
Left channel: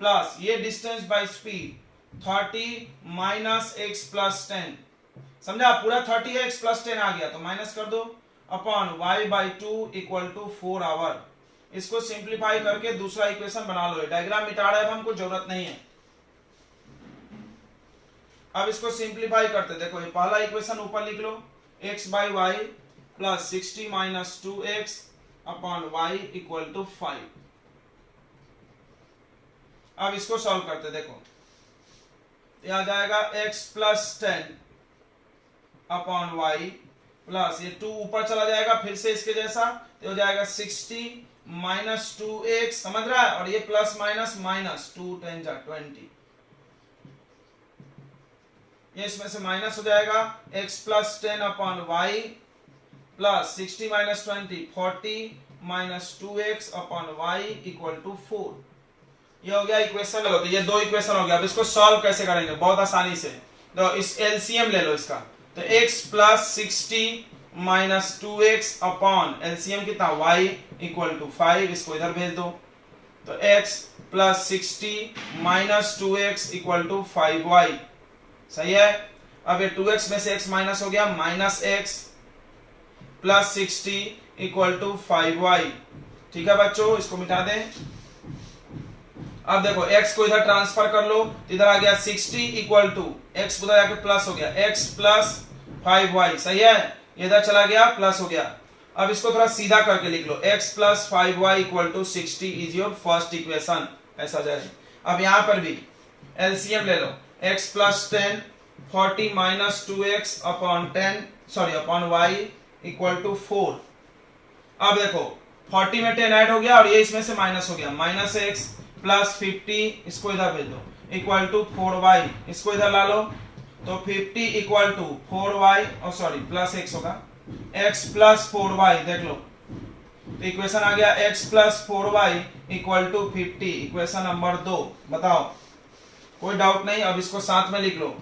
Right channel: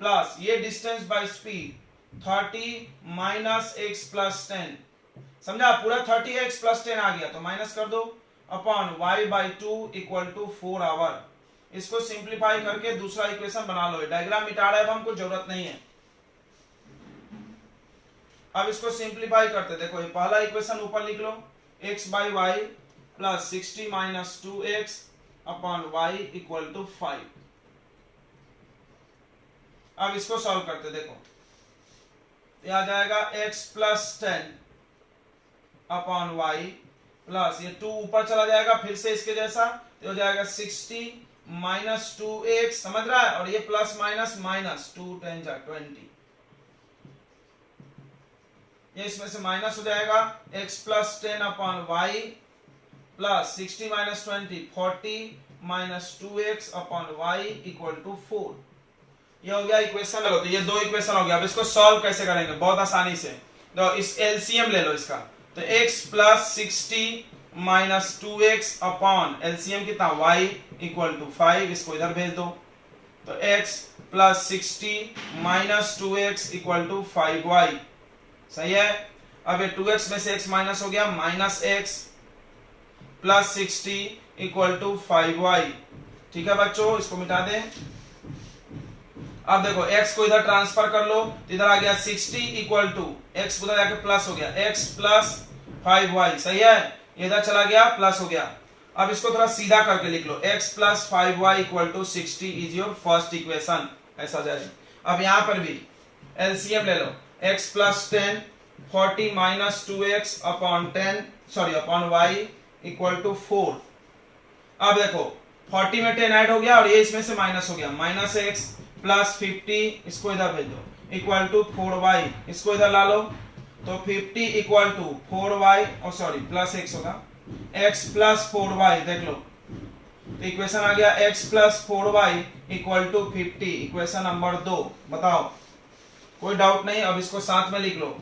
plus ये distance by speed 30 minus x plus 10। समझा, पूरा 30 है, x प्लस 10 आ गया तो माइनस कर दो, upon y/2 equal to 4 hour. इसको सिंप्लीफाई करके दूसरा इक्वेशन बना लो। डायग्राम मिटा रहा है, हमको जरूरत नहीं है। अब इसको सिंप्लीफाई करते, देखो ये पहला इक्वेशन ऊपर लिख लो, x by y plus 60 minus 2x upon y equal to 5। अब इसको सॉल्व करते, देखो यह आ जाएगा x plus 10 upon y plus ये 2 ऊपर चला जाएगा फिर से इसके जैसा, तो हो जाएगा 60 माइनस 2x, समझ रहा है, और ये प्लस माइनस माइनस 2 10 जा 20, ये इसमें से माइनस हो जाएगा। x plus 10 upon y plus 60 minus 20 40 minus 2x upon y equal to 4। ये हो गया इक्वेशन। लगो, तो ये 2 इक्वेशन हो गया। अब इसको सॉल्व कैसे करेंगे, बहुत आसानी से। तो इस एलसीएम ले लो इसका, तो x plus 60 minus 2x upon LCM कितना y इक्वल टू 5। इसको इधर भेज दो, तो x plus 60 minus 2x equal to 5y। सही है। अब ये 2x में से x माइनस हो गया, minus x plus 60 equal to 5y। ठीक है बच्चों, इसको मिटा दें। अब देखो x को इधर ट्रांसफर कर लो, इधर आ गया 60 इक्वल टू x उधर जाके प्लस हो गया, x प्लस 5y। सही है, इधर चला गया प्लस हो गया, अब इसको थोड़ा सीधा करके लिख लो, x plus 5y equal to 60 is your first equation, ऐसा जाएगा। अब यहां पर भी एलसीएम ले लो, x plus 10 40 minus 2x upon 10 sorry upon y equal to 4। अब देखो 40 में 10 ऐड हो गया और ये इसमें से माइनस हो गया, माइनस x प्लस 50 इसको इधर भेज दो इक्वल टू 4y, इसको इधर ला लो तो 50 इक्वल टू 4y और सॉरी प्लस x होगा, x प्लस 4y देख लो तो इक्वेशन आ गया x plus 4y equal to 50, equation number 2। बताओ कोई डाउट नहीं, अब इसको साथ में लिख लो,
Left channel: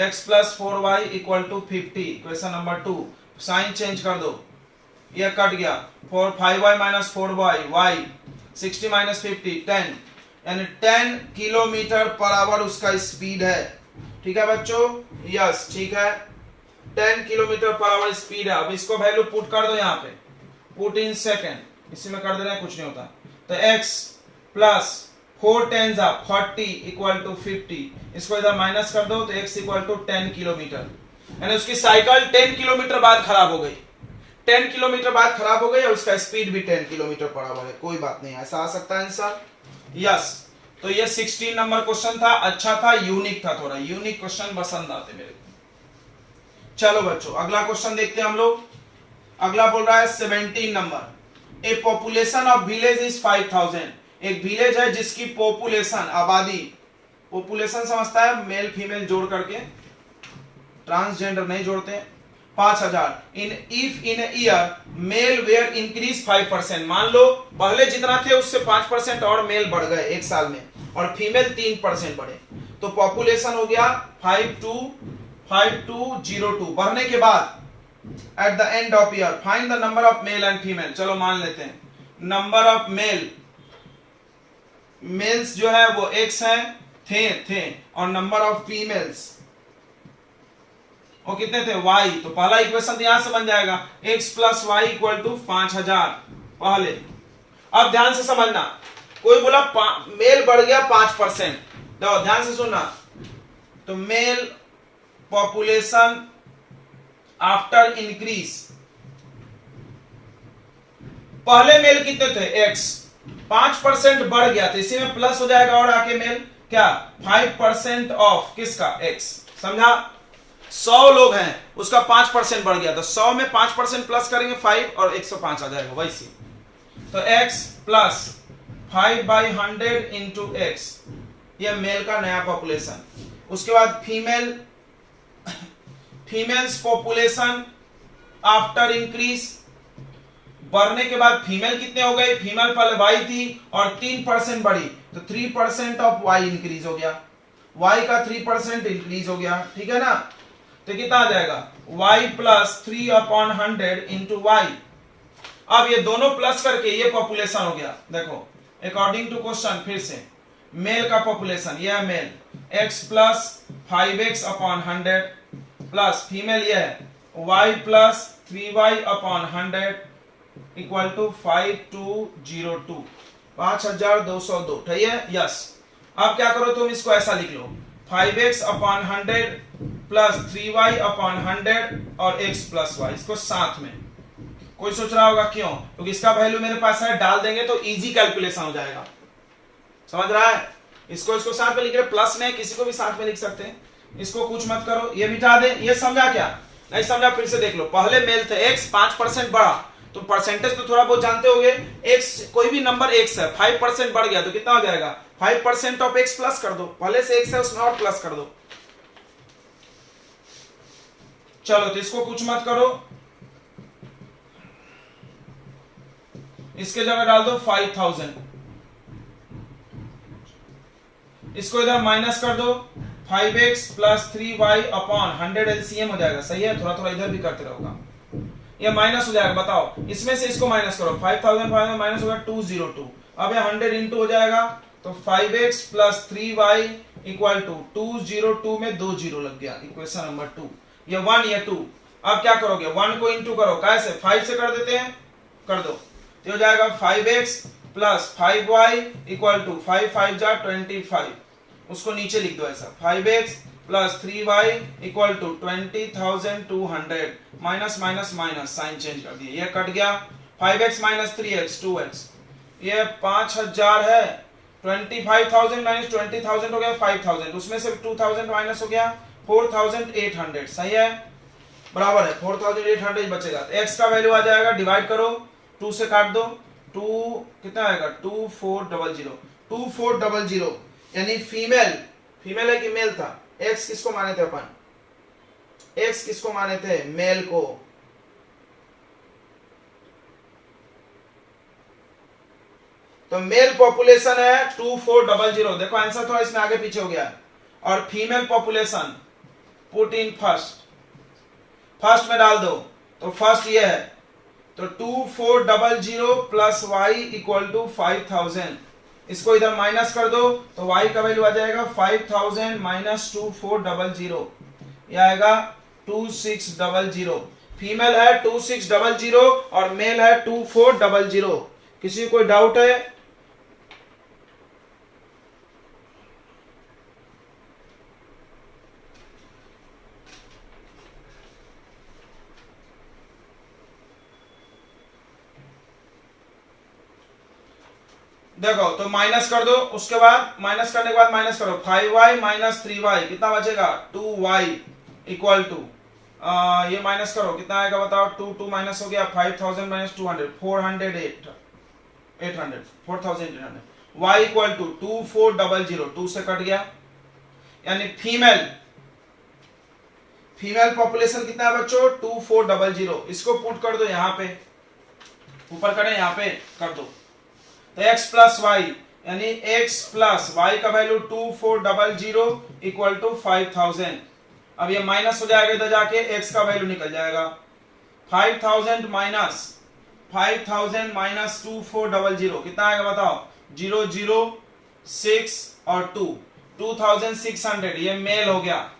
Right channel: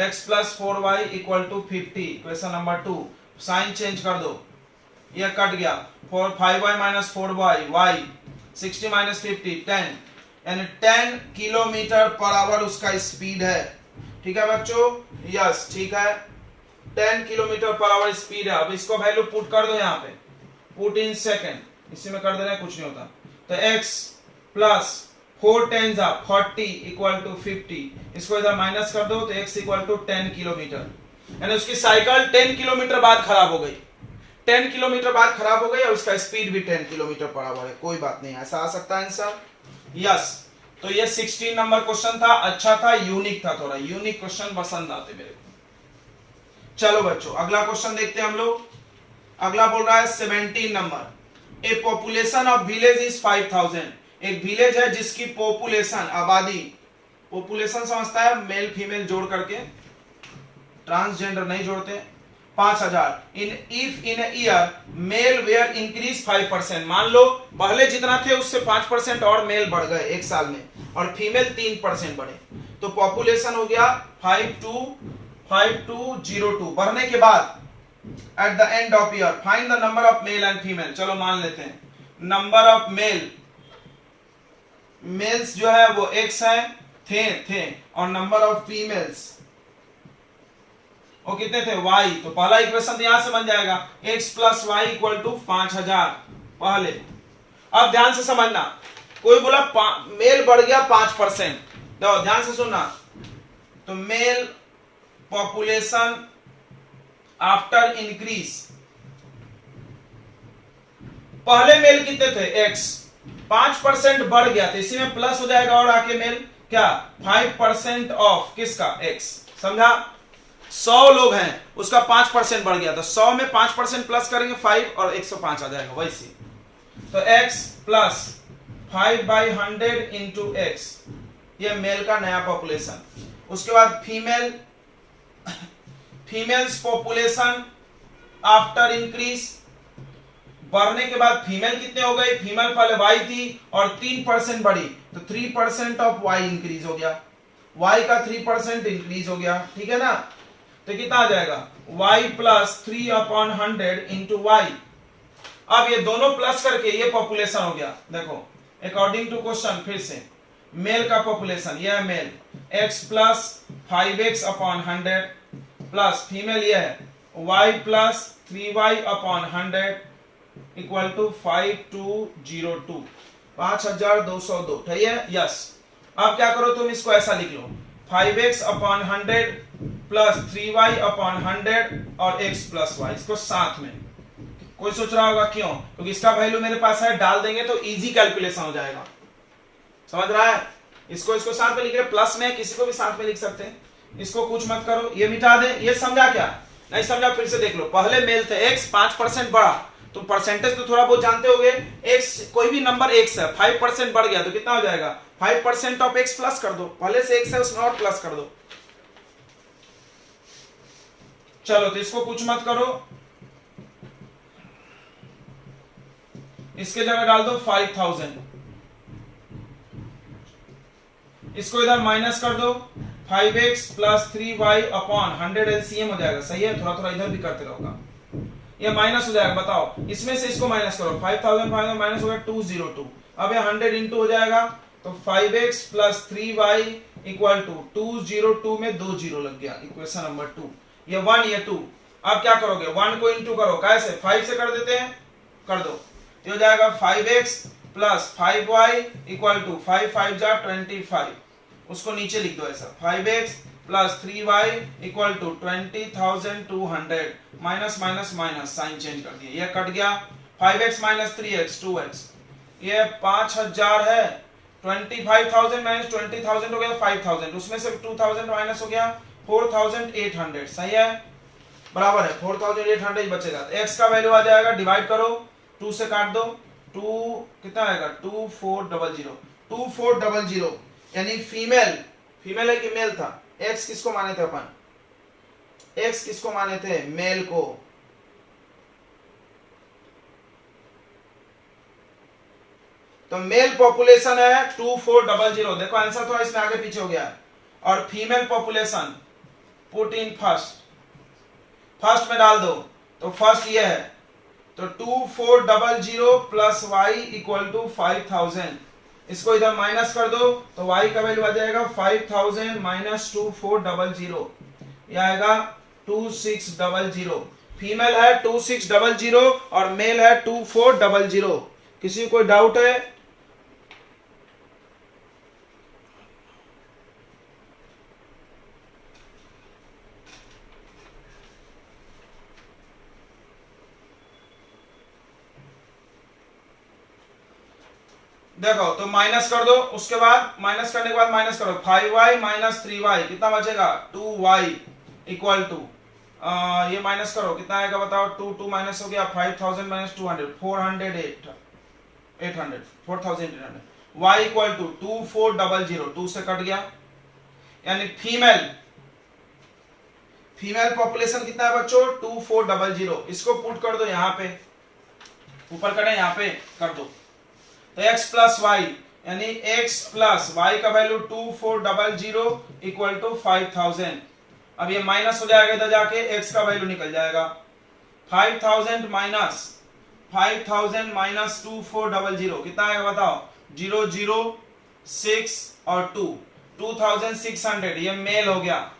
x plus 4y equal to 50, equation number 2। Sign change कर दो, ये कट गया, 5y minus 4y y 60 minus 50 10, यानी 10 किलोमीटर पर आवर उसका स्पीड है। ठीक है बच्चों, यस ठीक है, 10 किलोमीटर पर आवर स्पीड है। अब इसको वैल्यू पुट कर दो यहाँ पे, पुट इन सेकेंड, इसी में कर दे रहे हैं, कुछ नहीं होता। तो x प्लस 4 10 40 इक्वल टू 50, इसको इधर माइनस कर दो तो x इक्वल टू 10 किलोमीटर, यानी उसकी साइकिल 10 किलोमीटर बाद खराब हो गई, 10 किलोमीटर बाद खराब हो गई और उसका स्पीड भी 10 किलोमीटर पर आवर है। कोई बात नहीं, ऐसा आ सकता है आंसर, यस। तो ये 16 नंबर क्वेश्चन था, अच्छा था, यूनिक था, थोड़ा यूनिक क्वेश्चन पसंद आते मेरे को। चलो बच्चों अगला क्वेश्चन देखते हैं हम लोग। अगला बोल रहा है 17 number, A population of village is 5000। एक विलेज है जिसकी पॉपुलेशन आबादी, पॉपुलेशन समझता है मेल फीमेल जोड़ करके, ट्रांसजेंडर नहीं जोड़ते, 5000। If in year male were increase 5%, मान लो पहले जितना थे उससे 5% और मेल बढ़ गए एक साल में और फीमेल 3% बढ़े, तो पॉपुलेशन हो गया 5202। बढ़ने के बाद at the end of year find the number of male and female. चलो मान लेते हैं नंबर ऑफ मेल्स जो है वो x है, थे और नंबर ऑफ फीमेल्स वो कितने थे y। तो पहला इक्वेशन यहां से बन जाएगा x plus y equal to 5000 पहले। अब ध्यान से समझना, कोई बोला मेल बढ़ गया 5%, देखो ध्यान से सुनना, तो मेल पॉपुलेशन आफ्टर इंक्रीज, पहले मेल कितने थे x, 5% बढ़ गया तो इसी में प्लस हो जाएगा और आके मेल क्या 5% ऑफ किसका x, समझा। 100 लोग हैं उसका 5% बढ़ गया तो 100 में 5% प्लस करेंगे 5 और 105 आ जाएगा वैसे। तो x प्लस 5/100 इंटू x, ये मेल का नया पॉपुलेशन। उसके बाद फीमेल्स पॉपुलेशन आफ्टर इंक्रीज, बढ़ने के बाद फीमेल कितने हो गए, फीमेल पहले y थी और 3% बढ़ी तो 3% ऑफ y इंक्रीज हो गया, y का 3% इंक्रीज हो गया, ठीक है ना। तो कितना आ जाएगा y प्लस 3/100 इंटू y। अब ये दोनों प्लस करके ये पॉपुलेशन हो गया। देखो अकॉर्डिंग टू क्वेश्चन फिर से मेल का पॉपुलेशन, ये है male x plus 5x/100 plus female ये है y plus 3y/100 equal to 5202, 5202, ठीक है, यस। अब क्या करो तुम इसको ऐसा लिख लो, 5x/100 प्लस 3y/100 और x प्लस y, इसको साथ में। कोई सोच रहा होगा क्यों, क्योंकि इसका वैल्यू मेरे पास है, डाल देंगे तो इजी कैलकुलेशन हो जाएगा, समझ रहा है। इसको साथ में लिख रहे, प्लस में किसी को भी साथ में लिख सकते हैं, इसको कुछ मत करो, ये मिटा दे। ये समझा क्या, नहीं समझा फिर से देख लो। पहले मेल थे x, 5% बढ़ा तो परसेंटेज तो थोड़ा बहुत जानते होंगे, x कोई भी नंबर x है, 5% बढ़ गया तो कितना हो जाएगा 5% ऑफ x प्लस कर दो, पहले से x है उसमें और प्लस कर दो। चलो तो इसको कुछ मत करो, इसके जगह डाल दो 5000, इसको इधर माइनस कर दो, 5x प्लस 3y/100 एलसीएम हो जाएगा, सही है। थोड़ा थोड़ा इधर भी करते रहोगा, ये माइनस हो जाएगा। बताओ इसमें से इसको माइनस करो, 5000 माइनस होगा 202, अब ये 100 इंटू हो जाएगा तो 5x plus 3y equal to 202 में 2 जीरो लग गया, इक्वेशन नंबर 2। ये 1 ये 2, अब क्या करोगे 1 को इंटू करो, कैसे 5 से कर देते हैं, कर दो, ये हो जाएगा 5x plus 5y equal to 5 5 जा 25, उसको नीचे लिख दो ऐसा, 5x plus 3y equal to 20,200 minus minus minus sign change कर दिया, ये कट गया। 5x माइनस 3x 2x, ये 5000 है, 25,000 माइनस 20,000 हो गया 5,000, उसमें से 2,000 माइनस हो गया 4,800, सही है, बराबर है 4,800 बचेगा। तो x का वैल्यू आ जाएगा, डिवाइड करो 2 से काट दो, 2 कितना आएगा 2400, 2400 यानी फीमेल है कि मेल था? x किसको माने थे अपन? x किसको माने थे? मेल को। तो मेल पॉपुलेशन है 2400, देखो आंसर थोड़ा इसमें आगे पीछे हो गया है। और female population put in first में डाल दो, तो फर्स्ट ये है, तो 2400 प्लस y इक्वल टू 5,000, इसको इधर माइनस कर दो तो y का वैल्यू आ जाएगा 5,000 माइनस 2400, यह आएगा 2600। फीमेल है 2600 और मेल है 2400। किसी कोई डाउट है? देखो तो माइनस कर दो, उसके बाद माइनस करने के बाद माइनस करो, 5y माइनस 3y कितना बचेगा 2y इक्वल टू, ये माइनस करो कितना आएगा बताओ, 2 माइनस हो गया 5,000 माइनस 200 4,800 y इक्वल टू 2400, 2 से कट गया, यानी फीमेल पॉपुलेशन कितना है बच्चों 2400, इसको पुट कर दो यहाँ पे, ऊपर करें यहाँ पे कर दो, तो x प्लस वाई यानी x प्लस वाई का वैल्यू 2400 इक्वल टू 5,000। अब ये माइनस हो जाएगा इधर जाके, x का वैल्यू निकल जाएगा 5,000 माइनस 2400 कितना आएगा बताओ, 006 और 2600, ये मेल हो गया।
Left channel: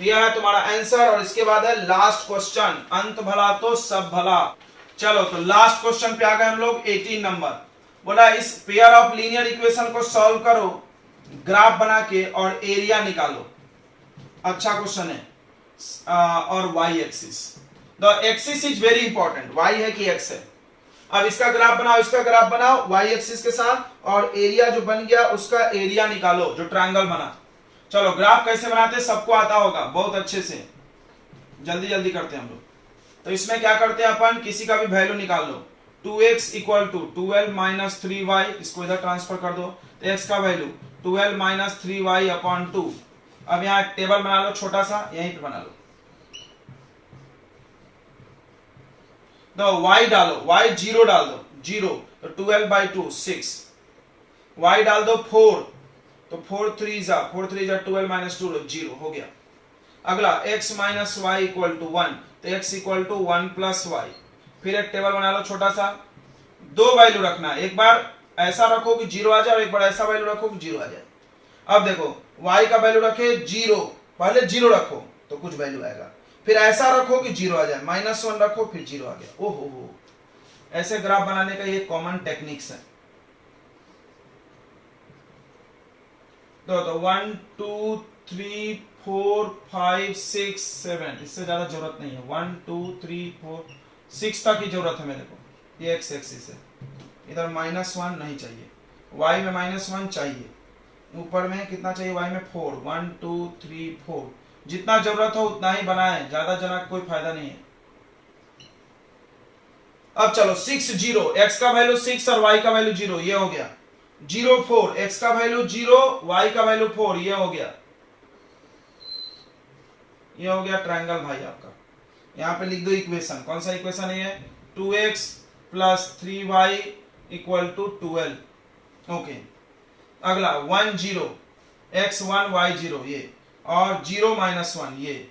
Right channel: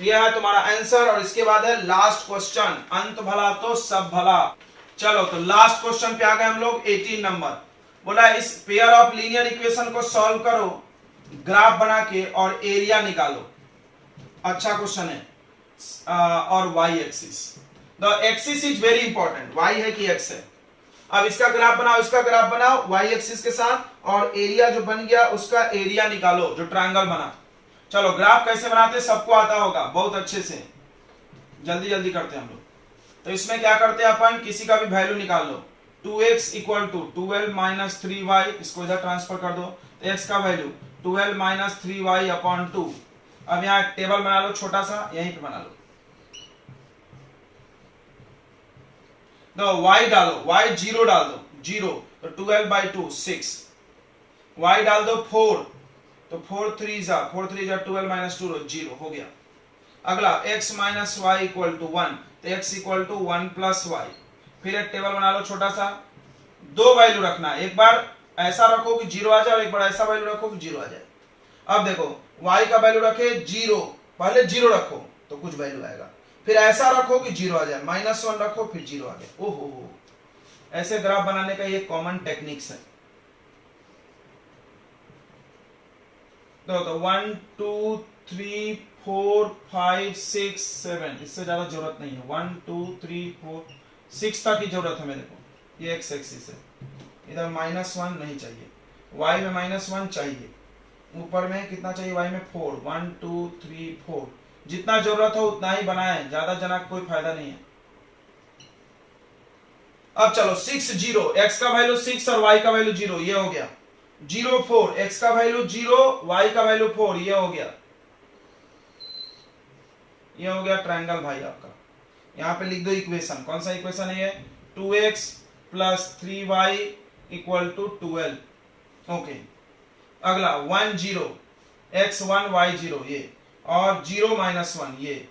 यह है तुम्हारा आंसर। और इसके बाद है लास्ट क्वेश्चन, अंत भला तो सब भला। चलो तो लास्ट क्वेश्चन पे आ गए हम लोग, 18 नंबर। बोला इस पेयर ऑफ लीनियर इक्वेशन को सॉल्व करो ग्राफ बना के और एरिया निकालो। अच्छा क्वेश्चन है। और y axis, the axis is very important, y है कि x है। अब इसका ग्राफ बनाओ, इसका ग्राफ बनाओ y एक्सिस के साथ, और एरिया जो बन गया उसका एरिया निकालो जो ट्रायंगल बना। चलो ग्राफ कैसे बनाते सबको आता होगा बहुत अच्छे से, जल्दी जल्दी करते हैं हम लोग। तो इसमें क्या करते हैं अपन, किसी का भी वैल्यू निकाल लो, 2x equal to 12 minus 3y, इसको इधर ट्रांसफर कर दो, तो x का वैल्यू 12 माइनस 3y अपॉन 2। अब यहाँ एक टेबल बना लो छोटा सा, यहीं पे बना लो, तो y डालो, y 0 डाल दो, 0 तो 12/2 6, y डाल दो 4, तो 4 3 जा 12 माइनस 2 0 हो गया। अगला x minus y equal to 1, तो x equal to 1 plus y. फिर एक टेबल बना लो छोटा सा, दो वैल्यू रखना है, एक बार ऐसा रखो कि 0 आ जाए, एक बार ऐसा वैल्यू रखो कि 0 आ जाए। अब देखो y का वैल्यू रखे 0, पहले 0 रखो तो कुछ वैल्यू आएगा, फिर ऐसा रखो कि 0 आ जाए, -1 रखो फिर 0 आ गया। ओहो, ऐसे ग्राफ बनाने का ये कॉमन टेक्निक्स है। तो 1 2 3 4 5 6 7, इससे ज्यादा जरूरत नहीं है, 1 2 3 4 6 तक की जरूरत है मेरे को। ये x एक्सिस है, इधर -1 नहीं चाहिए, y में -1 चाहिए, ऊपर में कितना चाहिए y में 4, 1 2 3 4, जितना जरूरत हो उतना ही बनाए, ज्यादा जना कोई फायदा नहीं है। अब चलो 6 0, x का वैल्यू 6 और y का वैल्यू 0, ये हो गया। 0 4, x का वैल्यू 0, y का वैल्यू 4, ये हो गया। ये हो गया ट्रायंगल भाई आपका। यहां पे लिख दो इक्वेशन, कौन सा इक्वेशन है ये, 2x plus 3y equal to 12। Okay, अगला 1 0, x 1 y 0, ये, और 0 -1 ये।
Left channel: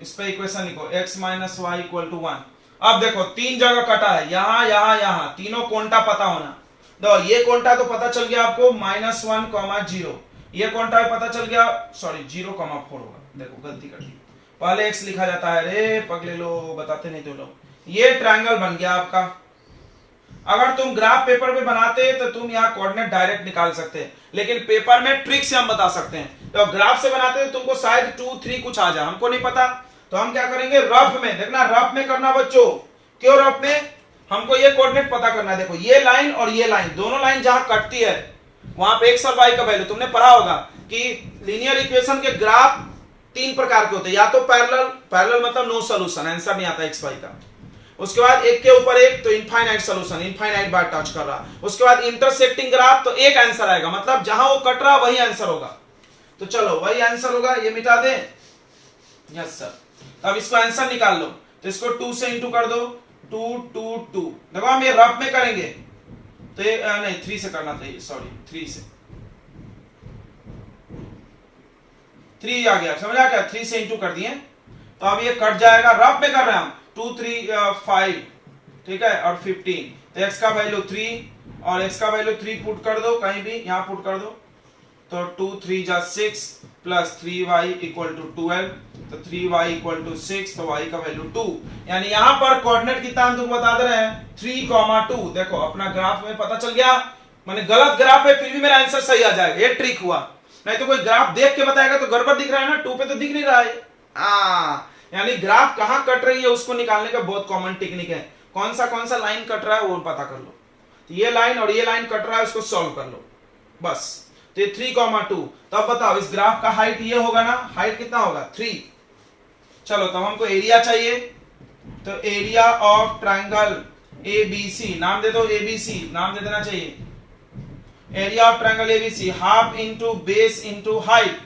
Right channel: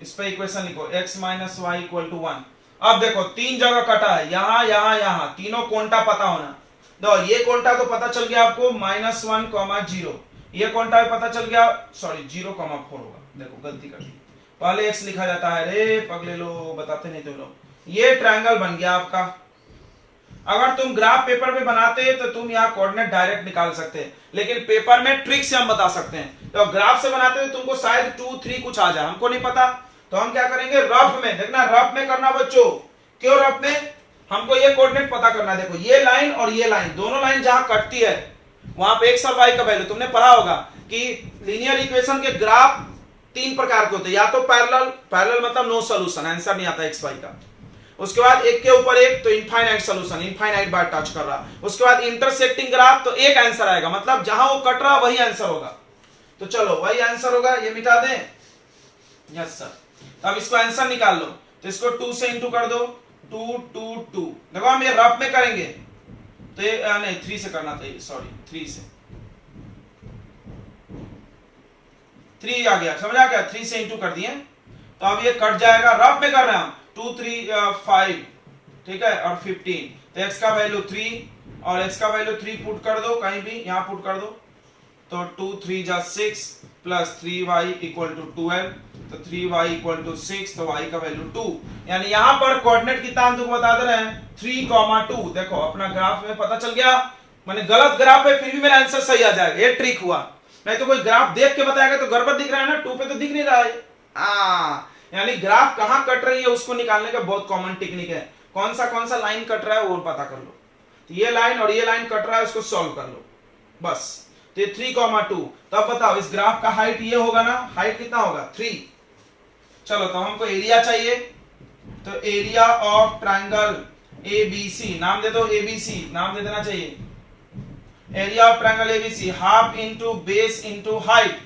इस पे इक्वेशन लिखो, x minus y equal to 1। अब देखो 3 जगह कटा है, यहां यहां यहां, तीनों कोंटा पता होना। तो ये कोंटा तो पता चल गया आपको, -1, 0, ये कोंटा भी पता चल गया, सॉरी 0,4 होगा, देखो गलती कर दी, पहले x लिखा जाता है, रे पगले लो, बताते नहीं तो लोग। ये ट्रायंगल बन गया आपका। अगर तुम ग्राफ पेपर पे बनाते तो तुम यहाँ कोऑर्डिनेट डायरेक्ट निकाल सकते हैं, लेकिन पेपर में ट्रिक से हम बता सकते हैं। तो ग्राफ से बनाते तो तुमको शायद 2, 3 कुछ आ जाए, हमको नहीं पता। तो हम क्या करेंगे, रफ में देखना, रफ में करना बच्चों। क्यों रफ में? हमको ये कोऑर्डिनेट पता करना। देखो ये लाइन और ये लाइन, दोनों लाइन जहां कटती है वहां पे एक्स और वाई का वैल्यू, तुमने पढ़ा होगा कि लीनियर इक्वेशन के ग्राफ 3 प्रकार के होते हैं, या तो पैरेलल मतलब नो सॉल्यूशन, आंसर नहीं आता एक्स वाई का। उसके बाद एक के ऊपर एक, तो इनफाइनाइट सॉल्यूशन, इनफाइनाइट बार टच कर रहा। उसके बाद इंटरसेक्टिंग ग्राफ, तो एक आंसर आएगा, मतलब जहां वो कट रहा वही आंसर होगा। तो चलो वही आंसर होगा, ये मिटा दें। Yes sir. अब इसको आंसर निकाल लो, तो इसको 2 से इंटू कर दो, 2 2 2। देखो हम ये रफ में करेंगे तो ये नहीं 3 से करना था, सॉरी 3 से, 3 आ गया, समझा क्या? 3 से इंटू कर दिए, तो अब ये कट जाएगा। रफ में कर रहे हैं हम, 2 3 5, ठीक है, और 15। तो x का वैल्यू 3 और x का वैल्यू 3 पुट कर दो, कहीं भी यहां पुट कर दो। तो 2 3 जा 6 प्लस 3y इक्वल टू 12, तो 3y इक्वल टू 6, तो y का वैल्यू 2। यानी यहां पर कोऑर्डिनेट कितना हम तुमको बता दे रहे हैं, 3,2। देखो अपना ग्राफ में पता चल गया, मैंने गलत ग्राफ है फिर भी मेरा आंसर सही आ जाएगा, ये ट्रिक हुआ। नहीं तो कोई ग्राफ देख के बताएगा तो गड़बड़ दिख रहा है ना, 2 पे तो दिख नहीं रहा है। यानी ग्राफ कहां कट रही है उसको निकालने का बहुत कॉमन टेक्निक है। कौन सा लाइन कट रहा है वो पता कर लो, तो ये लाइन और ये लाइन कट रहा है, उसको सॉल्व कर लो बस। तो ये 3,2। तो अब बताओ इस ग्राफ का हाइट ये होगा ना, हाइट कितना होगा 3। चलो तो हमको एरिया चाहिए, तो एरिया ऑफ ट्रायंगल एबीसी, नाम दे दो एबीसी, नाम दे देना चाहिए। Area of triangle ABC half into base into height,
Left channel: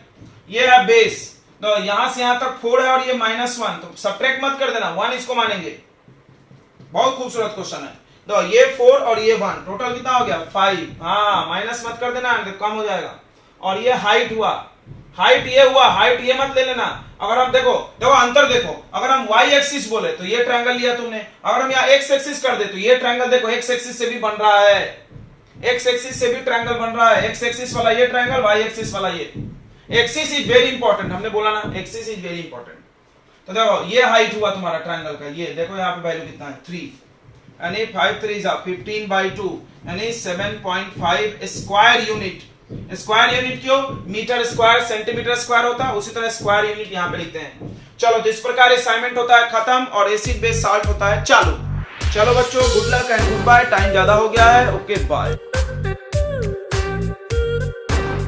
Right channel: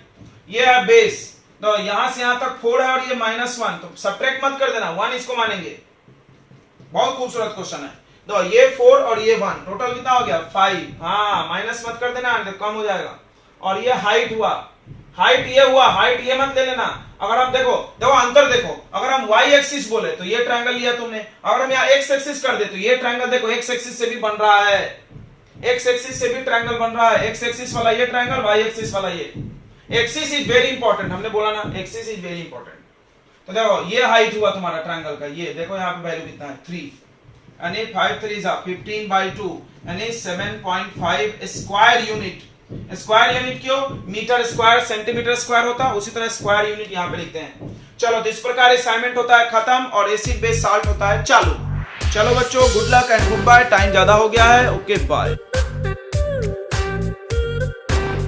ये है बेस। तो यहां से यहां तक 4 है और ये -1, तो सब्ट्रैक्ट मत कर देना, 1 इसको मानेंगे। बहुत खूबसूरत क्वेश्चन है। तो ये 4 और ये 1, टोटल कितना हो गया 5। हाँ माइनस मत कर देना, कम हो जाएगा। और ये हाइट हुआ, हाइट ये हुआ, हाइट ये मत ले लेना। अगर हम देखो अंतर देखो, अगर हम y एक्सिस बोले तो ये ट्रायंगल लिया तुमने, अगर हम यहाँ x एक्सिस कर दे तो ये ट्रायंगल देखो x एक्सिस से भी बन रहा है, x एक्सिस से भी ट्रायंगल बन रहा है। x एक्सिस वाला ये ट्रायंगल, y एक्सिस वाला ये। एक्सिस इज वेरी इंपॉर्टेंट, हमने बोला ना एक्सिस इज वेरी इंपॉर्टेंट। तो देखो ये हाइट हुआ तुम्हारा ट्रायंगल का, ये देखो यहाँ पे वैल्यू कितना है 3, यानी 5 3 15/2, यानी 7.5 स्क्वायर यूनिट। स्क्वायर यूनिट क्यों? मीटर स्क्वायर सेंटीमीटर स्क्वायर होता है, उसी तरह स्क्वायर यूनिट यहाँ पे लिखते हैं। चलो तो इस प्रकार असाइनमेंट होता है खत्म और एसिड बेस साल्ट होता है चालू। चलो बच्चों good luck and goodbye, time ज्यादा हो गया है, ओके बाय।